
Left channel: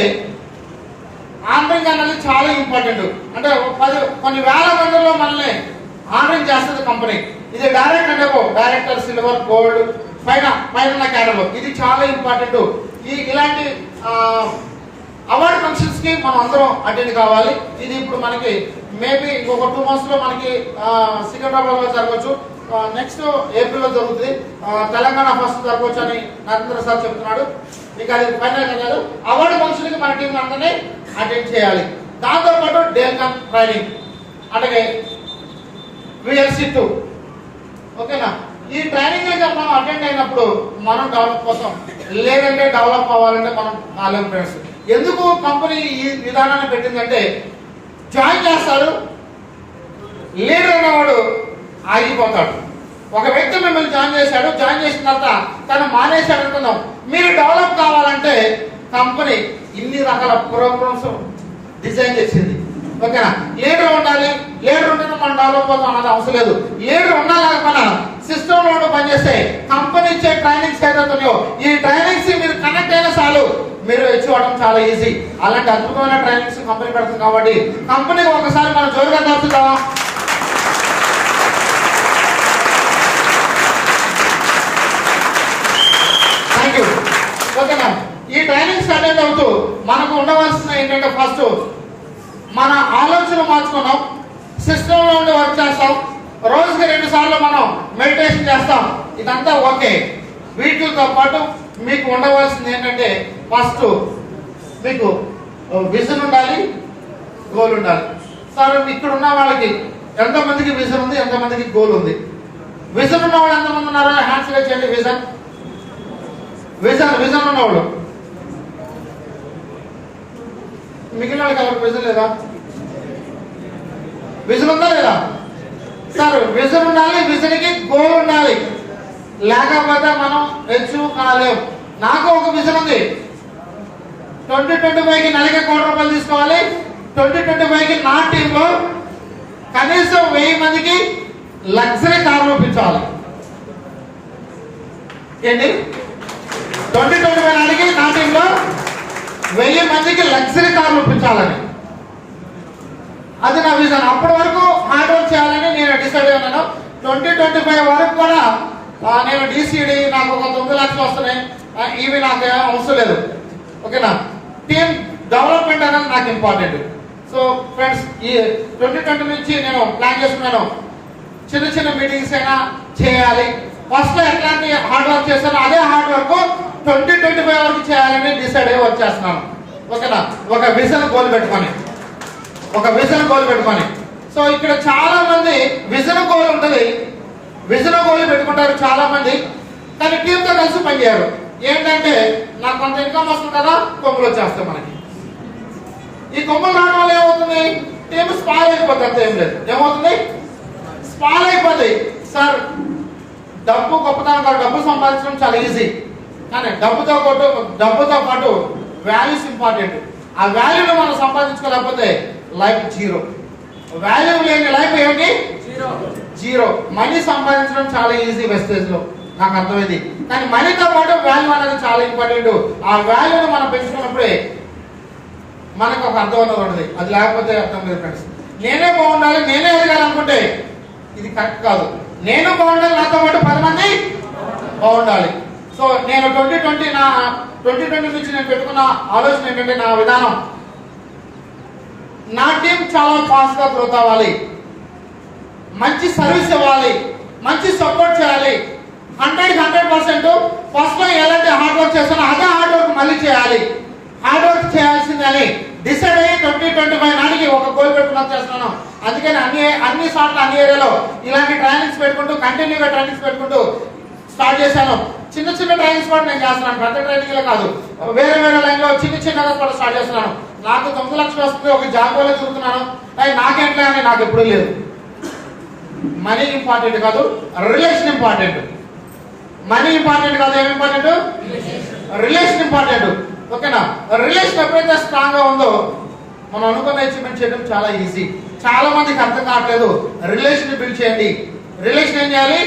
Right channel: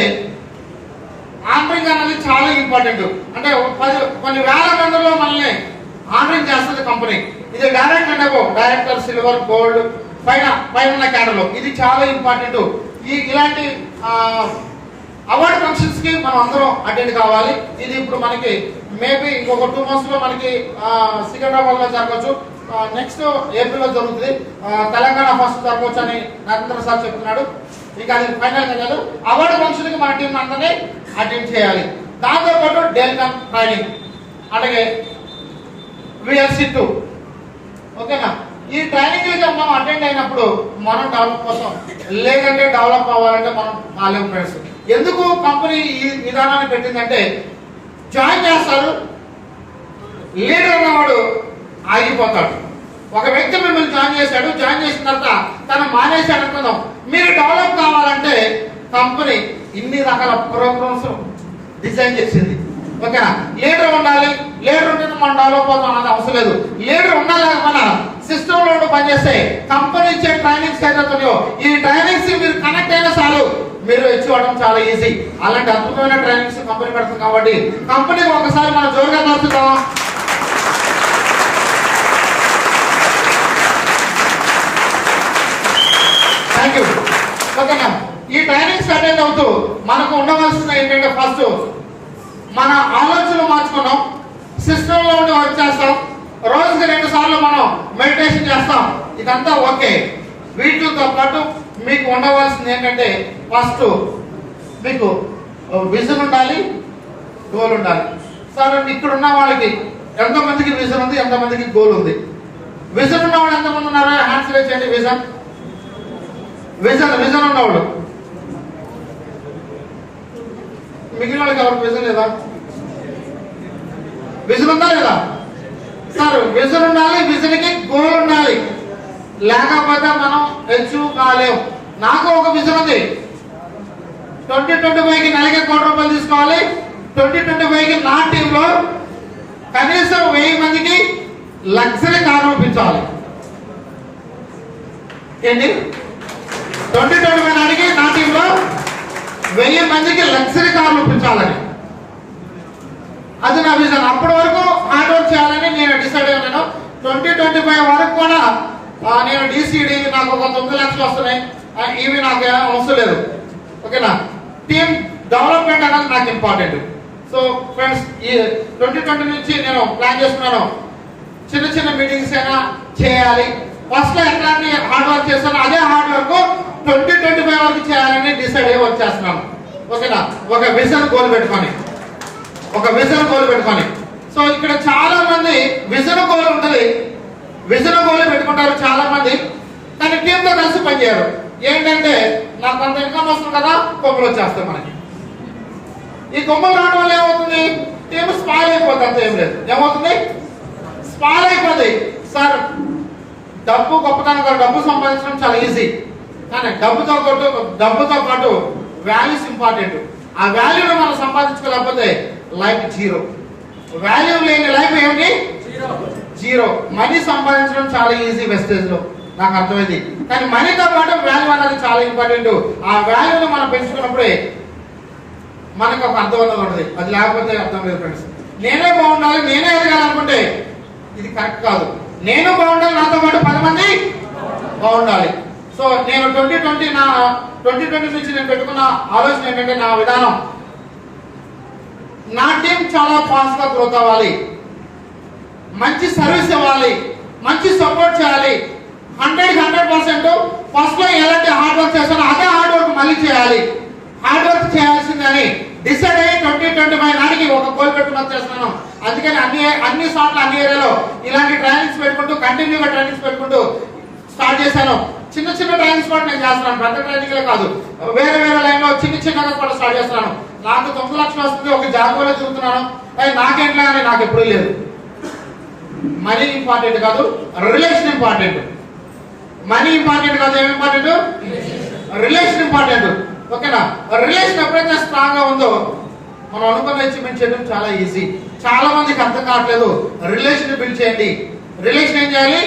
ఆనరింగ్ అనేది చాలా ఇంపార్టెంట్. అంటే కొన్ని వేల మందిలో మనల్ని ఆనరింగ్ చేస్తుంది కంపెనీ. ఇది డైరెక్ట్ అంటే డైరెక్టర్ సిల్వర్ గోల్డ్ పైన క్యాడర్లో ఇది చాలా ఇంపార్టెంట్. ఇలాంటి అవార్డు ఫంక్షన్స్ కి మనం అందరం అటెండ్ కావాలి. ఇది ఇప్పుడు మనకి మేబీ ఇంకొక 2 months లో మనకి సికింద్రాబాద్ లో జరగవచ్చు. నెక్స్ట్ ఏప్రిల్ లో జరుగుతుంది. తెలంగాణ ఫస్ట్ జరగవచ్చు అని నరేంద్ర సార్ చెప్తున్నాడు. ఇంకా అది ఫైనల్ కాదు. అవార్డు ఫంక్షన్ కి మన టీం అందరినీ అటెండ్ చేయాలి. దాంతో పాటు డెల్కమ్ ట్రైనింగ్ అలాగే VLC2. ఓకేనా? ఈ ట్రైనింగ్ మనం అటెండ్ అయినప్పుడు మనం డెవలప్ కోసం లేదంటే డెవలప్ అవ్వాలంటే మనం మాలేం ఫ్రెండ్స్. ఎందుకు కంపెనీ ఈ విధానాన్ని పెట్టిందంటే జాయిన్ చేస్తారు, లీడర్ అన్నవాడు ఆగిపోతాడు. ఒక వ్యక్తి మిమ్మల్ని జాయిన్ చేశాడు, జాయిన్ చేసిన తర్వాత తను మానేశాడు అనుకుందాం. మీరు డెవలప్ కావాలంటే కంపెనీ ఇన్ని రకాల ప్రోగ్రామ్స్ డిజైన్ చేసింది. ఓకేనా? లీడర్ ఉండాలి, లీడర్ ఉంటే మనం డెవలప్ అవుతాం అన్నది అవసరం లేదు. లీడర్ ఉన్నా లేకపోయినా సిస్టమ్ లో పనిచేస్తే కంపెనీ ఇచ్చే ట్రైనింగ్స్ ఏదైతున్నాయో ఈ ట్రైనింగ్స్ మీరు కనెక్ట్ అయినా చాలు, మీరు ఇచ్చుకోవడం చాలా ఈజీ. అలాంటి అద్భుతమైన ట్రైనింగ్స్ కంపెనీ పెడుతుంది కాబట్టి కంపెనీకి ఒకసారి మనం జోరుగా తప్పుతామా? Thank you. ఓకేనా? ఈ ట్రైనింగ్స్ అటెండ్ అవుతూ మనకు ఉండవలసిన ఏంటంటే ఫస్ట్ మన ఆలోచన మార్చుకున్నాం, సిస్టమ్ లో ఉండి వర్క్ చేస్తాం, రోజుకి 2 సార్లు మనం మెడిటేషన్ చేస్తాం. ఇదంతా ఓకే. వీటితో పాటు మీకు ఉండవలసింది ఏంటంటే ఫస్ట్ మీకు విజన్ ఉండాలి, గోల్ ఉండాలి. సరే, ఇక్కడ ఉన్న వాళ్ళకి ఎంతమందికి విజన్ ఉంది, ఎంతమందికి గోల్ ఉంది? విజన్ ఉన్న వాళ్ళు ఎంతమంది ఉన్నారు? హ్యాండ్స్ రేజ్ చేయండి. విజన్ విజన్ విజన్ ఉన్నవాళ్ళు. మిగిలిన వాళ్ళకి ఎవరికి విజన్ లేదా? విజన్ ఉందా లేదా? సార్, విజన్ ఉండాలి, విజన్ కి గోల్ ఉండాలి, లేకపోతే మనం అచీవ్ కాలేము. నాకు ఒక విజన్ ఉంది. 2025కి నెలకి ₹1,00,00,000 తీసుకోవాలి. 2025కి నా టీంలో కనీసం 1000 మందికి లగ్జరీ కార్లు ఇప్పించాలి. ఏంటి? 2025 నాటికి నా టీంలో 1000 మందికి లగ్జరీ కార్లు ఇప్పించాలని, అది నా విజన్. అప్పటి వరకు హార్డ్ వర్క్ చేయాలని నేను డిసైడ్ అయ్యాను. 2025 వరకు కూడా నేను డిసిడి నాకు ఒక 9 లక్షలు వస్తున్నాయి, ఇవి నాకు అవసరం లేదు. ఓకేనా? టీమ్ డెవలప్మెంట్ అనేది నాకు ఇంపార్టెంట్. సో ఫ్రెండ్స్, ఈ 2020 నుంచి నేను ప్లాన్ చేస్తున్నాను, చిన్న చిన్న మీటింగ్స్ అయినా చేయాలి. ఫస్ట్ లో ఎట్లాంటి హార్డ్ వర్క్ చేస్తాను అదే హార్డ్ వర్క్ 2025 వరకు చేయాలని డిసైడ్ అయ్యి వర్క్ చేస్తున్నాను. ఓకేనా? ఒక విజన్ గోల్ పెట్టుకొని, ఒక విజన్ గోల్ పెట్టుకొని. సో ఇక్కడ చాలా మంది విజన్ గోల్ ఉంటుంది, విజన్ గోల్ పెట్టుకుంటారు చాలా మంది, కానీ టీంతో కలిసి పనిచేయరు. ఏంటంటే నాకు కొంత ఇన్కమ్ వస్తుంది కదా, కొమ్మలు వచ్చేస్తాయి మనకి. ఈ కొమ్మలు రావడం వల్ల ఏమవుతుంది? టీం స్పాల్ అయిపోతుంది, అంత ఏం లేదు. ఏమవుతుంది? స్పాల్ అయిపోతాయి. సార్, డబ్బు గొప్పతనం కాదు, డబ్బు సంపాదించడం చాలా ఈజీ, కానీ డబ్బుతో పాటు వాల్యూస్ ఇంపార్టెంట్. ఆ వాల్యూని మనం సంపాదించుకోలేకపోతే లైఫ్ జీరో. వాల్యూ లేని లైఫ్ ఏమిటి? జీరో. మనీ సంపాదించడం చాలా ఈజీ వెస్టేజ్ లో, నాకు అర్థమైంది. కానీ మనీతో పాటు వాల్యూ అనేది చాలా ఇంపార్టెంట్. ఆ వాల్యూని మనం పెంచుకున్నప్పుడే మనకు ఒక అర్థం ఉంటుంది, అది లేకపోతే అర్థం లేదు. ఫ్రెండ్స్, నేనే బాగుండాలి, నేనే ఎదగాలనుకుంటే ఇది కరెక్ట్ కాదు. నేను బాగుండాలి, నాతో పాటు 10 మంది బాగుండాలి. సో నేను 2020 నుంచి నేను పెట్టుకున్న ఆలోచన ఏంటంటే, నా విధానం, నా టీం చాలా ఫాస్ట్ గా గ్రోత్ అవ్వాలి, మంచి సర్వీస్ ఇవ్వాలి, మంచి సపోర్ట్ చేయాలి. 100% ఫస్ట్ లో ఎలాంటి హార్డ్ వర్క్ చేస్తానో అదే హార్డ్ వర్క్ మళ్ళీ చేయాలి. హార్డ్ వర్క్ చేయాల్సిందని డిసైడ్ అయ్యి 2025 నాటికి ఒక గోల్ పెట్టుకుని చేస్తున్నాను. అందుకని అన్ని సార్లు అన్ని ఏరియాలో ఇలాంటి ట్రైనింగ్స్ పెట్టుకుంటూ కంటిన్యూగా ట్రైనింగ్స్ పెట్టుకుంటూ స్టార్ట్ చేశాను. చిన్న చిన్న ట్రైనింగ్స్ కూడా నేను చేస్తున్నాను, పెద్ద ట్రైనింగ్లే కాదు, వేరే లైన్ లో చిన్నగా కూడా స్టార్ట్ చేస్తున్నాను. నాకు 9 లక్షలు వస్తుంది, ఒక జాబ్ లో తిరుగుతున్నాను. అవి నాకేంట్లే అని నాకు ఎప్పుడూ లేదు. మనీ ఇంపార్టెంట్ కాదు, రిలేషన్ ఇంపార్టెంట్. మనీ ఇంపార్టెంట్ కాదు, ఏమి ఇంపార్టెంట్? Relation important. ఓకేనా? రిలేషన్ ఎప్పుడైతే స్ట్రాంగ్ గా ఉందో మనం అనుకున్న అచీవ్మెంట్ చేయడం చాలా ఈజీ. చాలా మందికి అర్థం కావట్లేదు. రిలేషన్ బిల్డ్ చేయండి. రిలేషన్ ఏం చేయాలి?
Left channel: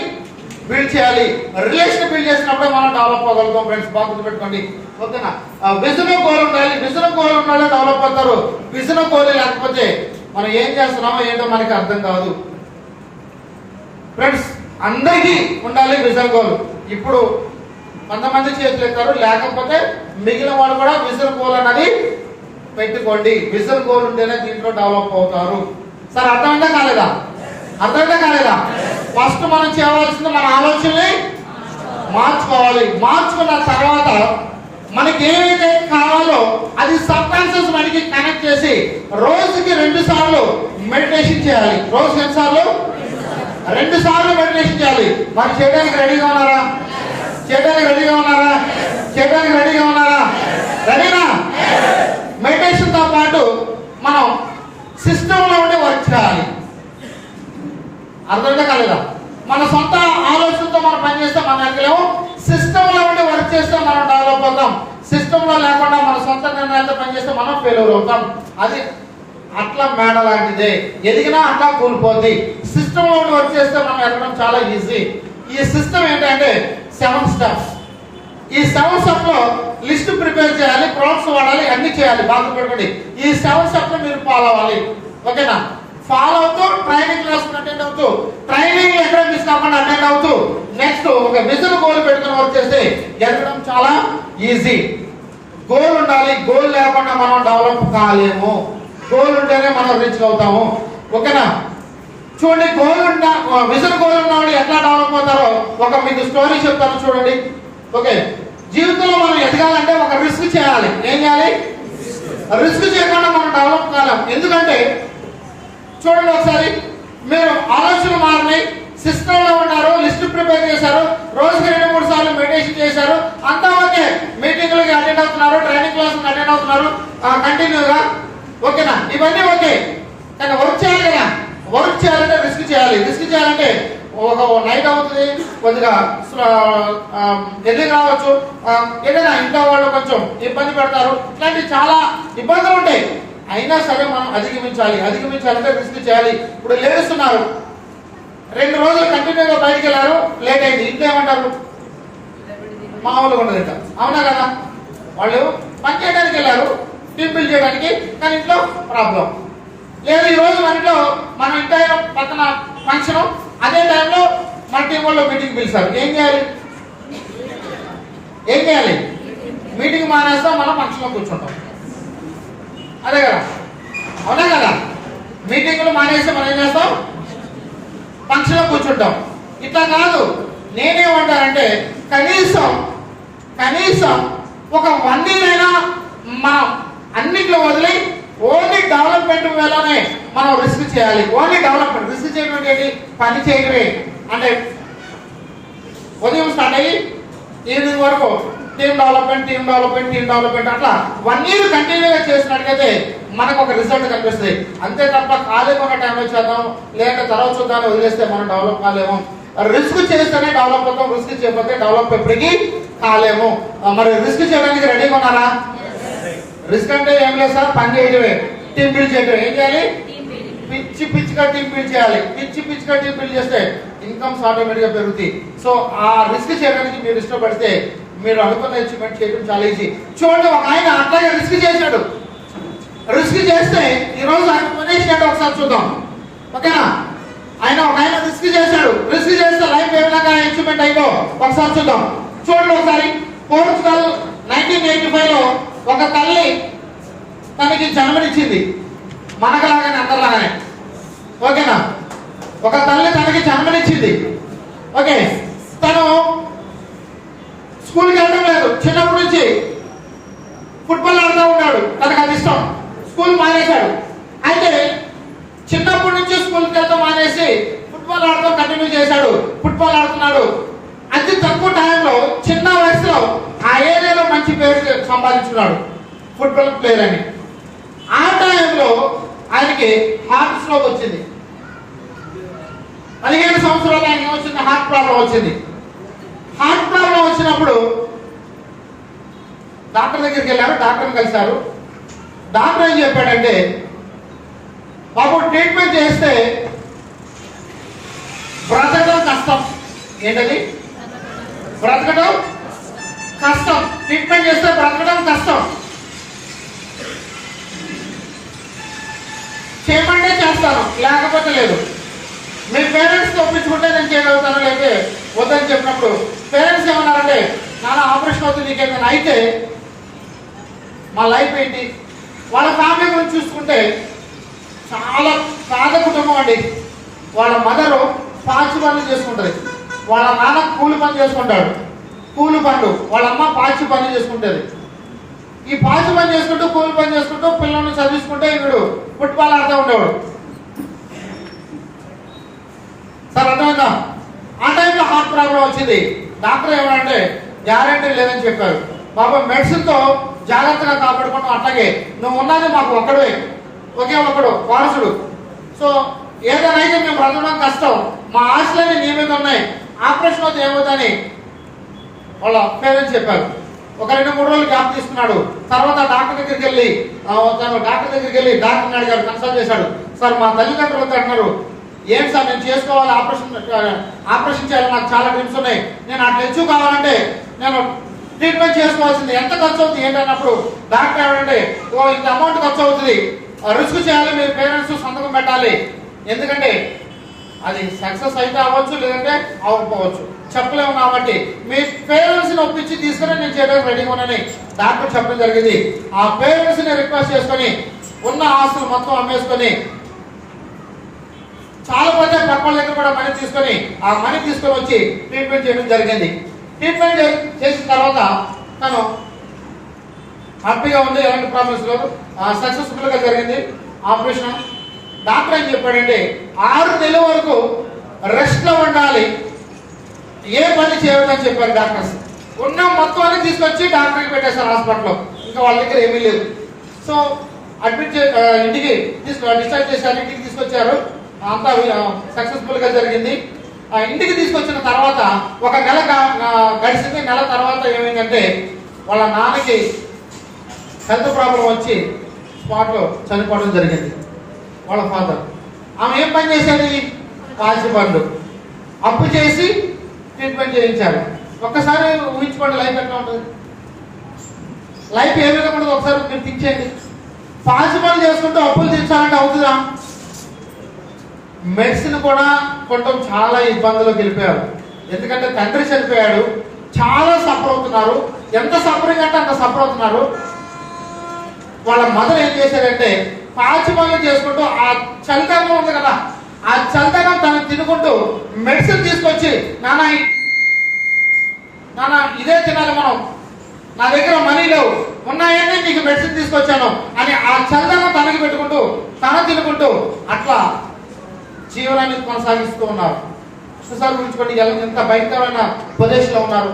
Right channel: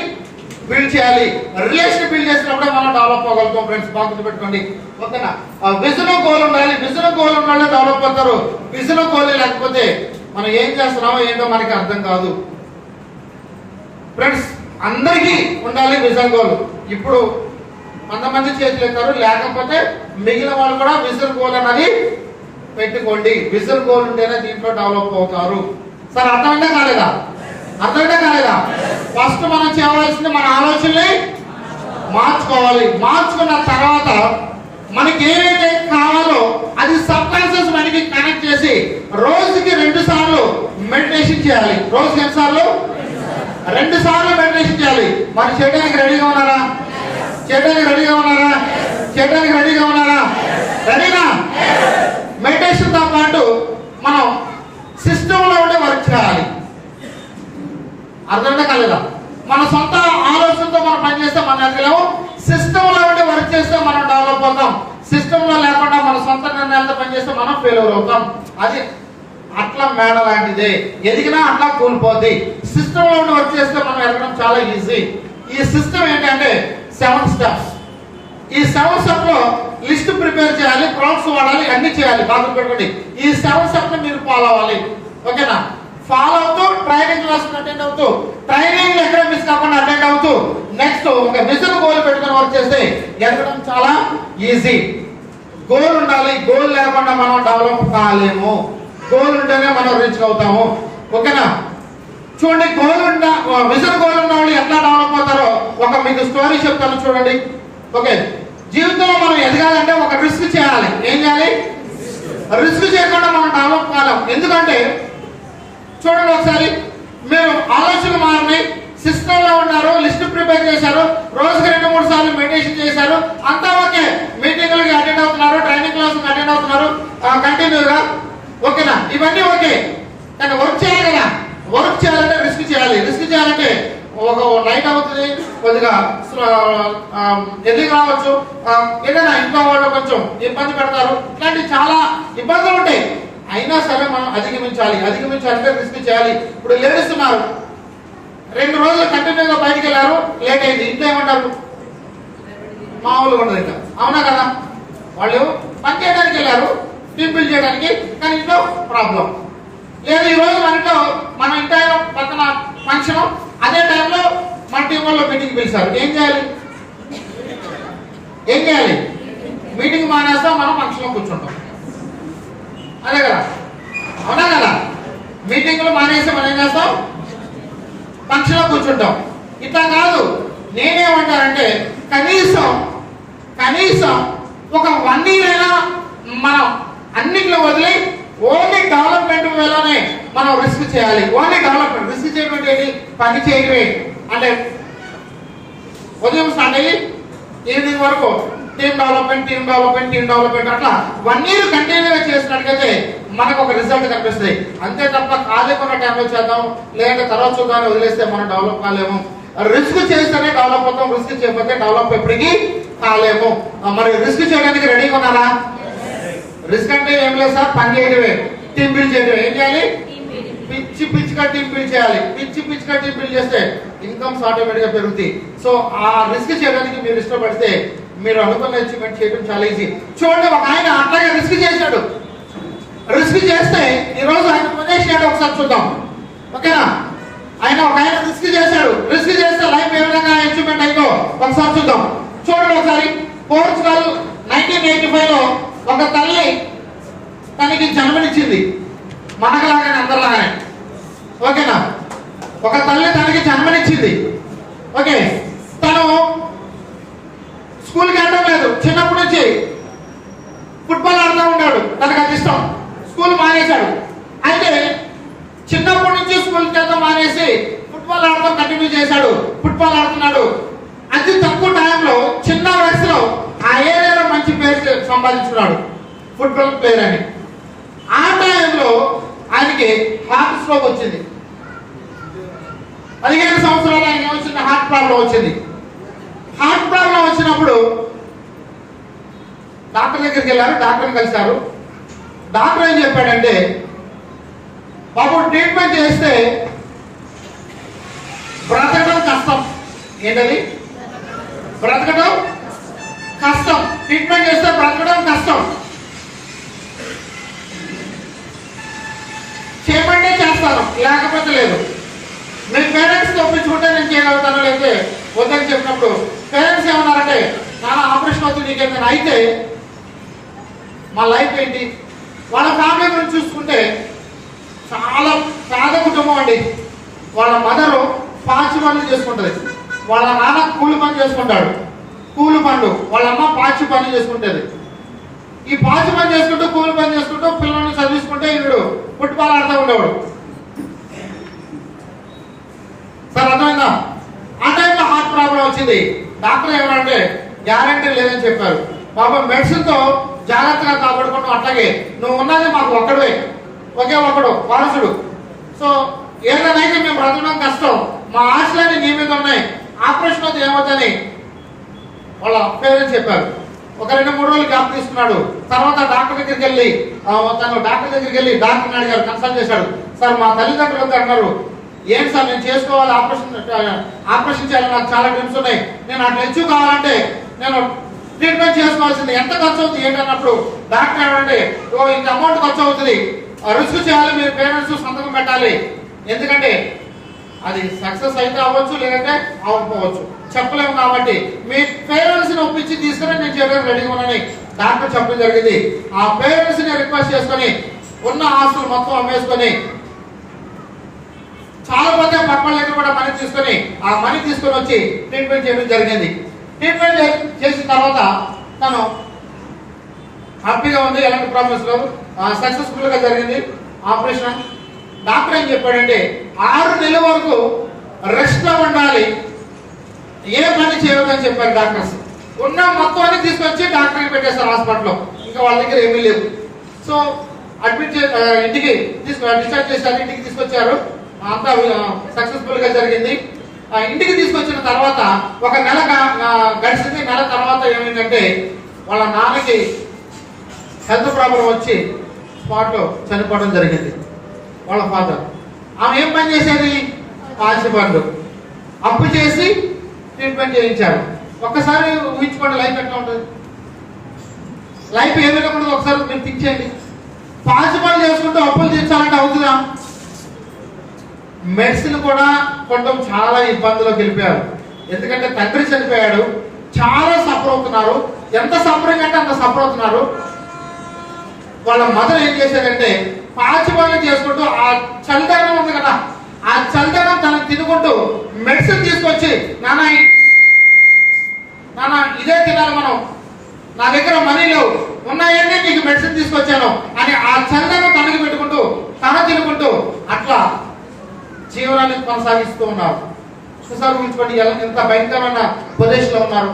బిల్డ్ చేయాలి. రిలేషన్ బిల్డ్ చేసినప్పుడే మనం డెవలప్ అవ్వగలుగుతాం. ఫ్రెండ్స్, బాగా గుర్తుపెట్టుకోండి. ఓకేనా? విజన్ గోల్ ఉండాలి, విజన్ గోల్ ఉండాలి, డెవలప్ అవుతారు. విజన్ గోల్ లేకపోతే మనం ఏం చేస్తున్నామో ఏంటో మనకి అర్థం కాదు. ఫ్రెండ్స్, అందరికీ ఉండాలి విజన్ గోల్. ఇప్పుడు 100 మంది చేతులు ఎత్తారు, లేకపోతే మిగిలిన వాళ్ళు కూడా విజన్ గోల్ అన్నది పెట్టుకోండి. విజన్ గోల్ ఉంటేనే దీంట్లో డెవలప్ అవుతారు. సార్, అర్థమైందా కాలేదా? అర్థమైందా కాలేదా? ఫస్ట్ మనం చేయవలసింది మన ఆలోచనని మార్చుకోవాలి. మార్చుకున్న తర్వాత మనకి ఏమైతే కావాలో అది సబ్ కాన్షియస్ మనకి కనెక్ట్ చేసి రోజుకి 2 సార్లు మెడిటేషన్ చేయాలి. రోజుకి ఎన్ని సార్లు? 2 సార్లు మెడిటేషన్ చేయాలి. మరి చేయడానికి రెడీగా ఉన్నారా? చేయడానికి రెడీగా ఉన్నారా? చేయడానికి రెడీగా ఉన్నారా? రెడీనా? మెడిటేషన్ తో పాటు మనం సిస్టమ్ లో ఉండే వర్క్ చేయాలి. అర్థమైందా కాలేదా? మన సొంత ఆలోచనతో మనం పనిచేస్తే మనం ఎదగలేము. సిస్టమ్ లో ఉండి వర్క్ చేస్తే మనం డెవలప్ అవుతాం. సిస్టమ్ లో లేకుండా మన సొంత నిర్ణయాలతో పనిచేస్తే మనం ఫెయిల్యూర్ అవుతాం. అది అట్లా మేడ లాంటిదే, ఎదిగినా అట్లా కూలిపోద్ది. సిస్టమ్ లో ఉండి వర్క్ చేస్తే మనం ఎదగడం చాలా ఈజీ. ఈ సిస్టమ్ ఏంటంటే 7 స్టెప్స్. ఈ 7 స్టెప్ లో లిస్ట్ ప్రిపేర్ చేయాలి, ప్రొడక్ట్స్ వాడాలి, అన్ని చేయాలి. బాగా పెట్టుకోండి. ఈ 7 స్టెప్ మీరు ఫాలో అవ్వాలి. ఓకేనా? ఫాలో అవుతూ ట్రైనింగ్ క్లాస్ అటెండ్ అవుతూ, ట్రైనింగ్ ఎక్కడ మిస్ కాకుండా అటెండ్ అవుతూ, నెక్స్ట్ ఒక మిషన్ గోల్ పెట్టుకుని వర్క్ చేస్తే ఎదగడం చాలా ఈజీ. గోల్ ఉండాలి. గోల్ లేకుండా మనం డెవలప్ కాలేము. గోల్ ఉంటేనే మనం రీచ్ అవుతాము. ఓకేనా? చూడండి, గోల్ ఉన్న మిషన్ గోల్ ఉన్న వాళ్ళు ఎట్లా డెవలప్ అవుతారో ఒక మీకు స్టోరీ చెప్తాను చూడండి. ఓకే, జీవితంలో మనం ఎదగాలంటే ఒక రిస్క్ చేయాలి. ఏం చేయాలి? రిస్క్ చేయకుండా మనం డెవలప్ కాలేం. ఎందుకంటే చూడండి, ఒకసారి మీరు ఆలోచనలు మారినాయి, సిస్టమ్ లో ఉన్నారు, లిస్ట్ ప్రిపేర్ చేశారు, రోజుకి 2-3 సార్లు మెడిటేషన్ చేశారు, అంతా ఓకే. మీటింగ్లకి అటెండ్ అవుతున్నారు, ట్రైనింగ్ క్లాసులకు అటెండ్ అవుతున్నారు కంటిన్యూగా. ఓకేనా? ఇవన్నీ ఓకే. కానీ వర్క్ చేయాలి కదా. వర్క్ చేయాలంటే రిస్క్ చేయాలి. రిస్క్ చేయాలంటే ఒక నైట్ అవుతుంది, కొద్దిగా ఎన్ని కావచ్చు, ఏదైనా ఇంట్లో వాళ్ళు కొంచెం ఇబ్బంది పెడతారు, ఇట్లాంటి చాలా ఇబ్బందులు ఉంటాయి. అయినా సరే మనం అధిగమించాలి. అధిగమించాలంటే రిస్క్ చేయాలి. ఇప్పుడు లేడీస్ ఉన్నారు, 2 రోజులు కంటిన్యూగా బయటికి వెళ్ళారు, లేట్ అయింది. ఇంట్లో ఏమంటారు? మామూలుగా ఉండదు ఇంకా. అవునా కదా? వాళ్ళు పని చేయడానికి వెళ్ళారు, టీం బిల్డ్ చేయడానికి, కానీ ఇంట్లో ప్రాబ్లం లేదు. ఈ రోజు మన ఇంట్లో మన ఇంట్లో పక్కన ఫంక్షన్, అదే టైంలో మన టీం వాళ్ళు మీటింగ్ పిలిచారు. ఏం చేయాలి? ఏం చేయాలి? మీటింగ్ మానేస్తాం, మనం ఫంక్షన్ లో కూర్చుంటాం. అదే కదా? అవునా కదా? మీటింగ్లు మానేస్తే మనం ఏం చేస్తాం? ఫంక్షన్ లో కూర్చుంటాం. ఇట్లా కాదు. నేనేమంటానంటే కనీసం ఒక 1 year అయినా మనం అన్నిట్లో వదిలి ఓన్లీ డెవలప్మెంట్ వేలోనే మనం రిస్క్ చేయాలి. Only development. రిస్క్ చేయడం ఏంటి? పని చేయడమే. అంటే ఉదయం స్టార్ట్ అయ్యి ఈవినింగ్ వరకు టీమ్ డెవలప్మెంట్ అట్లా 1 year కంటిన్యూగా చేసినట్టుగైతే మనకు ఒక రిజల్ట్ కనిపిస్తుంది. అంతే తప్ప ఖాళీగా ఉన్న టైంలో చేద్దాం, లేదంటే తర్వాత చూద్దాం వదిలేస్తే మనం డెవలప్ కాలేము. రిస్క్ చేస్తేనే డెవలప్ అవుతాం. రిస్క్ చేయకపోతే డెవలప్ ఎప్పటికీ కాలేము. మరి రిస్క్ చేయడానికి రెడీగా ఉన్నారా? రిస్క్ అంటే ఏం లేదు సార్, పని చేయడమే, టీమ్ బిల్డ్ చేయడమే. ఏం చేయాలి? పిచ్చిగా టీమ్ బిల్డ్ చేయాలి. పిచ్చిగా టీమ్ బిల్డ్ చేస్తే ఇన్కమ్స్ ఆటోమేటిక్ గా పెరుగుతాయి. సో ఆ రిస్క్ చేయడానికి మీరు ఇష్టపడితే మీరు అనుకున్న అచీవ్మెంట్ చేయడం చాలా ఈజీ. చూడండి, ఒక ఆయన అట్లాగే రిస్క్ చేశాడు. రిస్క్ చేస్తే ఈ రోజు ఆయన పొజిషన్ ఒకసారి చూద్దాం. ఓకేనా? ఒక ఆయన రిస్క్ చేశాడు. రిస్క్ చేస్తే లైఫ్ ఏ విధంగా అచీవ్మెంట్ అయిందో ఒకసారి చూద్దాం. చూడండి ఒకసారి. పోర్చుగల్ 1985 లో ఒక తల్లి తనకి జన్మనిచ్చింది. మనకలాగానే, అందరిలాగానే. ఓకేనా? ఒక తల్లి తనకి జన్మనిచ్చింది. ఓకే, తను స్కూల్కి వెళ్ళడం లేదు. చిన్నప్పటి నుంచి ఫుట్బాల్ ఆడుతూ ఉన్నాడు. తనకు అది ఇష్టం. స్కూల్ మానేశాడు. అయితే చిన్నప్పటి నుంచి స్కూల్కి వెళ్తాం మానేసి ఫుట్బాల్ ఆడటం కంటిన్యూ చేశాడు. ఫుట్బాల్ ఆడుతున్నాడు. అతి తక్కువ టైంలో, చిన్న వయసులో ఆ ఏరియాలో మంచి పేరు సంపాదించున్నాడు, ఫుట్బాల్ ప్లేయర్ అని. ఆ టైంలో ఆయనకి హార్ట్ స్ట్రోక్ వచ్చింది. 15 సంవత్సరాలు ఆయనకి వచ్చిన హార్ట్ ప్రాబ్లం వచ్చింది. హార్ట్ ప్రాబ్లం వచ్చినప్పుడు డాక్టర్ దగ్గరికి వెళ్ళారు. డాక్టర్ని కలిశారు. డాక్టర్ ఏం చెప్పాడంటే, బాబు ట్రీట్మెంట్ చేస్తే బ్రతకడం కష్టం. ఏంటది? బ్రతకడం కష్టం. ట్రీట్మెంట్ చేస్తే బ్రతకడం కష్టం. చేయమంటే చేస్తాను, లేకపోతే లేదు. మీ పేరెంట్స్ ఒప్పించుకుంటే నేను చేయగలుగుతాను, లేకపోతే వద్దని చెప్పినప్పుడు పేరెంట్స్ ఏమన్నారంటే, నాన్న ఆపరేషన్ అవుతుంది, నీకేమైనా అయితే మా లైఫ్ ఏంటి? వాళ్ళ ఫ్యామిలీ గురించి చూసుకుంటే చాలా పేద కుటుంబం అండి. వాళ్ళ మదరు పాచి పనులు చేసుకుంటుంది. వాళ్ళ నాన్న కూలి పని చేసుకుంటాడు, కూలి పనులు. వాళ్ళ అమ్మ పాచి పని చేసుకుంటుంది. ఈ పాచి పని చేసుకుంటూ, కూలి పని చేసుకుంటూ పిల్లల్ని చదివించుకుంటే ఈవిడు ఫుట్బాల్ ఆడుతూ ఉండేవాడు. సార్ అర్థమైందా? ఆ టైంలో హార్ట్ ప్రాబ్లం వచ్చింది. డాక్టర్ ఏమంటే గ్యారంటీ లేదని చెప్పారు. పాపం మెడిసిన్ తో జాగ్రత్తగా కాపాడుకుంటాం. అట్లాగే నువ్వు ఉన్నది మాకు ఒక్కడే, ఒకే ఒక్కడు వారసుడు. సో ఏదైనా మేము బ్రతకడం కష్టం, మా ఆశలన్నీ నీ మీద ఉన్నాయి, ఆపరేషన్ అయితే ఏమవుతుందని వాళ్ళ పేరెంట్స్ చెప్పారు. ఒక 2-3 రోజులు గ్యాప్ తీసుకున్నాడు. తర్వాత డాక్టర్ దగ్గరికి వెళ్ళి డాక్టర్ని అడిగారు, కన్సల్ట్ చేశాడు. సార్ మా తల్లిదండ్రులు అంటున్నారు, ఏం సార్ నేను చేసుకోవాలి, ఆపరేషన్ చేయాలి, నాకు చాలా డ్రీమ్స్ ఉన్నాయి, నేను అట్లా హెచ్చు కావాలంటే నేను ట్రీట్మెంట్ చేసుకోవాల్సింది, ఎంత ఖర్చు అవుతుంది ఏంటన్నప్పుడు డాక్టర్ ఏమంటే ఇంత అమౌంట్ ఖర్చు అవుతుంది, రిస్క్ చేయాలి, మీరు పేరెంట్స్ సంతకం పెట్టాలి, ఎందుకంటే అది సక్సెస్ అయితే అవ్వచ్చు లేదంటే అవ్వకపోవచ్చు, చెప్పలేము, కాబట్టి మీ పేరెంట్స్ ని ఒప్పించి తీసుకుని నేను చేయడానికి రెడీగా ఉన్నానని డాక్టర్ చెప్పడం జరిగింది. ఆ పేరెంట్స్ ని రిక్వెస్ట్ చేసుకుని ఉన్న ఆస్తులు మొత్తం అమ్మేసుకొని చాలా మంది పక్కన దగ్గర కూడా మనీ తీసుకొని ఆ మనీ తీసుకొని వచ్చి ట్రీట్మెంట్ చేయడం జరిగింది. ట్రీట్మెంట్ చేసిన తర్వాత తను హ్యాపీగా ఉంది, ఎలాంటి ప్రాబ్లమ్స్ లేవు, సక్సెస్ఫుల్ గా జరిగింది ఆపరేషన్. డాక్టర్ ఏం చెప్పాడంటే 6 నెలల వరకు రెస్ట్ లో ఉండాలి, ఏ పని చేయవద్దని చెప్పారు డాక్టర్స్. ఉన్న మొత్తాన్ని తీసుకొచ్చి డాక్టర్కి పెట్టేశారు హాస్పిటల్లో, ఇంకా వాళ్ళ దగ్గర ఏమీ లేవు. సో అడ్మిట్ ఇంటికి డిశ్చార్జ్ చేశారు, ఇంటికి తీసుకొచ్చారు, అంతా సక్సెస్ఫుల్ గా జరిగింది. ఇంటికి తీసుకొచ్చిన తర్వాత 1 నెల గడిచింది. నెల తర్వాత ఏమైందంటే వాళ్ళ నాన్నకి హెల్త్ ప్రాబ్లం వచ్చి స్పాట్ లో చనిపోవడం జరిగింది. వాళ్ళ ఫాదర్, ఆమె ఏం పని చేసేది, పాచి పనులు అప్పు చేసి ట్రీట్మెంట్ చేయించారు. ఒక్కసారి ఊహించుకోండి లైఫ్ ఎట్లా ఉంటుంది, లైఫ్ ఏ విధంగా ఉంటుంది ఒకసారి మీరు థింక్ చేయండి. పాచి పనులు చేసుకుంటూ అప్పులు తీర్చాలంటే అవుతుందా? మెడిసిన్ కూడా కొనడం చాలా ఇబ్బందులకు వెళ్ళిపోయారు, ఎందుకంటే తండ్రి చనిపోయాడు, చాలా సఫర్ అవుతున్నారు. ఎంత సఫరింగ్ అంటే అంత సఫర్ అవుతున్నారు. వాళ్ళ మదర్ ఏం చేశారంటే పాచి పనులు చేసుకుంటూ ఆ చలిదనం ఉంది కదా, ఆ చలిదనం తను తినుకుంటూ మెడిసిన్ తీసుకొచ్చి నాన్న ఇదే తినాలి మనం, నా దగ్గర మనీ లేవు, ఉన్నాయనే నీకు మెడిసిన్ తీసుకొచ్చాను అని ఆ చలిదనం తనకి పెట్టుకుంటూ తన తినుకుంటూ అట్లా జీవనాన్ని కొనసాగిస్తూ ఉన్నారు. ఒకసారి ఊహించుకోండి ఎంత భయంకరమైన పొజిషన్ లో ఉన్నారు.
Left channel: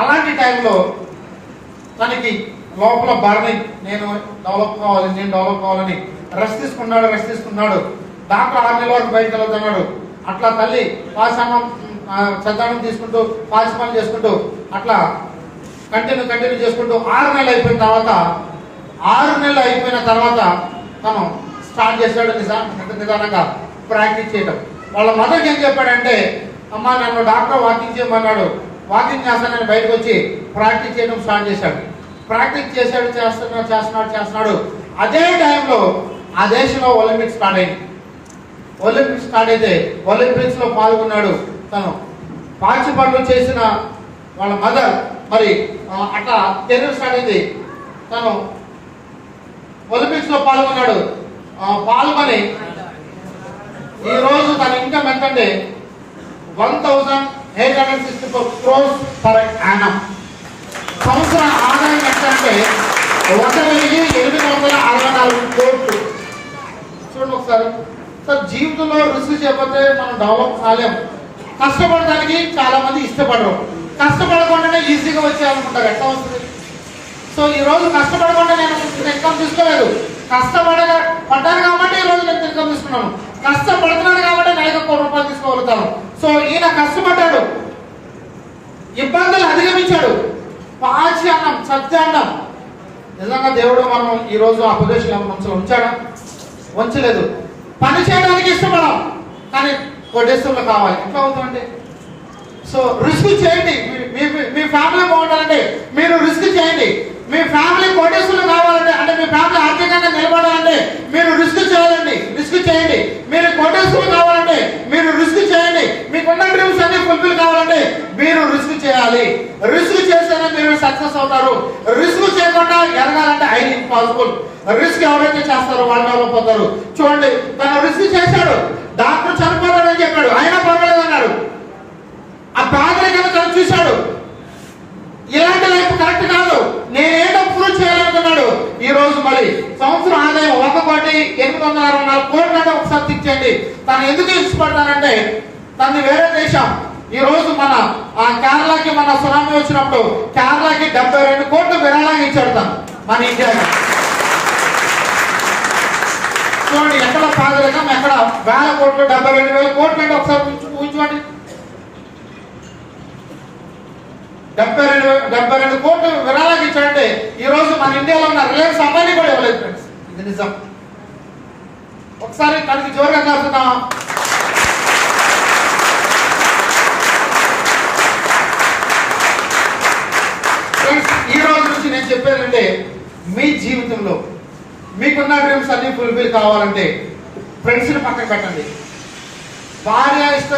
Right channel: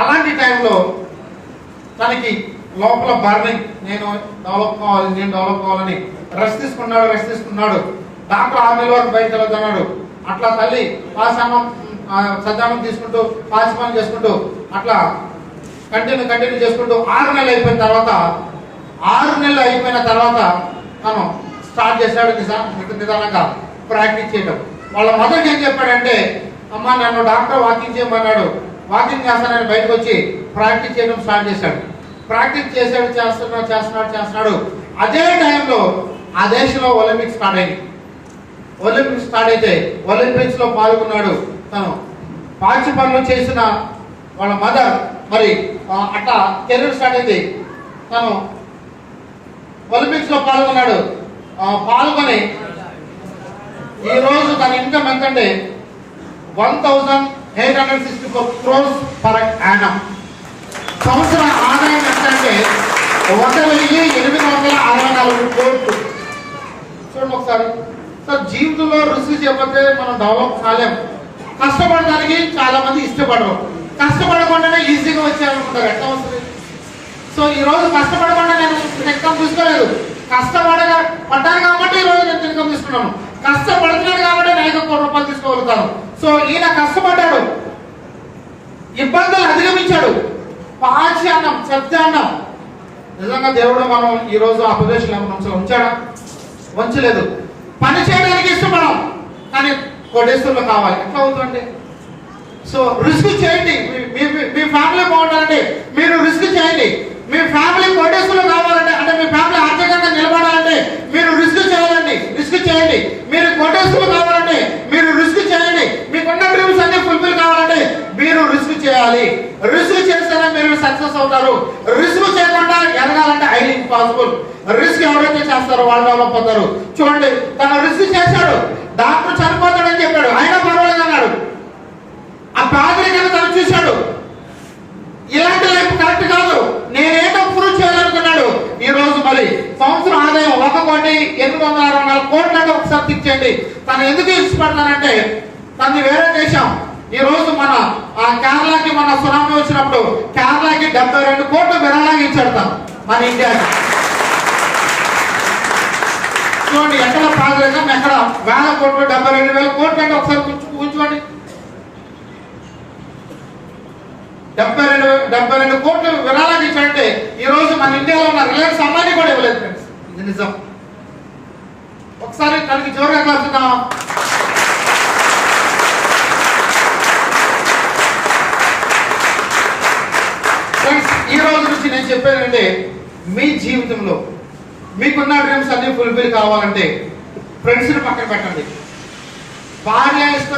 అలాంటి టైంలో తనకి లోపల బర్నింగ్, నేను డెవలప్ కావాలని రెస్ట్ తీసుకున్నాడు. డాక్టర్ 6 నెలల వరకు బయటకు వెళ్తున్నాడు. అట్లా తల్లి పాశానం సద్దానం తీసుకుంటూ పాసి పనులు చేసుకుంటూ అట్లా కంటిన్యూ చేసుకుంటూ 6 నెలలు అయిపోయిన తర్వాత తను స్టార్ట్ చేశాడు నిదానంగా ప్రాక్టీస్ చేయడం. వాళ్ళ మదర్కి ఏం చెప్పాడంటే, అమ్మా నన్ను డాక్టర్ వాకింగ్ చేయమన్నాడు, వాకింగ్ చేస్తానని బయటకు వచ్చి ప్రాక్టీస్ చేయడం స్టార్ట్ చేశాడు. ప్రాక్టీస్ చేస్తున్నాడు. అదే టైంలో ఆ దేశంలో ఒలింపిక్స్ స్టార్ట్ అయింది. ఒలింపిక్స్ స్టార్ట్ అయితే ఒలింపిక్స్ లో పాల్గొన్నాడు. తను పాచి పనులు చేసిన వాళ్ళ మదర్ మరి అట్లా కెరీర్ స్టార్ట్ అయింది. తను ఒలింపిక్స్ లో పాల్గొన్నాడు. పాల్గొని ఈ రోజు తన ఇన్కమ్ ఎంతంటే 1,864 crores per annum. సంవత్సర ఆదాయం ఎంతంటే 1,864 కోట్లు. చూడండి ఒకసారి. సార్ జీవితంలో రిస్క్ చేయకపోతే మనం డెవలప్ కాలేము. కష్టపడడానికి చాలా మంది ఇష్టపడరు, కష్టపడకుండానే ఈజీగా వచ్చేయాలనుకుంటారు. ఎట్లా ఉంటుంది? సో ఈ రోజు కష్టపడకుండా నేను ఇన్కమ్ తీసుకోలేదు, కష్టపడ్డాను కాబట్టి ఈ రోజు నేను ఇన్కమ్ తీసుకున్నాను, కష్టపడుతున్నాను కాబట్టి నేను 1 కోటి రూపాయలు తీసుకోగలుగుతాను. సో ఈయన కష్టపడ్డాడు, ఇబ్బందులు అధిగమించాడు, పాచి అన్నం సత్యాన్నం. నిజంగా దేవుడు మనం ఈ రోజు ఆ పొజిషన్ ఉంచాడా? ఉంచలేదు. పని చేయడానికి ఇష్టపడం, కానీ కోటేశ్వరులు కావాలి. ఎట్లా అవుతుందంటే, సో రిస్క్ చేయండి. మీ ఫ్యామిలీ బాగుండాలంటే మీరు రిస్క్ చేయండి. మీ ఫ్యామిలీ కోటేశ్వరులు కావాలంటే, అంటే మీ ఫ్యామిలీ ఆర్థికంగా నిలబడాలంటే మీరు రిస్క్ చేయాలండి. రిస్క్ చేయండి. మీరు కోటేశ్వరులు కావాలంటే మీరు రిస్క్ చేయండి. మీకున్న డ్రీమ్స్ అన్ని ఫుల్ఫిల్ కావాలంటే మీరు రిస్క్ చేయాలి. రిస్క్ చేస్తేనే మీరు సక్సెస్ అవుతారు. రిస్క్ చేయకుండా ఎదగాలంటే ఐ ఇంపాసిబుల్. రిస్క్ ఎవరైతే చేస్తారో వాళ్ళు డెవలప్ అవుతారు. చూడండి, తను రిస్క్ చేశాడు. డాక్టర్ చనిపోతాడని చెప్పాడు, అయినా పర్వాలేదు అన్నాడు. ఆ పేదరికాన్ని తను చూశాడు. ఇలాంటి లైఫ్ కరెక్ట్ కాదు, నేనేదో ప్రూవ్ చేయాలనుకున్నాడు. ఈ రోజు మరి సంవత్సరం ఆదాయం 1,864 కోట్లు అంటే ఒకసారి థింక్ చేయండి. తను ఎందుకు ఇష్టపడతానంటే, తనది వేరే దేశం. ఈ రోజు మన కేరళకి మన సునామీ వచ్చినప్పుడు కేరళకి 72 కోట్లు విరాళంగా ఇచ్చాడు మన ఇండియాకి. చూడండి, ఎక్కడ పేదరికం, ఎక్కడ వేల కోట్లు 72,000 కోట్లు అంటే ఒకసారి ఊహించుకోండి. 72 కోట్లు విరాళాలు ఇచ్చాడంటే ఈ రోజు మన ఇండియాలో ఉన్న రిలయన్స్ అమ్మాయిని కూడా ఇవ్వలేదు ఫ్రెండ్స్. ఇది నిజం. ఒకసారి తనకి జోరుగా కాల్చుదాం. ఫ్రెండ్స్, ఈ రోజు నుంచి నేను చెప్పేదంటే మీ జీవితంలో మీకున్న డ్రీమ్స్ అన్ని ఫుల్ఫిల్ కావాలంటే ఫ్రెండ్స్ని పక్కన పెట్టండి. భార్య ఇష్టం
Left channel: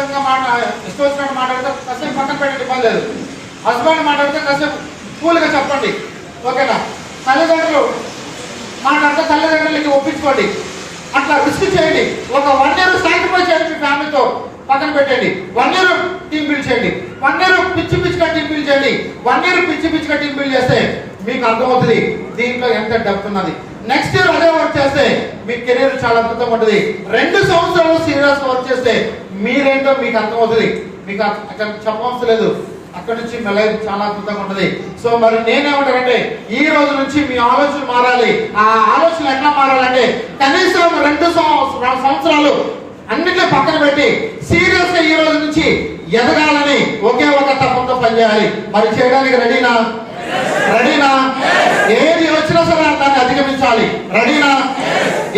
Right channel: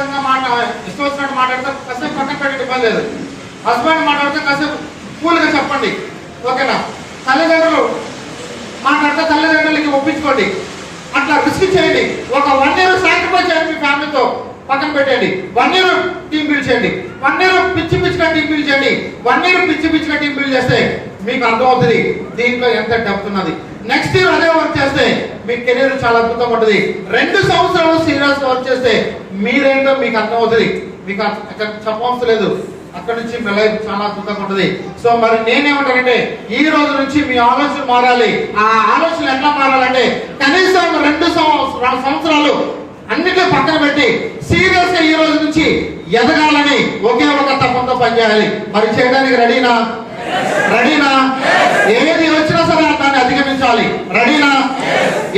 వచ్చినట్టు మాట్లాడితే కాసేపు పక్కన పెట్టండి, ఇబ్బంది లేదు. హస్బెండ్ మాట్లాడితే కాసేపు కూల్గా చెప్పండి, ఓకేనా? తల్లిదండ్రులు మాట్లాడితే తల్లిదండ్రులకి ఒప్పించుకోండి. అట్లా రిస్క్ చేయండి. ఒక 1 year సాక్రిఫైస్ చేయండి. మీ ఫ్యామిలీతో పక్కన పెట్టండి. 1 year టీమ్ బిల్డ్ చేయండి. 1 year పిచ్చిగా టీమ్ బిల్డ్ చేయండి. 1 year పిచ్చిగా టీమ్ బిల్డ్ చేస్తే మీకు అర్థమవుతుంది దీంట్లో ఎంత డెప్త్ ఉన్నది. నెక్స్ట్ ఇయర్ అదే వర్క్ చేస్తే మీ కెరీర్ చాలా అద్భుతంగా ఉంటుంది. 2 సంవత్సరాలు సీరియస్ వర్క్ చేస్తే మీరేంటో మీకు అర్థమవుతుంది. మీకు అక్కడ చెప్పవలసి లేదు. అక్కడి నుంచి మీ లైఫ్ చాలా అద్భుతంగా ఉంటుంది. సో మరి నేనేమంటానంటే ఈ రోజు నుంచి మీ ఆలోచన మారాలి. ఆ ఆలోచన ఎట్లా మారాలంటే కనీసం 2 సంవత్సరాలు అన్నిట్లో పక్కన పెట్టి సీరియస్ గా ఈ రోజు నుంచి ఎదగాలని ఒకే ఒక తపంతో పనిచేయాలి. మరి చేయడానికి రెడీనా? ఏది వచ్చినా సరే దాన్ని అధిగమించాలి. రెడీనా?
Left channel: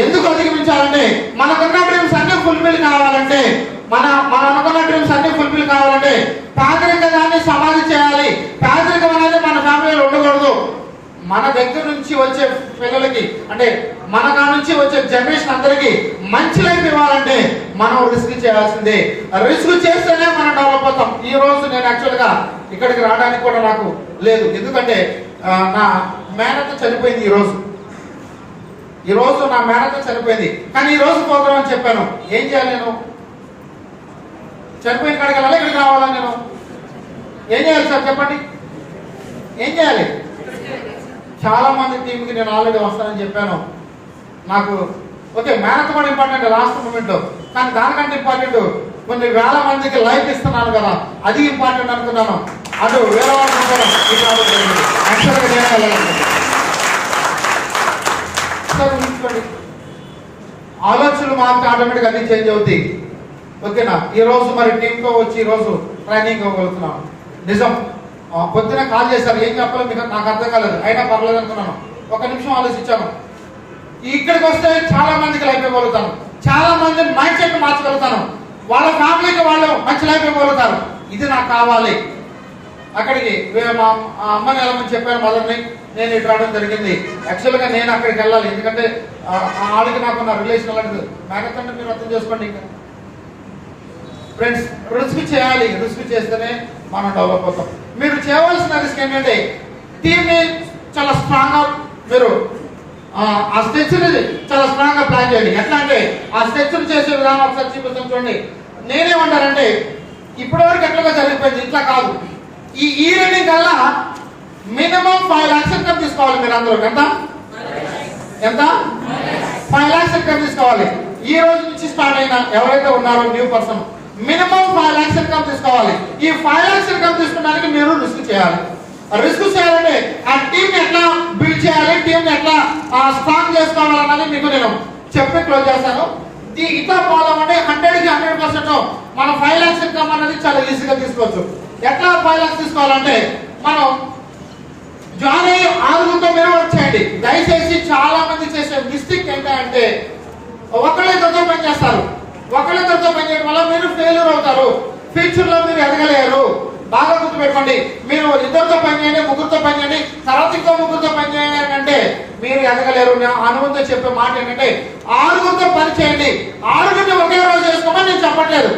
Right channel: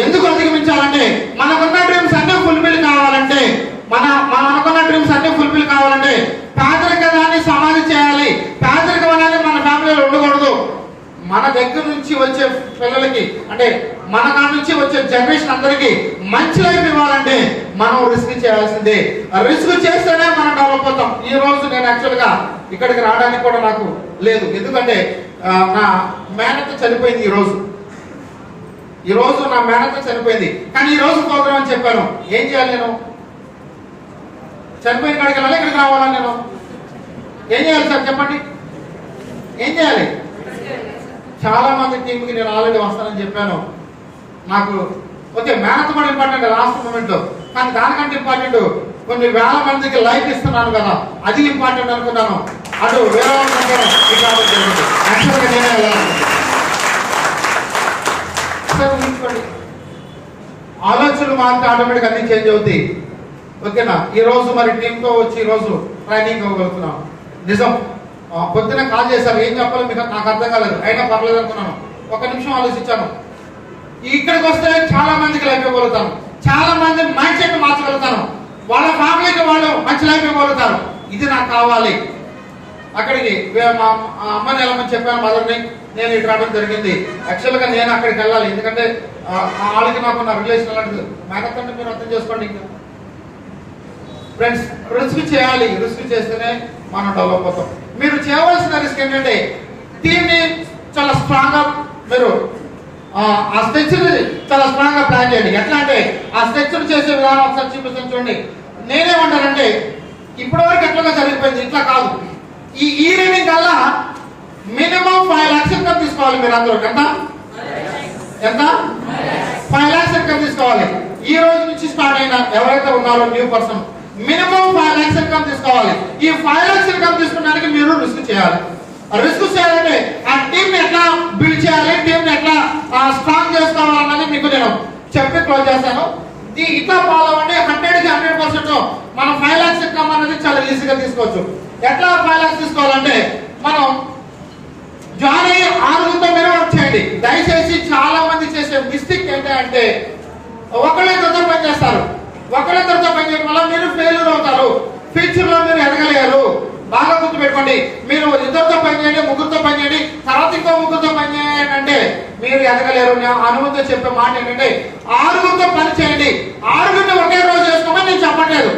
ఎందుకు అధిగమించాలంటే మనకున్న డ్రీమ్స్ అన్ని ఫుల్ఫిల్ కావాలంటే మనకున్న డ్రీమ్స్ అన్ని ఫుల్ఫిల్ కావాలంటే పేదరికాన్ని సమాధి చేయాలి. పేదరికం అనేది మన ఫ్యామిలీలో ఉండకూడదు. మన దగ్గర నుంచి వచ్చే పిల్లలకి అంటే మన కాడ నుంచి వచ్చే జనరేషన్ అందరికి మంచి లైఫ్ ఇవ్వాలంటే మనం రిస్క్ చేయాల్సిందే. రిస్క్ చేస్తేనే మనం డెవలప్ అవుతాం. ఈ రోజు నేను యాక్చువల్ గా ఇక్కడికి రావడానికి కూడా నాకు లేదు. ఎందుకంటే నా మేనత్త చనిపోయింది. ఈ రోజు నా మేనత్త చనిపోయింది. కానీ ఈ రోజు ప్రోగ్రాం అని చెప్పాను. ఏం చేయాలి? నేను చనిపోయిన కాడికి వెళ్ళాలి. ఇక్కడికి రావాలా? నేను ఏం చేయాలి సార్ చెప్పండి? ఏం చేయాలి? చాలా మంది టీంకి నేను ఆల్రెడీ వస్తానని చెప్పాను. నాకు ఓకే మేనత్ కూడా ఇంపార్టెంట్ లాస్ట్ మూమెంట్ లో, కానీ దానికంటే ఇంపార్టెంట్ కొన్ని వేల మందికి లైఫ్ ఇస్తున్నాను కదా, అది ఇంపార్టెంట్ అనుకున్నాను. అటు వేరే ఆలోచనలు మాత్రం ఆటోమేటిక్ అన్ని చేంజ్ అవుతాయి. ఓకేనా? ఈ రోజు మరి టీంతో వచ్చి ఈ రోజు ట్రైనింగ్ అవ్వగలుగుతున్నాం. నిజం. పొద్దున కాల్ చేశారు, ఏం చెప్పాలో మీకు నాకు అర్థం కాలేదు. అయినా పర్లేదు అనుకున్నాను. 1 నిమిషం ఆలోచించాను. ఇక్కడికి వస్తే చాలా మందికి లైఫ్ ఇవ్వగలుగుతాను. చాలా మంది మైండ్ సెట్ మార్చగలుగుతాను. వాళ్ళ ఫ్యామిలీకి వాళ్ళు మంచి లైఫ్ ఇవ్వగలుగుతారు. ఇది నాకు కావాలి. అక్కడికి మా అమ్మని వెళ్ళమని చెప్పాను, మదర్ని. నేను ఇటు రావడం జరిగింది. యాక్చువల్గా నేను అక్కడికి వెళ్ళాలి. ఎందుకంటే వాళ్ళకి నాకున్న రిలేషన్ అలాంటిది. మేనకంటే మీరు అర్థం చేసుకోండి. ఇంకా ఫ్రెండ్స్, రిస్క్ చేయాలి. రిస్క్ చేస్తేనే మనం డెవలప్ అవుతాం. మీరు చేయవలసిన రిస్క్ ఏంటంటే టీమ్ని చాలా స్ట్రాంగ్ గా మీరు ఆ స్ట్రక్చర్ చాలా స్ట్రాంగ్ గా ప్లాన్ చేయండి. ఎట్లా అంటే ఆ స్ట్రక్చర్ చేసే విధానం ఒకసారి చూపించండి. నేనేమంటానంటే ఇప్పటి వరకు ఎట్లా జరిగిపోయింది, ఇట్లా కాదు. ఈ ఈవినింగ్ కల్లా మినిమం 5 lakhs ఇన్కమ్ తీసుకోవాలి. మీరు అందరూ ఎంత 5 lakhs ఇన్కమ్ తీసుకోవాలి. ఈ రోజు నుంచి స్టార్ట్ అయిన ఎవరైతే ఉన్నారో new person minimum 5 lakhs income తీసుకోవాలి. ఈ 5 lakhs ఇన్కమ్ తీసుకోవడానికి మీరు రిస్క్ చేయాలి. రిస్క్ చేయాలంటే ఆ టీమ్ ఎట్లా బిల్డ్ చేయాలి, టీమ్ ఎట్లా స్ట్రాంగ్ చేసుకోవాలన్నది మీకు నేను చెప్పి క్లోజ్ చేస్తాను. ఇట్లా ఫాలో అవ్వండి. 100కి 100% మనం 5 lakhs ఇన్కమ్ అనేది చాలా ఈజీగా తీసుకోవచ్చు. ఎట్లా 5 lakhs తీసుకోవాలంటే మనం జాయిన్ అయ్యి 6 మీరు వర్క్ చేయండి. దయచేసి చాలా మంది చేసే మిస్టేక్ ఏంటంటే ఒకళ్ళిద్దరితో పనిచేస్తారు. ఒకళ్ళిద్దరితో పనిచేయడం వల్ల మీరు ఫెయిల్యూర్ అవుతారు. ఫ్యూచర్ లో మీరు ఎదగలేరు. బాగా గుర్తుపెట్టుకోండి. మీరు 2 పనిచేయండి, 3 పనిచేయండి, తర్వాత ఇంకో 3 పనిచేయండి అంటే మీరు ఎదగలేరు. అనుభవంతో చెప్పే మాట ఏంటంటే 6 పని చేయండి. 6 ఒకే రోజు చేసుకోమని నేను చెప్పట్లేదు.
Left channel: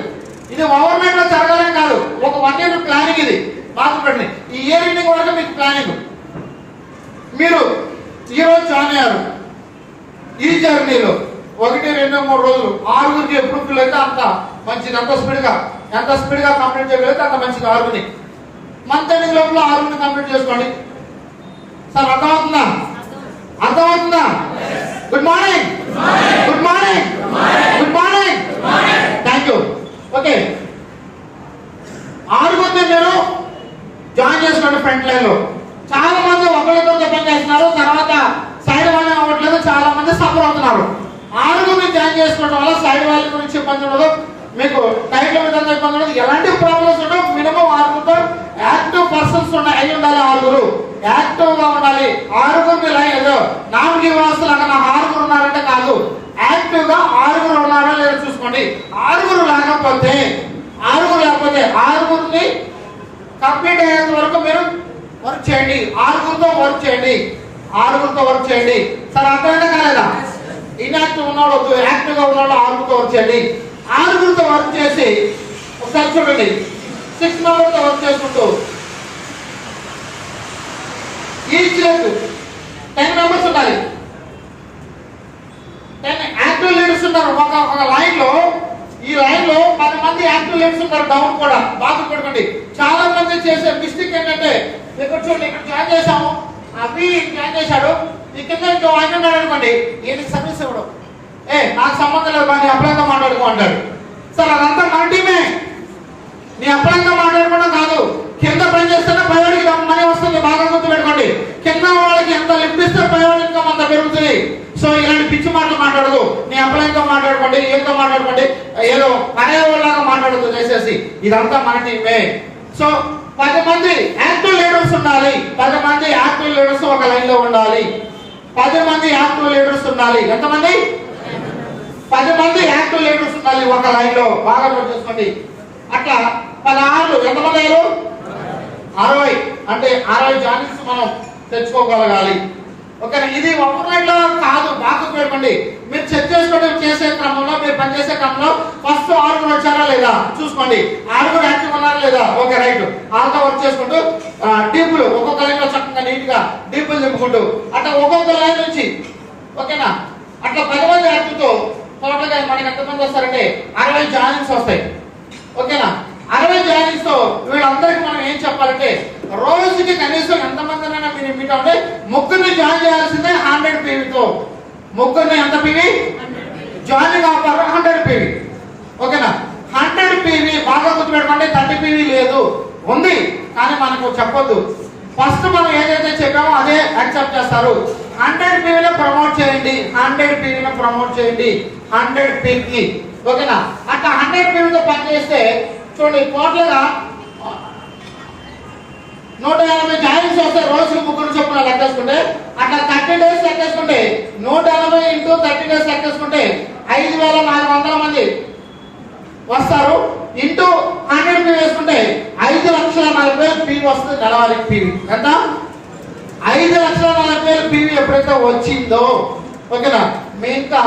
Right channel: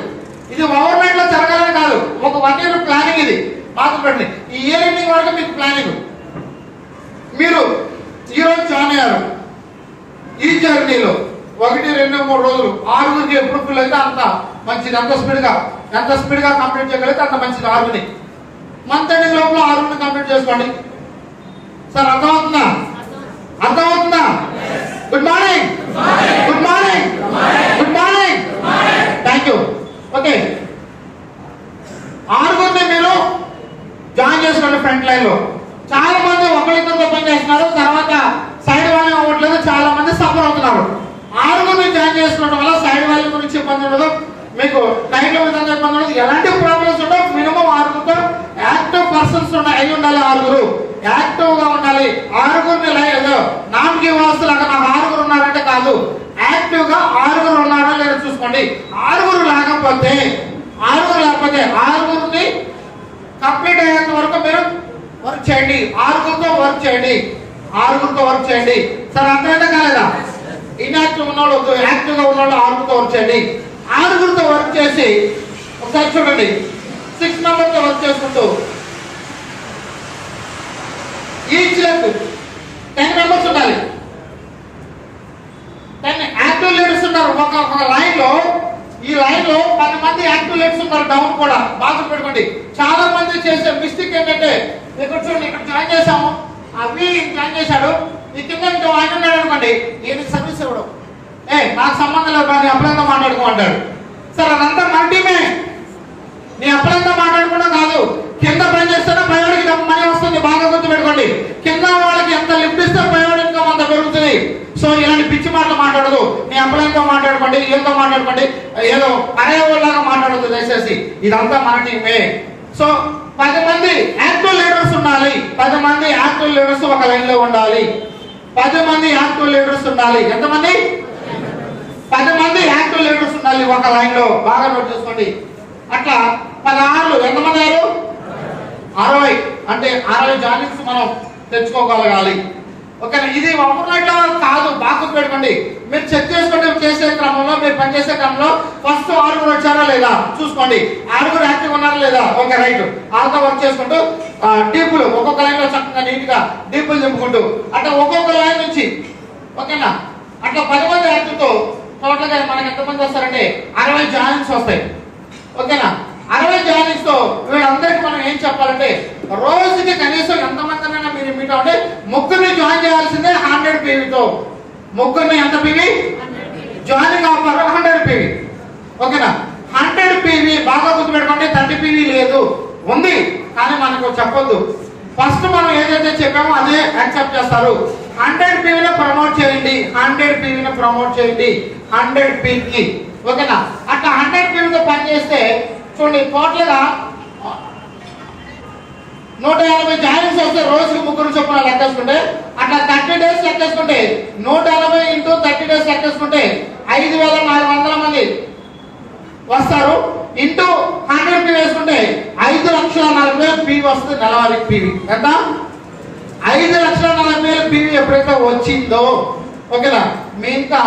ఇది ఓవర్ నైట్ లో జరగాలని కాదు. ఒక 1 year ప్లానింగ్. ఇది బాగా పెట్టండి. ఈ ఇయర్ ఎండింగ్ వరకు మీకు ప్లానింగ్. మీరు ఈ రోజు జాయిన్ అయ్యారు. ఈ జర్నీలో 1, 2, 3 రోజులు 6 ఎప్పుడు ఫుల్ అయితే అంత మంచిది. ఎంత స్పీడ్ గా కంప్లీట్ చేయగలిగితే అంత మంచిది. 6 మంత్ ఎండింగ్ లోపల 6 కంప్లీట్ చేసుకోండి. సార్ అర్థమవుతుందా? Good morning. Thank you. Okay, 6 మీరు జాయిన్ చేసుకోండి ఫ్రంట్ లైన్ లో. చాలా మంది ఒకరితో పని చేస్తున్నారు, తర్వాత సైడ్ వాళ్ళు అవ్వట్లేదు. చాలా మంది సఫర్ అవుతున్నారు. 6 జాయిన్ చేసుకోవడం వల్ల సైడ్ వాళ్ళ గురించి ఇబ్బంది ఉండదు, మీకు టైంల విధంగా ఇబ్బంది ఉండదు, ఎలాంటి ప్రాబ్లమ్స్ ఉండవు. మినిమం 6 యాక్టివ్ పర్సన్స్ అయి ఉండాలి. 6 యాక్టివ్ గా ఉండాలి. 6 లేదు నామకి వాస్తులు అక్కడ 6 ఉన్నారంటే కాదు, యాక్టివ్ గా 6 ఉన్నారా లేదా చూసుకోండి. 6 లేకపోతే 6 కంప్లీట్ అయ్యేంత వరకు మీరు వర్క్ చేయండి. 6తో వర్క్ చేయండి. 6తో వర్క్ చేయండి. సార్ అర్థమైనా కాలేదా? ఇన్యాక్టివ్ ఉన్నాడు వద్దు, యాక్టివ్ గా ఉన్నాడు 6తో వర్క్ చేయండి. 6తో వర్క్ చేసి ఒకసారి చూడండి, 6 మెంబర్స్ తో వర్క్ చేసుకుంటూ ఈచ్ 10 మెంబర్స్ ఉండాలి. 10 యాక్టివ్ లీడర్స్ ఉన్నారు ఒక లైన్ లో. ఈ లైన్ లో 10 మంది యాక్టివ్ లీడర్స్ ఉన్నారు. డౌన్ కూడా బాగా పెట్టుకోండి. చాలా మంది చేసే మిస్టేక్ ఏంటంటే, ఇక్కడ చూడండి, ఇక్కడ జాయిన్ చేసాము, అవి జాయిన్ చేశాడు, ఈ కింద ఇంకా వాయిస్తున్నాడు అనుకోండి, ఈయనకి సర్వీస్ ఇవ్వడం, నాకు సంబంధం లేదు, నీ అప్లైతో మాట్లాడుకోమంటాడు. సార్ అదంతా మన టీమే, నీ అప్లైతో మాట్లాడుకోవడం కాదు. కింద పని చేస్తున్నా పైవాడికి మనీ వస్తుంది. బాగా గుర్తు పెట్టుకోండి. కింద వాళ్ళకి ఎంత లిఫ్ట్ ఇస్తే పైవాడి ఇన్కమ్ అంత పెరుగుతుంది. సో ఇలాంటి పిచ్చి మాటలు మాట్లాడదు. నీ అప్లైతో మాట్లాడుకోండి, ఏదో మాట్లాడుకోండి, ఏదో అరే వాళ్ళగా మాట్లాడదు దయచేసి. ఇదంతా మన టీమే. సో 10 మంది యాక్టివ్ లీడర్స్ ఉండాలి. 10 మంది యాక్టివ్ లీడర్స్ ఒక లైన్ లో ఉండాలి. 10 మంది యాక్టివ్ లీడర్స్ ఉండాలి. ఎంతమంది? 10 మంది యాక్టివ్ లీడర్స్ ఉండాలి ఒక లైన్ లో. బాగా నోట్ చేసుకోండి. అట్లా 16 ఎంతమంది అయ్యారు? 60. అంటే 60 జాయినింగ్స్ మనం తెచ్చుకోగలగాలి. ఓకే, ఇది ఓవర్నైట్ లో కాదు. బాగా పెట్టుకోండి. మీరు చెక్ చేసుకోండి. చేసే క్రమంలో, మీరు పనిచేసే క్రమంలో ఫస్ట్ 6 వచ్చారా లేదా చూసుకోండి. 6 యాక్టివ్ ఉన్నారా లేదా? Okay, right. 6తో వర్క్ చేసుకుంటూ డీపులు ఒక్కొక్క లైన్ లో చక్కగా నీట్ గా డీపులు చెప్పుకుంటూ అట్లా ఒక్కొక్క లైన్ నుంచి, ఓకేనా, అట్లా 10 మంది యాక్టివ్తో టోటల్ గా మనకి ఎంతమంది వస్తారంటే 60 జాయినింగ్స్ వస్తాయి. ఓకేనా, 60 జాయినింగ్స్ తో వీళ్ళందరికీ మనం ఏం చెప్పాలంటే, రోజుకి కనీసం ఎంతమందినైనా మీరు మీట్ అంటే 3 జాయిన్ చేయాల్సిందే 100 PVతో. 3 ఎంత PV? Joining offer 100 PV. ఓకేనా, 100 PV బాగా గుర్తుపెట్టుకోండి. 30 PV లేదు, ఉంది కానీ మనకు చెప్పొద్దు. ఫస్ట్ మనం ఏదైతే చెప్పామో అదే యాక్సెప్ట్ చేస్తారు. 100 PVని ప్రమోట్ చేయండి. 100 PVని ప్రమోట్ చేయండి. 100 PV. ఓకేనా, అట్లా 100 PVతో పని చేస్తే చూడండి, టోటల్ గా 180 జాయిన్స్ వస్తే రోజుకి 3 చొప్పున లెక్కేసుకుంటే, అట్లా 30 డేస్ లెక్కేసుకుంటే 180 ఇంటూ 30 డేస్ లెక్కేసుకుంటే 5400 మంది వస్తారు. ఇంటూ 100 PV వేసుకుంటే 5,40,000 PV వస్తుంది. నెలవారీ PV ఎంత? 5,40,000 PV ఎప్పుడైతే వచ్చిందో, ఓకేనా, మీ ఇంకా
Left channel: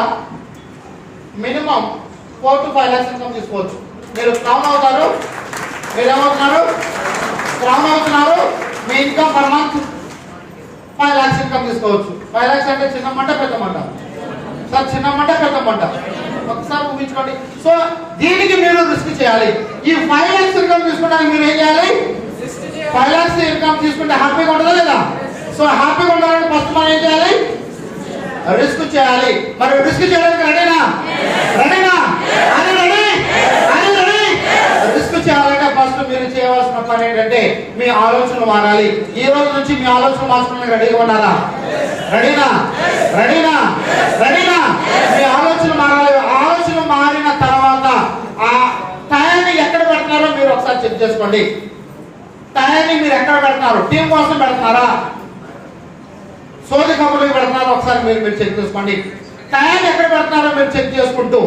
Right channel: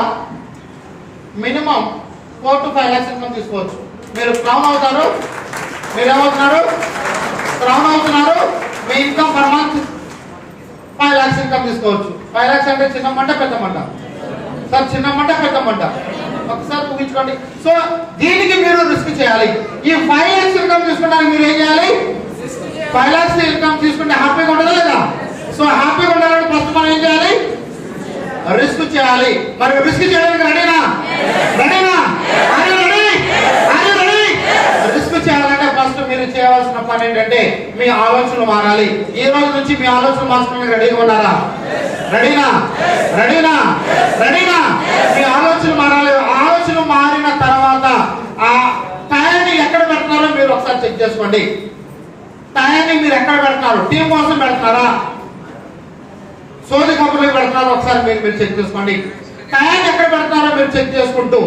మినిమం 4 to 5 lakhs ఇన్కమ్ తీసుకోవచ్చు. మీరు క్రౌన్ అవుతారు. మీరేమవుతున్నారు? క్రౌన్ అవుతున్నారు. మీ income per month 5 lakhs income తీసుకోవచ్చు. 5 lakhs అంటే చిన్న మంట పెద్ద మంట? సార్ చిన్న మంట పెద్ద మంట? ఒకసారి ఊహించుకోండి. సో దీనికి మీరు రిస్క్ చేయాలి. ఈ 5 lakhs ఇన్కమ్ తీసుకున్నాక మీరు ఏం చేయాలి? 5 lakhs ఇన్కమ్ తీసుకుంటే హ్యాపీగా ఉండదా లేదా? సో హ్యాపీగా ఉండాలంటే ఫస్ట్ మనం ఏం చేయాలి? రిస్క్ చేయాలి. మరి రిస్క్ చేయడానికి రెడీనా? రెడీనా? రిస్క్ చేయాలంటే ఫస్ట్ మీరు చేయవలసిన పని ఏంటంటే, మీ ఆలోచనలు మారాలి. ఈ రోజు నుంచి మీ ఆలోచనలు మార్చుకోవడానికి రెడీగా ఉండాలా? రెడీనా? రెడీనా? రెడీనా? మీ ఆలోచనలు మారాలి. ఆలోచన మారిన తర్వాత ఆ టైంని ఎక్కడ పెడతారో మీరు ఒకసారి చెక్ చేసుకోండి. టైంని మీరు ఎక్కడ పెడతారు? టీం కోసం పెడతారా, సోది కబుర్లు పెడతారో ఒకసారి మీరు చెక్ చేసుకోండి. టైం ఎక్కడ పెడతారో మీరు చెక్ చేసుకుంటూ,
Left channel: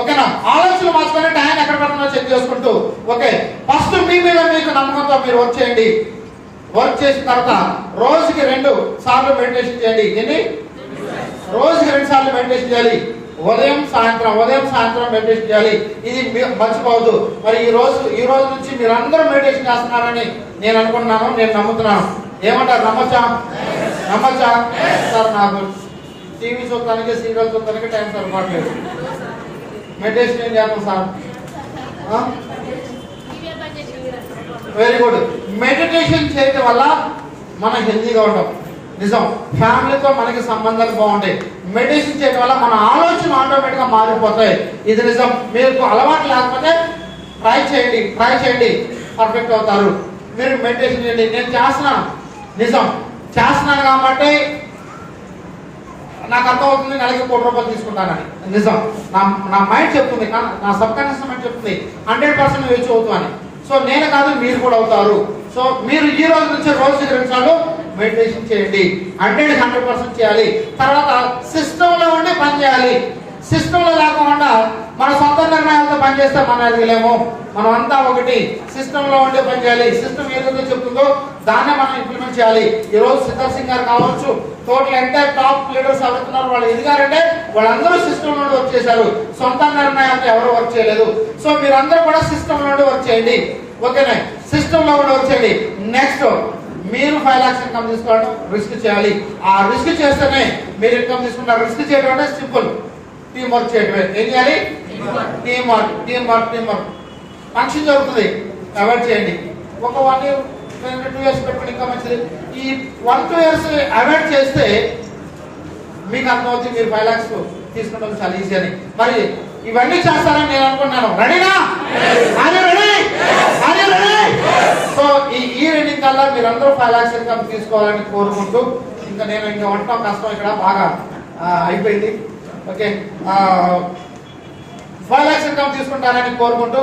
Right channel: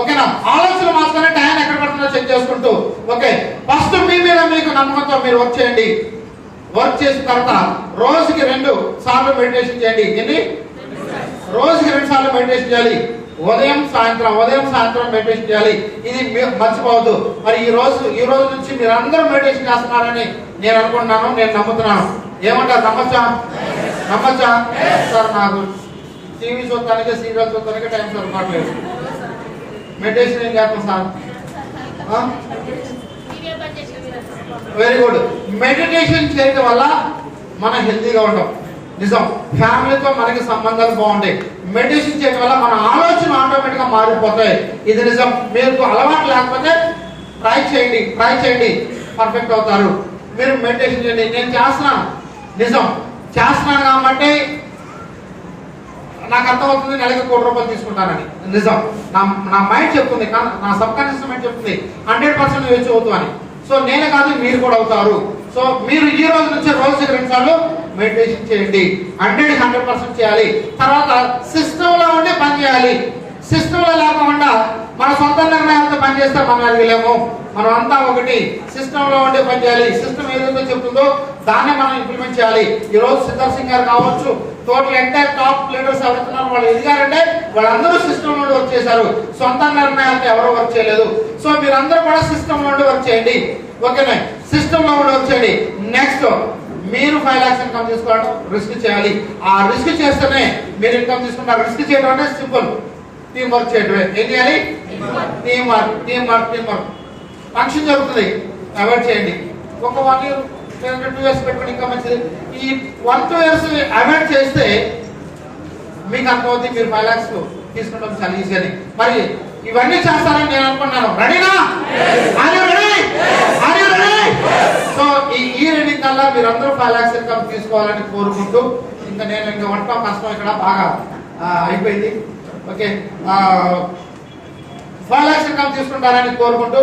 ఓకేనా, ఆలోచన మార్చుకొని టైం ఎక్కడ పెడుతుందో చెక్ చేసుకుంటూ, ఓకే, ఫస్ట్ మీ మీద మీకు నమ్మకంతో మీరు వర్క్ చేయండి. వర్క్ చేసిన తర్వాత రోజుకి 2 సార్లు మెడిటేషన్ చేయండి. ఎన్ని? రోజుకి 2 సార్లు మెడిటేషన్ చేయాలి. ఉదయం సాయంత్రం మెడిటేషన్ చేయాలి. ఇది మర్చిపోవద్దు. మరి ఈ రోజు నుంచి మీరందరూ మెడిటేషన్ చేస్తున్నారని నేను అనుకుంటున్నాను, నేను నమ్ముతున్నాను. ఏమంటారు? నమ్మొచ్చా? సార్ నాకు టీవీ చూడటానికి, సీరియల్ చూడటానికి టైం సరిపోవట్లేదు. మెడిటేషన్ ఏం చేస్తాం సార్? Very good. మెడిటేషన్ చేయడం వల్ల మనం హెల్తీగా ఉంటాం. నిజం, ఫ్యామిలీతో మనకి సంబంధాలు బాగుంటాయి. మెడిటేషన్ చేయడం వల్ల మన ఆలోచన ఆటోమేటిక్ గా మారిపోతాయి. ఇది నిజం. మీకు అలవాటు లేకపోతే ట్రై చేయండి, పర్ఫెక్ట్ అవుతారు. మీరు మెడిటేషన్ చేయండి. నేను చేస్తున్నాను, నిజం చేస్తున్నాను కాబట్టి నాకు అర్థమవుతుంది నెలకి ₹1,00,00,000 తీసుకుంటానని. నిజం, నా మైండ్ చెప్తుంది, నా సబ్ కాన్షియస్ మైండ్ చెప్తుంది 100% రీచ్ అవుతామని. సో నేను కాదు, మీరు కూడా అవుతారు. సో మీరు ఈ రోజు నుంచి రోజుకి 2 సార్లు మెడిటేషన్ చేయండి. 100% చేయాలి. తర్వాత సిస్టమ్ లో ఉండి పని చేయాలి. సిస్టమ్ లో లేకుండా మన సొంత నిర్ణయాలతో పనిచేస్తే మనం ఎదగలేము. మనం అంతా ఒకటి సిస్టమ్ లో ఉండే పని చేయాలి. సిస్టమ్ ఏదైతే చెప్తుందో దాన్నే మనం ఇంప్లిమెంట్ చేయాలి. ఈ రోజు సిద్ధార్థ్ సింగ్ గారు కావచ్చు, టోటల్ ఎంటైర్ టాప్ లీడర్స్ ఎవరుతున్నారు, వాళ్ళు ఎదిగారంటే వాళ్ళందరూ సిస్టమ్ నుండి వర్క్ చేశారు. సొంత నిర్ణయాలతో ఎవరు వర్క్ చేయలేదు. సో మీరందరూ కూడా సిస్టమ్ నుండి వర్క్ చేయండి. ఓకేనా? సిస్టమ్ లో ఉండి వర్క్ చేయండి. నెక్స్ట్, మీరు 5 lakhs ఇన్కమ్ తీసుకోవడం రిస్క్ చేయాలి. ఆ రిస్క్ చేస్తేనే మీరు ఇన్కమ్ తీసుకుంటారు. రిస్క్ చేయడం అంటే సింపుల్, టీం వర్క్ చేయడమే. ఏం చేయాలి? Team work. ఫంక్షన్ జరుగుతుంది, అవాయిడ్ చేయండి. ఒక 1 year 2 years పెట్టుకుని ఇంకా మంచిది. ఈ 1-2 years అవాయిడ్ చేస్తే మీకు అర్థమవుతుంది మీరు 5 lakhs తీసుకోవడం చాలా ఈజీ అని. మరి ఇవన్నీ చేస్తారని నేను అనుకున్నాను. రెడీనా? సో ఈ రీడింగ్ కల్లా మీరందరూ 5 lakhs ఇన్కమ్ తీసుకోవాలని కోరుకుంటూ, ఇంకా నేను ఇంకా వంట కష్టం ఇక్కడ బాగా అయిపోయింది. ఓకే, 5 lakhs ఇన్కమ్ తీసుకుంటారని కోరుకుంటూ